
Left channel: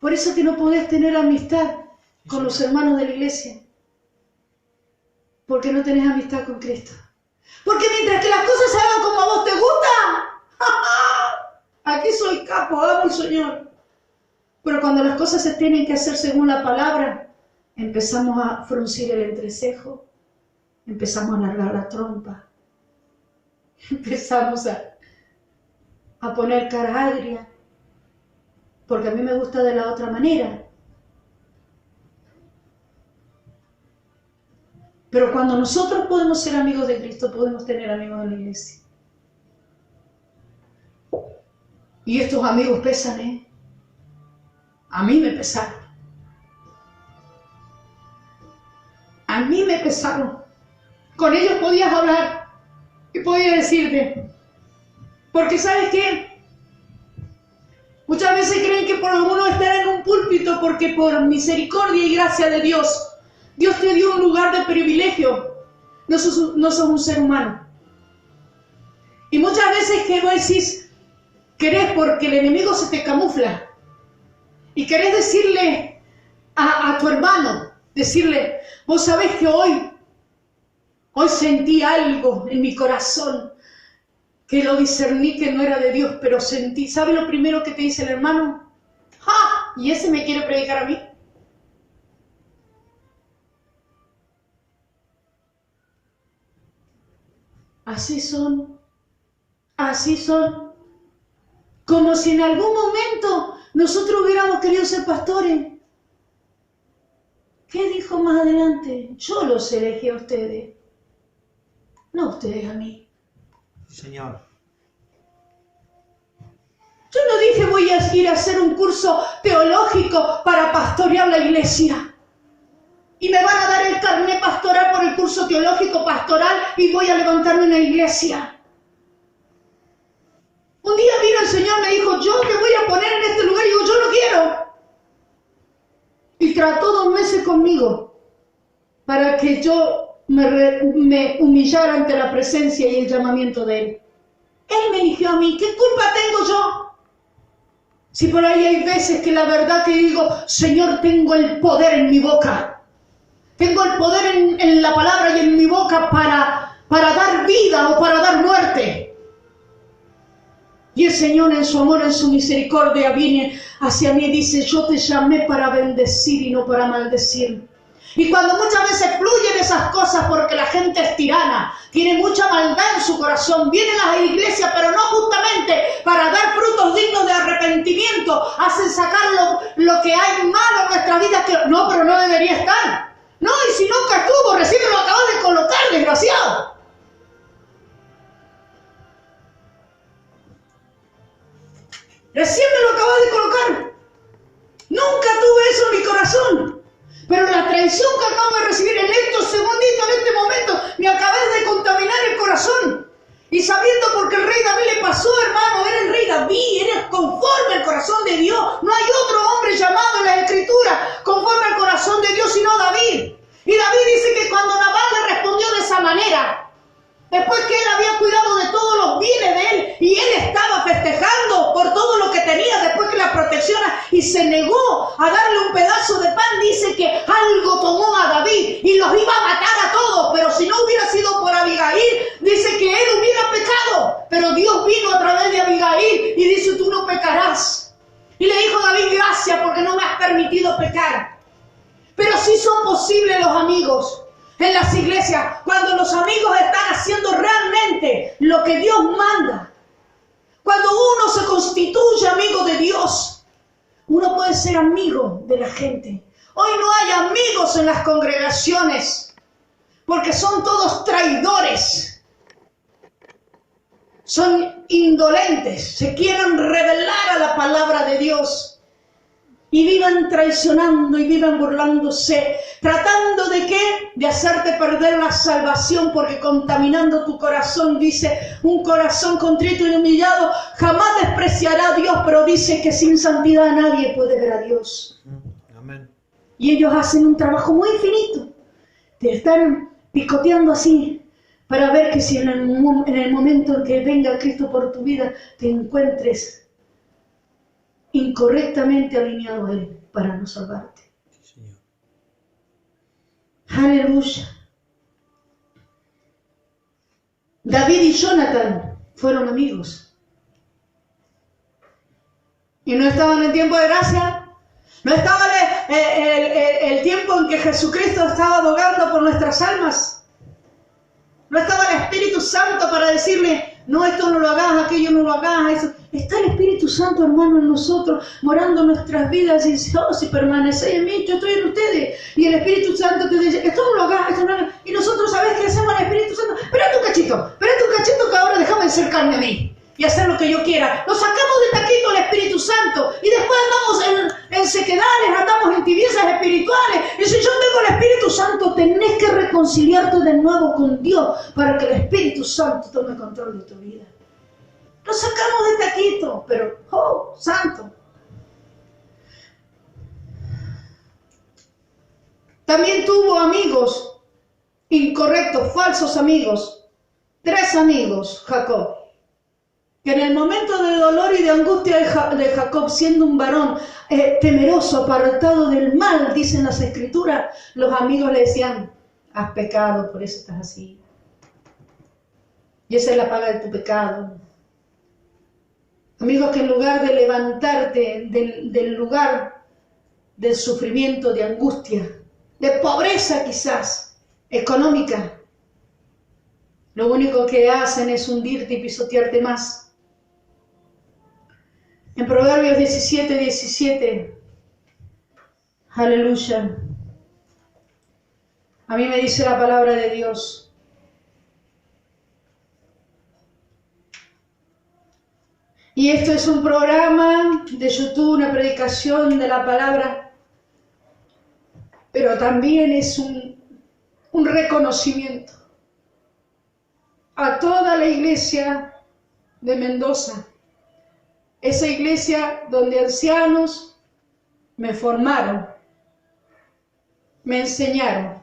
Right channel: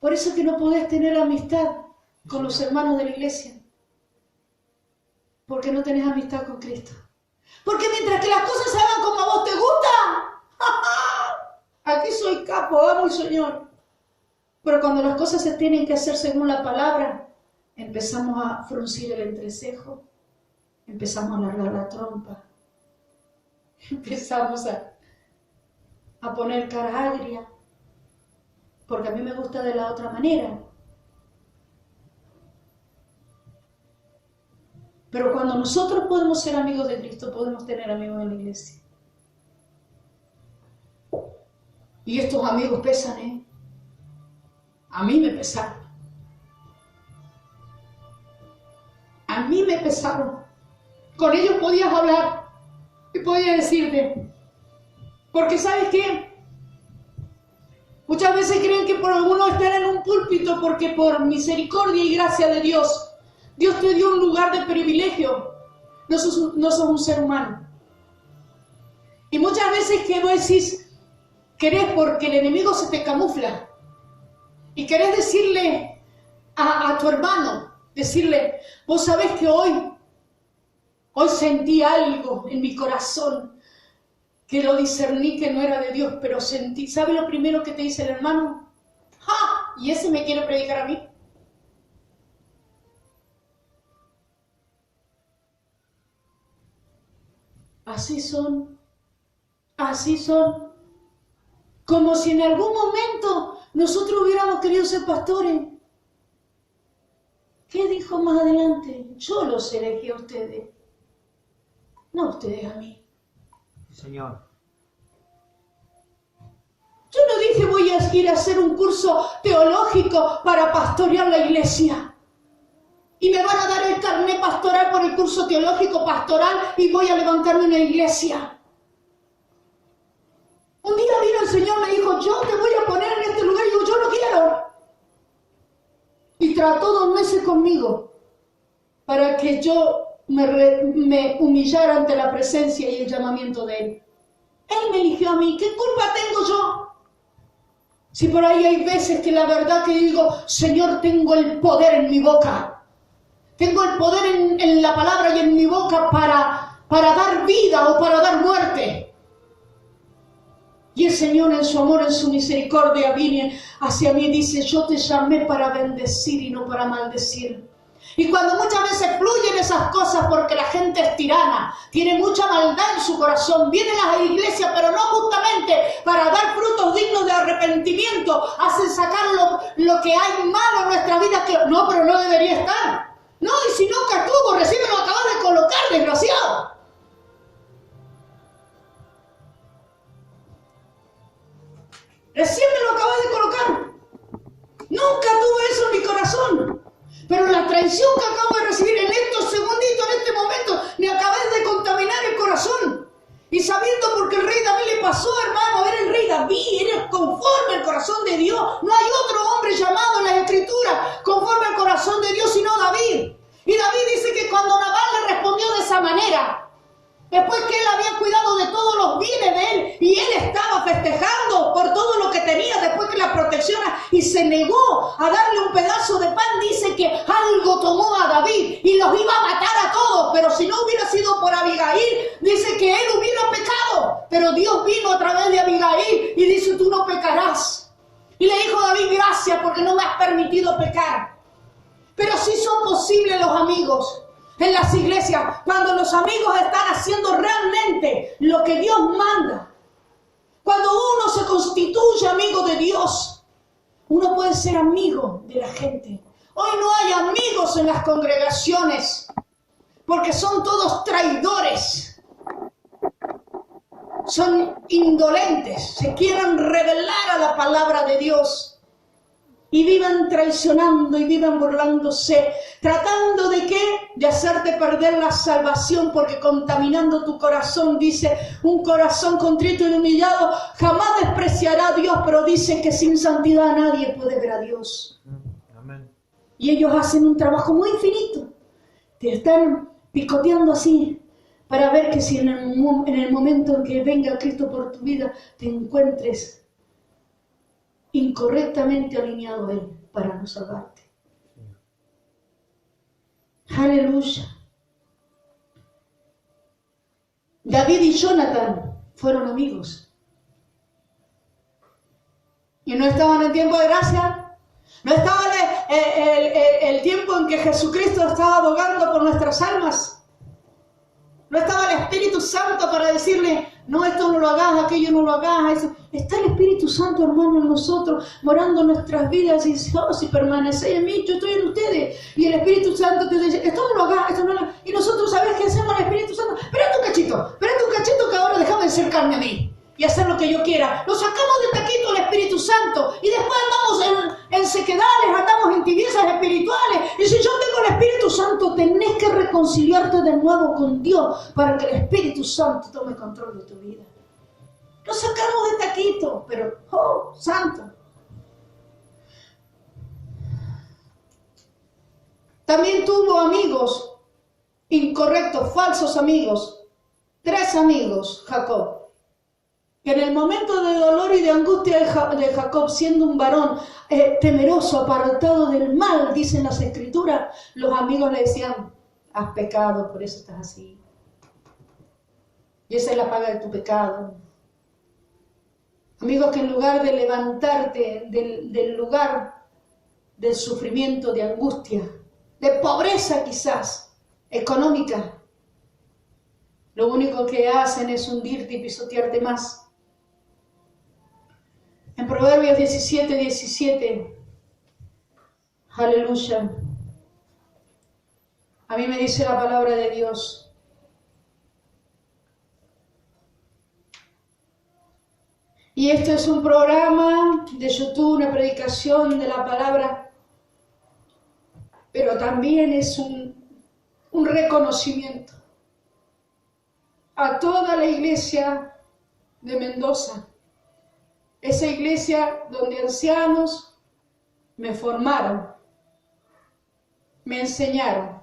Por eso que no podés tener amistad con los hermanos de la iglesia. Porque no tenés amistad con Cristo. Porque mientras que las cosas se hagan como a vos te gusta, aquí soy capo, amo el Señor. Pero cuando las cosas se tienen que hacer según la palabra, empezamos a fruncir el entrecejo, empezamos a alargar la trompa, empezamos a poner cara agria. Porque a mí me gusta de la otra manera. Pero cuando nosotros podemos ser amigos de Cristo, podemos tener amigos en la iglesia. Y estos amigos pesan, A mí me pesaron. A mí me pesaron. Con ellos podías hablar y podías decirte. Porque ¿sabes qué? Muchas veces creen que por uno estar en un púlpito, porque por misericordia y gracia de Dios, Dios te dio un lugar de privilegio. No sos un ser humano. Y muchas veces que vos decís, querés porque el enemigo se te camufla. Y querés decirle a tu hermano, decirle, vos sabés que hoy sentí algo en mi corazón. Que lo discerní que no era de Dios, pero sentí. ¿Sabe lo primero que te dice el hermano? ¡Ja! ¿Y ese me quiere predicar a mí? Así son. Así son. Como si en algún momento nosotros hubiéramos querido ser pastores. ¿Qué dijo más adelante? Yo los elegí a ustedes, no ustedes a mí. Señor. Yo no dije voy a ir a hacer un curso teológico para pastorear la iglesia. Y me van a dar el carnet pastoral por el curso teológico pastoral y voy a levantarme una iglesia. Un día vino el Señor y me dijo, yo te voy a poner en este lugar. Y digo, yo no quiero. Y trató 2 meses conmigo para que yo me humillara ante la presencia y el llamamiento de Él. Él me eligió a mí. ¿Qué culpa tengo yo? Si por ahí hay veces que la verdad que digo, Señor, tengo el poder en mi boca. Tengo el poder en la palabra y en mi boca para dar vida o para dar muerte. Y el Señor en su amor, en su misericordia, viene hacia mí y dice, yo te llamé para bendecir y no para maldecir. Y cuando muchas veces fluyen esas cosas porque la gente es tirana, tiene mucha maldad en su corazón, vienen a las iglesias, pero no justamente para dar frutos dignos de arrepentimiento, hacen sacar lo que hay malo en nuestra vida, que no, pero no debería estar. No, y si nunca estuvo, recién lo acabas de colocar, desgraciado. Recién me lo acabas de colocar. Nunca tuve eso en mi corazón. Pero la traición que acabo de recibir en estos segunditos, en este momento, me acabé de contaminar el corazón. Y sabiendo porque el rey David le pasó, hermano, era el rey David, era conforme al corazón de Dios. No hay otro hombre llamado en la Escritura conforme al corazón de Dios, sino David. Y David dice que cuando Nabal le respondió de esa manera, después que él había cuidado de todos los bienes de él, y él estaba festejando por todo lo que tenía después que la protecciona, y se negó a darle un pedazo de pan, dice que algo tomó a David y los iba a matar a todos, pero si no hubiera sido por Abigail, dice que él hubiera pecado, pero Dios vino a través de Abigail y dice, tú no pecarás. Y le dijo David, gracias porque no me has permitido pecar. Pero sí son posibles los amigos. En las iglesias, cuando los amigos están haciendo realmente lo que Dios manda, cuando uno se constituye amigo de Dios, uno puede ser amigo de la gente. Hoy no hay amigos en las congregaciones, porque son todos traidores, son indolentes, se quieren rebelar a la palabra de Dios. Y vivan traicionando y vivan burlándose, tratando de ¿qué? De hacerte perder la salvación, porque contaminando tu corazón, dice, un corazón contrito y humillado jamás despreciará a Dios, pero dice que sin santidad nadie puede ver a Dios. Amén. Y ellos hacen un trabajo muy finito, te están picoteando así, para ver que si en el momento en que venga Cristo por tu vida, te encuentres incorrectamente alineado a Él para no salvarte. Señor. Aleluya. David y Jonathan fueron amigos. Y no estaban en tiempo de gracia. No estaba el tiempo en que Jesucristo estaba abogando por nuestras almas. No estaba el Espíritu Santo para decirle, no, esto no lo hagas, aquello no lo hagas, eso. Está el Espíritu Santo, hermano, en nosotros, morando en nuestras vidas, y dice, oh, si permanecéis en mí, yo estoy en ustedes. Y el Espíritu Santo te dice, esto no lo hagas, esto no lo hagas. Y nosotros, ¿sabes qué hacemos al Espíritu Santo? Espérate un cachito que ahora déjame acercarme a mí y hacer lo que yo quiera. Lo sacamos de taquito al Espíritu Santo y después andamos en sequedades, andamos en tibiezas espirituales. Y si yo tengo el Espíritu Santo, tenés que reconciliarte de nuevo con Dios para que el Espíritu Santo tome control de tu vida. Lo sacamos de taquito, pero, oh, santo. También tuvo amigos incorrectos, falsos amigos. 3 amigos, Jacob. Que en el momento de dolor y de angustia de Jacob, siendo un varón temeroso, apartado del mal, dicen las Escrituras, los amigos le decían, has pecado, por eso estás así. Y esa es la paga de tu pecado. Amigos que en lugar de levantarte del lugar del sufrimiento, de angustia, de pobreza quizás, económica. Lo único que hacen es hundirte y pisotearte más. En Proverbios 17:17, aleluya, a mí me dice la palabra de Dios: y esto es un programa de YouTube, una predicación de la palabra, pero también es un reconocimiento a toda la iglesia de Mendoza, esa iglesia donde ancianos me formaron, me enseñaron,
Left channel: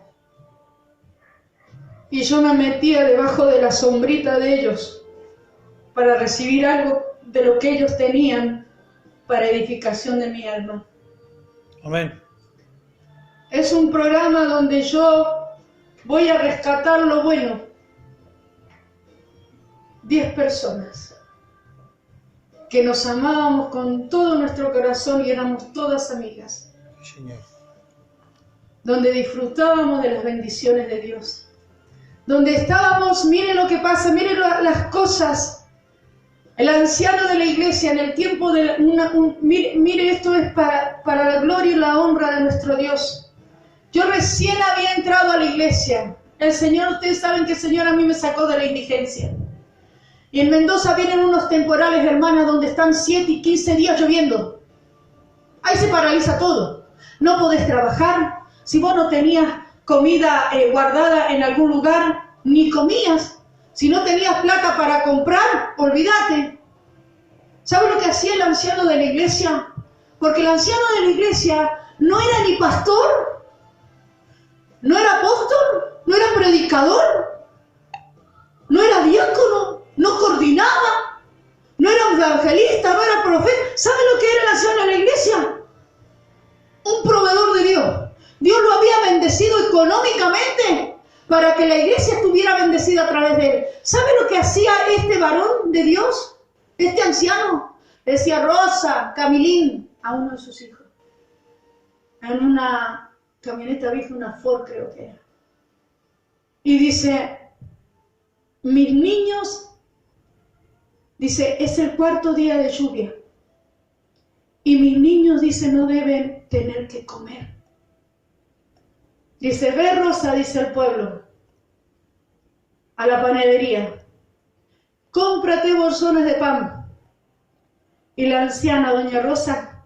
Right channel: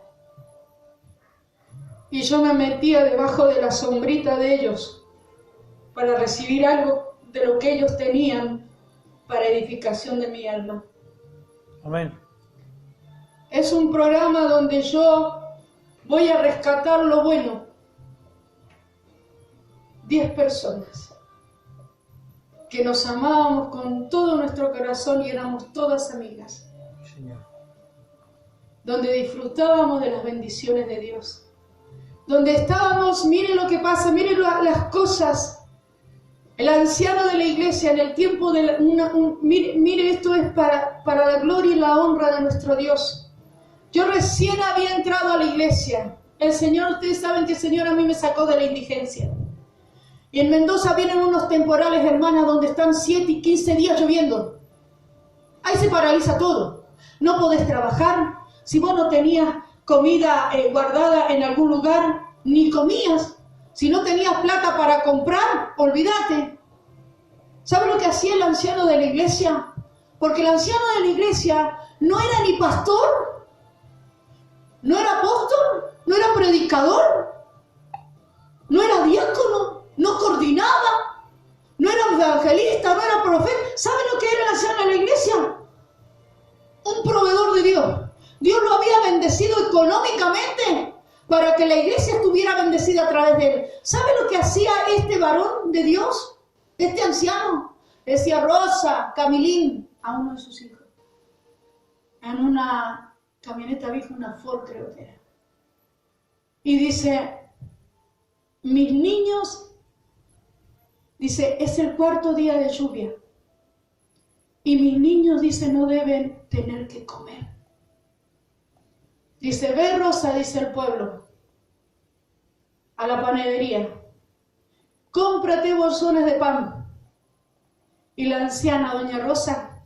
y yo me metía debajo de la sombrita de ellos para recibir algo de lo que ellos tenían para edificación de mi alma. Amén. Es un programa donde yo voy a rescatar lo bueno. 10 personas que nos amábamos con todo nuestro corazón y éramos todas amigas. Señor. Donde disfrutábamos de las bendiciones de Dios. Donde estábamos, miren lo que pasa, miren las cosas. El anciano de la iglesia en el tiempo de mire, esto es para la gloria y la honra de nuestro Dios. Yo recién había entrado a la iglesia. El Señor, ustedes saben que el Señor a mí me sacó de la indigencia. Y en Mendoza vienen unos temporales, hermanas, donde están 7 y 15 días lloviendo. Ahí se paraliza todo. No podés trabajar. Si vos no tenías comida guardada en algún lugar, ni comías. Si no tenías plata para comprar, olvídate. ¿Sabe lo que hacía el anciano de la iglesia? Porque el anciano de la iglesia no era ni pastor, no era apóstol, no era predicador, no era diácono, no coordinaba, no era evangelista, no era profeta. ¿Sabe lo que era el anciano de la iglesia? Un proveedor de Dios. Dios lo había bendecido económicamente para que la iglesia estuviera bendecida a través de él. ¿Sabe lo que hacía este varón de Dios? Este anciano. Decía Rosa, Camilín, a uno de sus hijos. En una camioneta vieja, una Ford creo que era. Y dice, mis niños, dice, es el 4.º día de lluvia. Y mis niños, dice, no deben tener que comer. Dice, ve Rosa, dice el pueblo, a la panadería, cómprate bolsones de pan. Y la anciana doña Rosa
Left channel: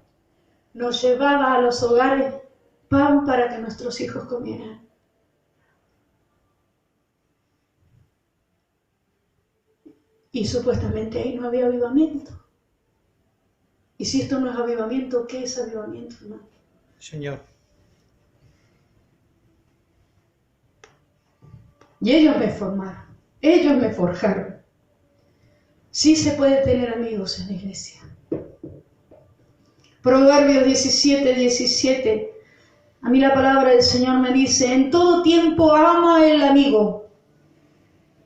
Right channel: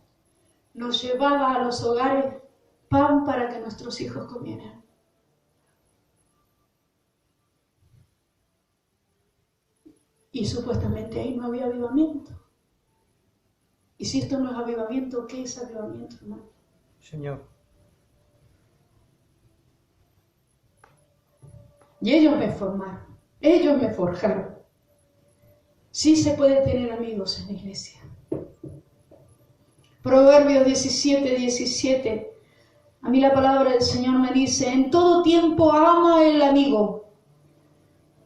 nos llevaba a los hogares pan para que nuestros hijos comieran. Y supuestamente ahí no había avivamiento. Y si esto no es avivamiento, ¿qué es avivamiento, hermano? Señor. Y ellos me formaron, ellos me forjaron. Sí se puede tener amigos en la iglesia. Proverbios 17:17. A mí la palabra del Señor me dice, en todo tiempo ama el amigo,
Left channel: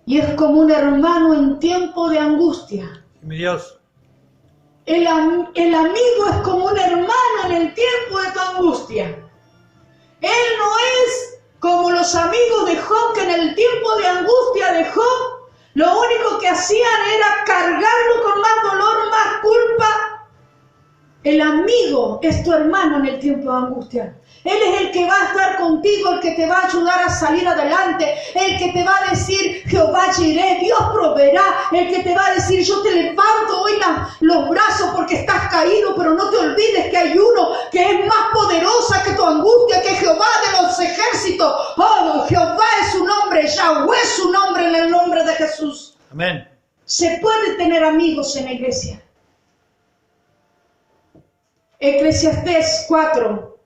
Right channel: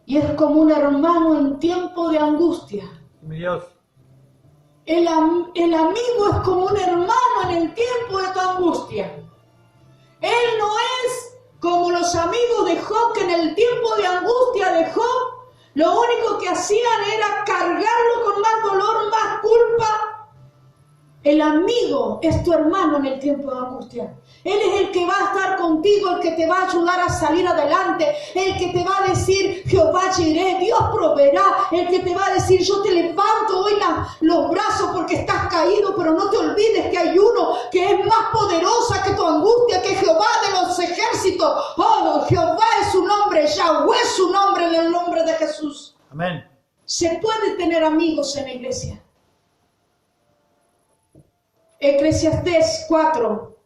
y es como un hermano en tiempo de angustia. Mi Dios. El amigo es como un hermano en el tiempo de tu angustia. Él no es como los amigos de Job, que en el tiempo de angustia de Job, lo único que hacían era cargarlo con más dolor, más culpa. El amigo es tu hermano en el tiempo de angustia. Él es el que va a estar contigo, el que te va a ayudar a salir adelante, el que te va a decir, Jehová Jireh, Dios proveerá, el que te va a decir, yo te levanto hoy los brazos porque estás caído, pero no te olvides que hay uno que es más poderosa que tu angustia, que es Jehová de los ejércitos. Oh, Jehová es su nombre, Yahweh es su nombre, en el nombre de Jesús. Amén. Se puede tener amigos en la iglesia. Eclesiastés 4.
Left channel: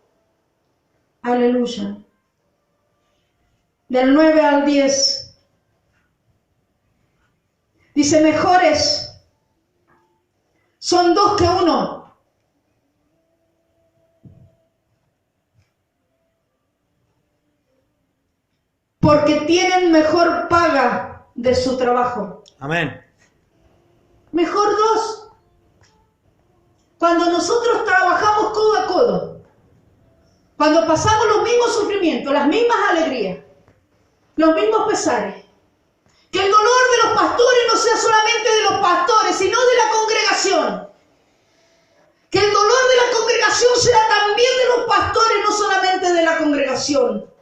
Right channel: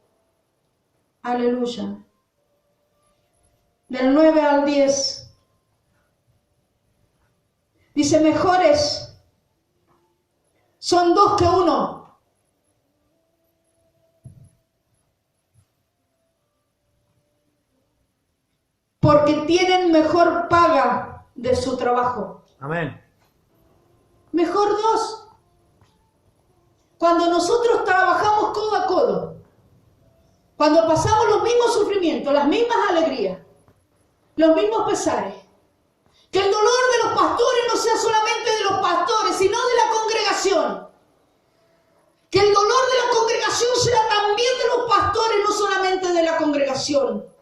Aleluya. Del 9 al 10. Dice, mejores son 2 que 1. Porque tienen mejor paga de su trabajo. Amén. Mejor 2. Cuando nosotros trabajamos codo a codo, Cuando pasamos los mismos sufrimientos, las mismas alegrías, los mismos pesares. Que el dolor de los pastores no sea solamente de los pastores, sino de la congregación. Que el dolor de la congregación será también de los pastores, no solamente de la congregación.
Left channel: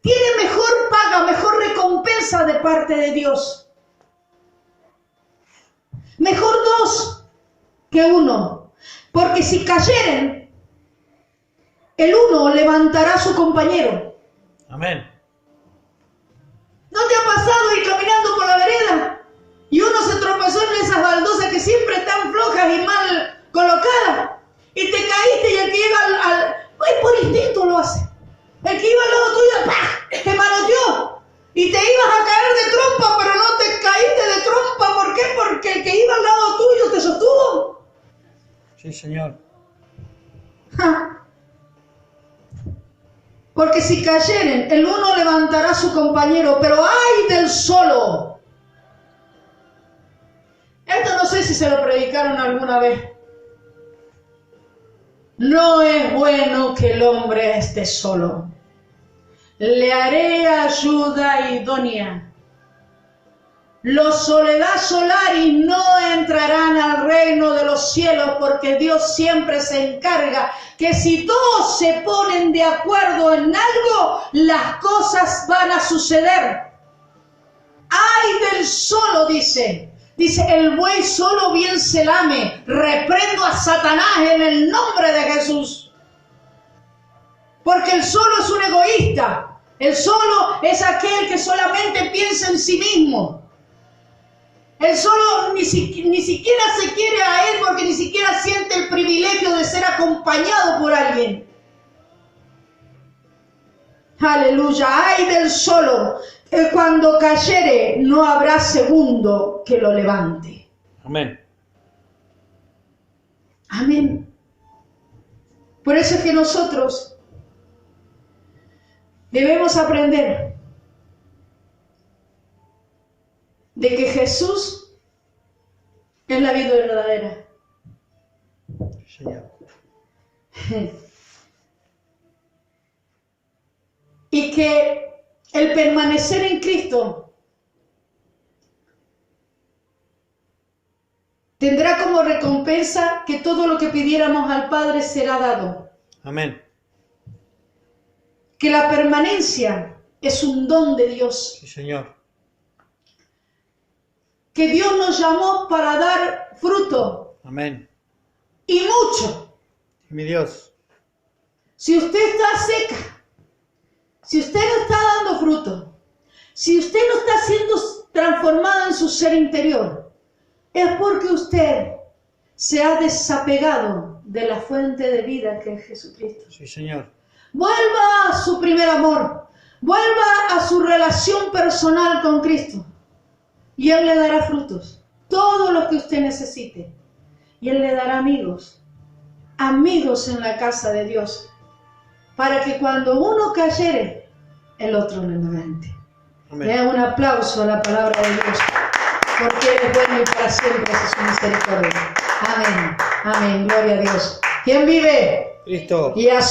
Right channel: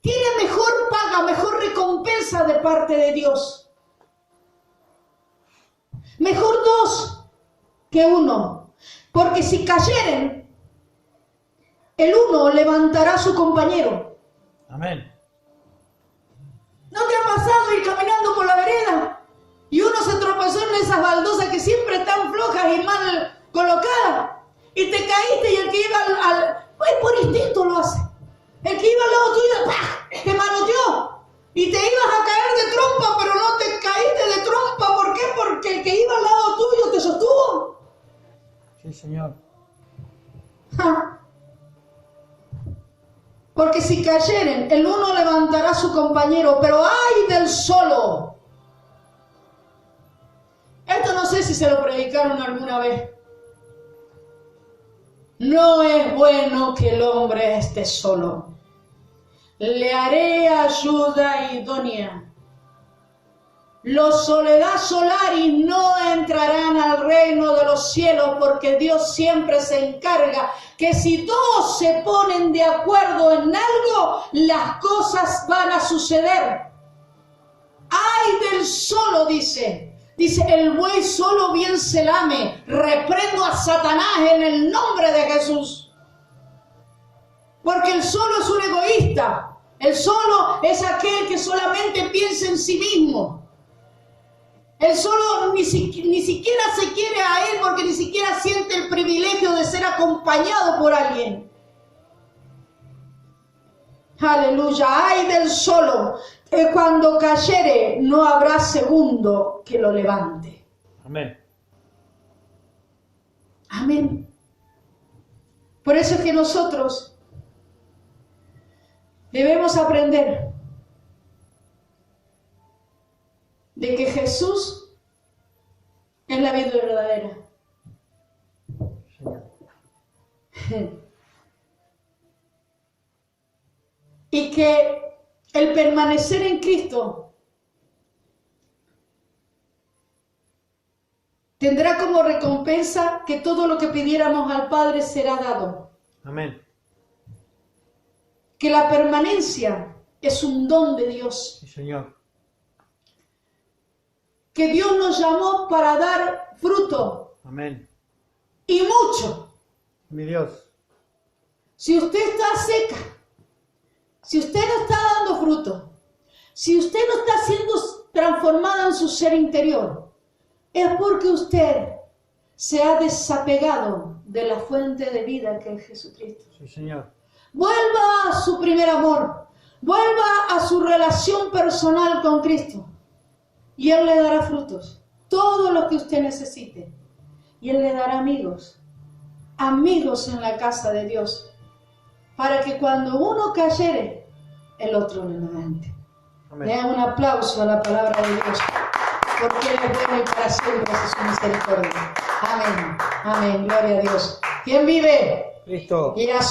Tiene mejor paga, mejor recompensa de parte de Dios. Mejor dos que uno. Porque si cayeren, el uno levantará a su compañero. Amén. ¿No te ha pasado ir caminando por la vereda y uno se tropezó en esas baldosas que siempre están flojas y mal colocadas? Y te caíste y el que iba pues por instinto lo hace. El que iba al lado tuyo, ¡pah!, te manoteó. Y te ibas a caer de trompa, pero no te caíste de trompa. ¿Por qué? Porque el que iba al lado tuyo te sostuvo. Sí, Señor. ¡Ja! Porque si cayeren, el uno levantará a su compañero, pero ¡ay del solo! Esto no sé si se lo predicaron alguna vez. No es bueno que el hombre esté solo. Le haré ayuda idónea. Los soledad solaris no entrarán al reino de los cielos, porque Dios siempre se encarga que si todos se ponen de acuerdo en algo, las cosas van a suceder. ¡Ay del solo!, dice. Dice, el buey solo bien se lame. Reprendo a Satanás en el nombre de Jesús. Porque el solo es un egoísta. El solo es aquel que solamente piensa en sí mismo. El solo ni siquiera se quiere a él porque ni siquiera siente el privilegio de ser acompañado por alguien. Aleluya. Ay del solo, que cuando cayere no habrá segundo que lo levante. Amén. Amén. Por eso es que nosotros debemos aprender de que Jesús es la vida verdadera. Señor. Y que el permanecer en Cristo tendrá como recompensa que todo lo que pidiéramos al Padre será dado. Amén. Que la permanencia es un don de Dios. Sí, Señor. Que Dios nos llamó para dar fruto. Amén. Y mucho. Mi Dios. Si usted está seca, si usted no está dando fruto, si usted no está siendo transformada en su ser interior, es porque usted se ha desapegado de la fuente de vida que es Jesucristo. Sí, Señor. Vuelva a su primer amor, vuelva a su relación personal con Cristo y Él le dará frutos, todos los que usted necesite. Y Él le dará amigos en la casa de Dios, para que cuando uno cayere, el otro le levante. Amén. Le hago un aplauso a la palabra de Dios, porque Él es bueno y para siempre es su misericordia. Amén, amén, gloria a Dios. ¿Quién vive? Cristo. Y a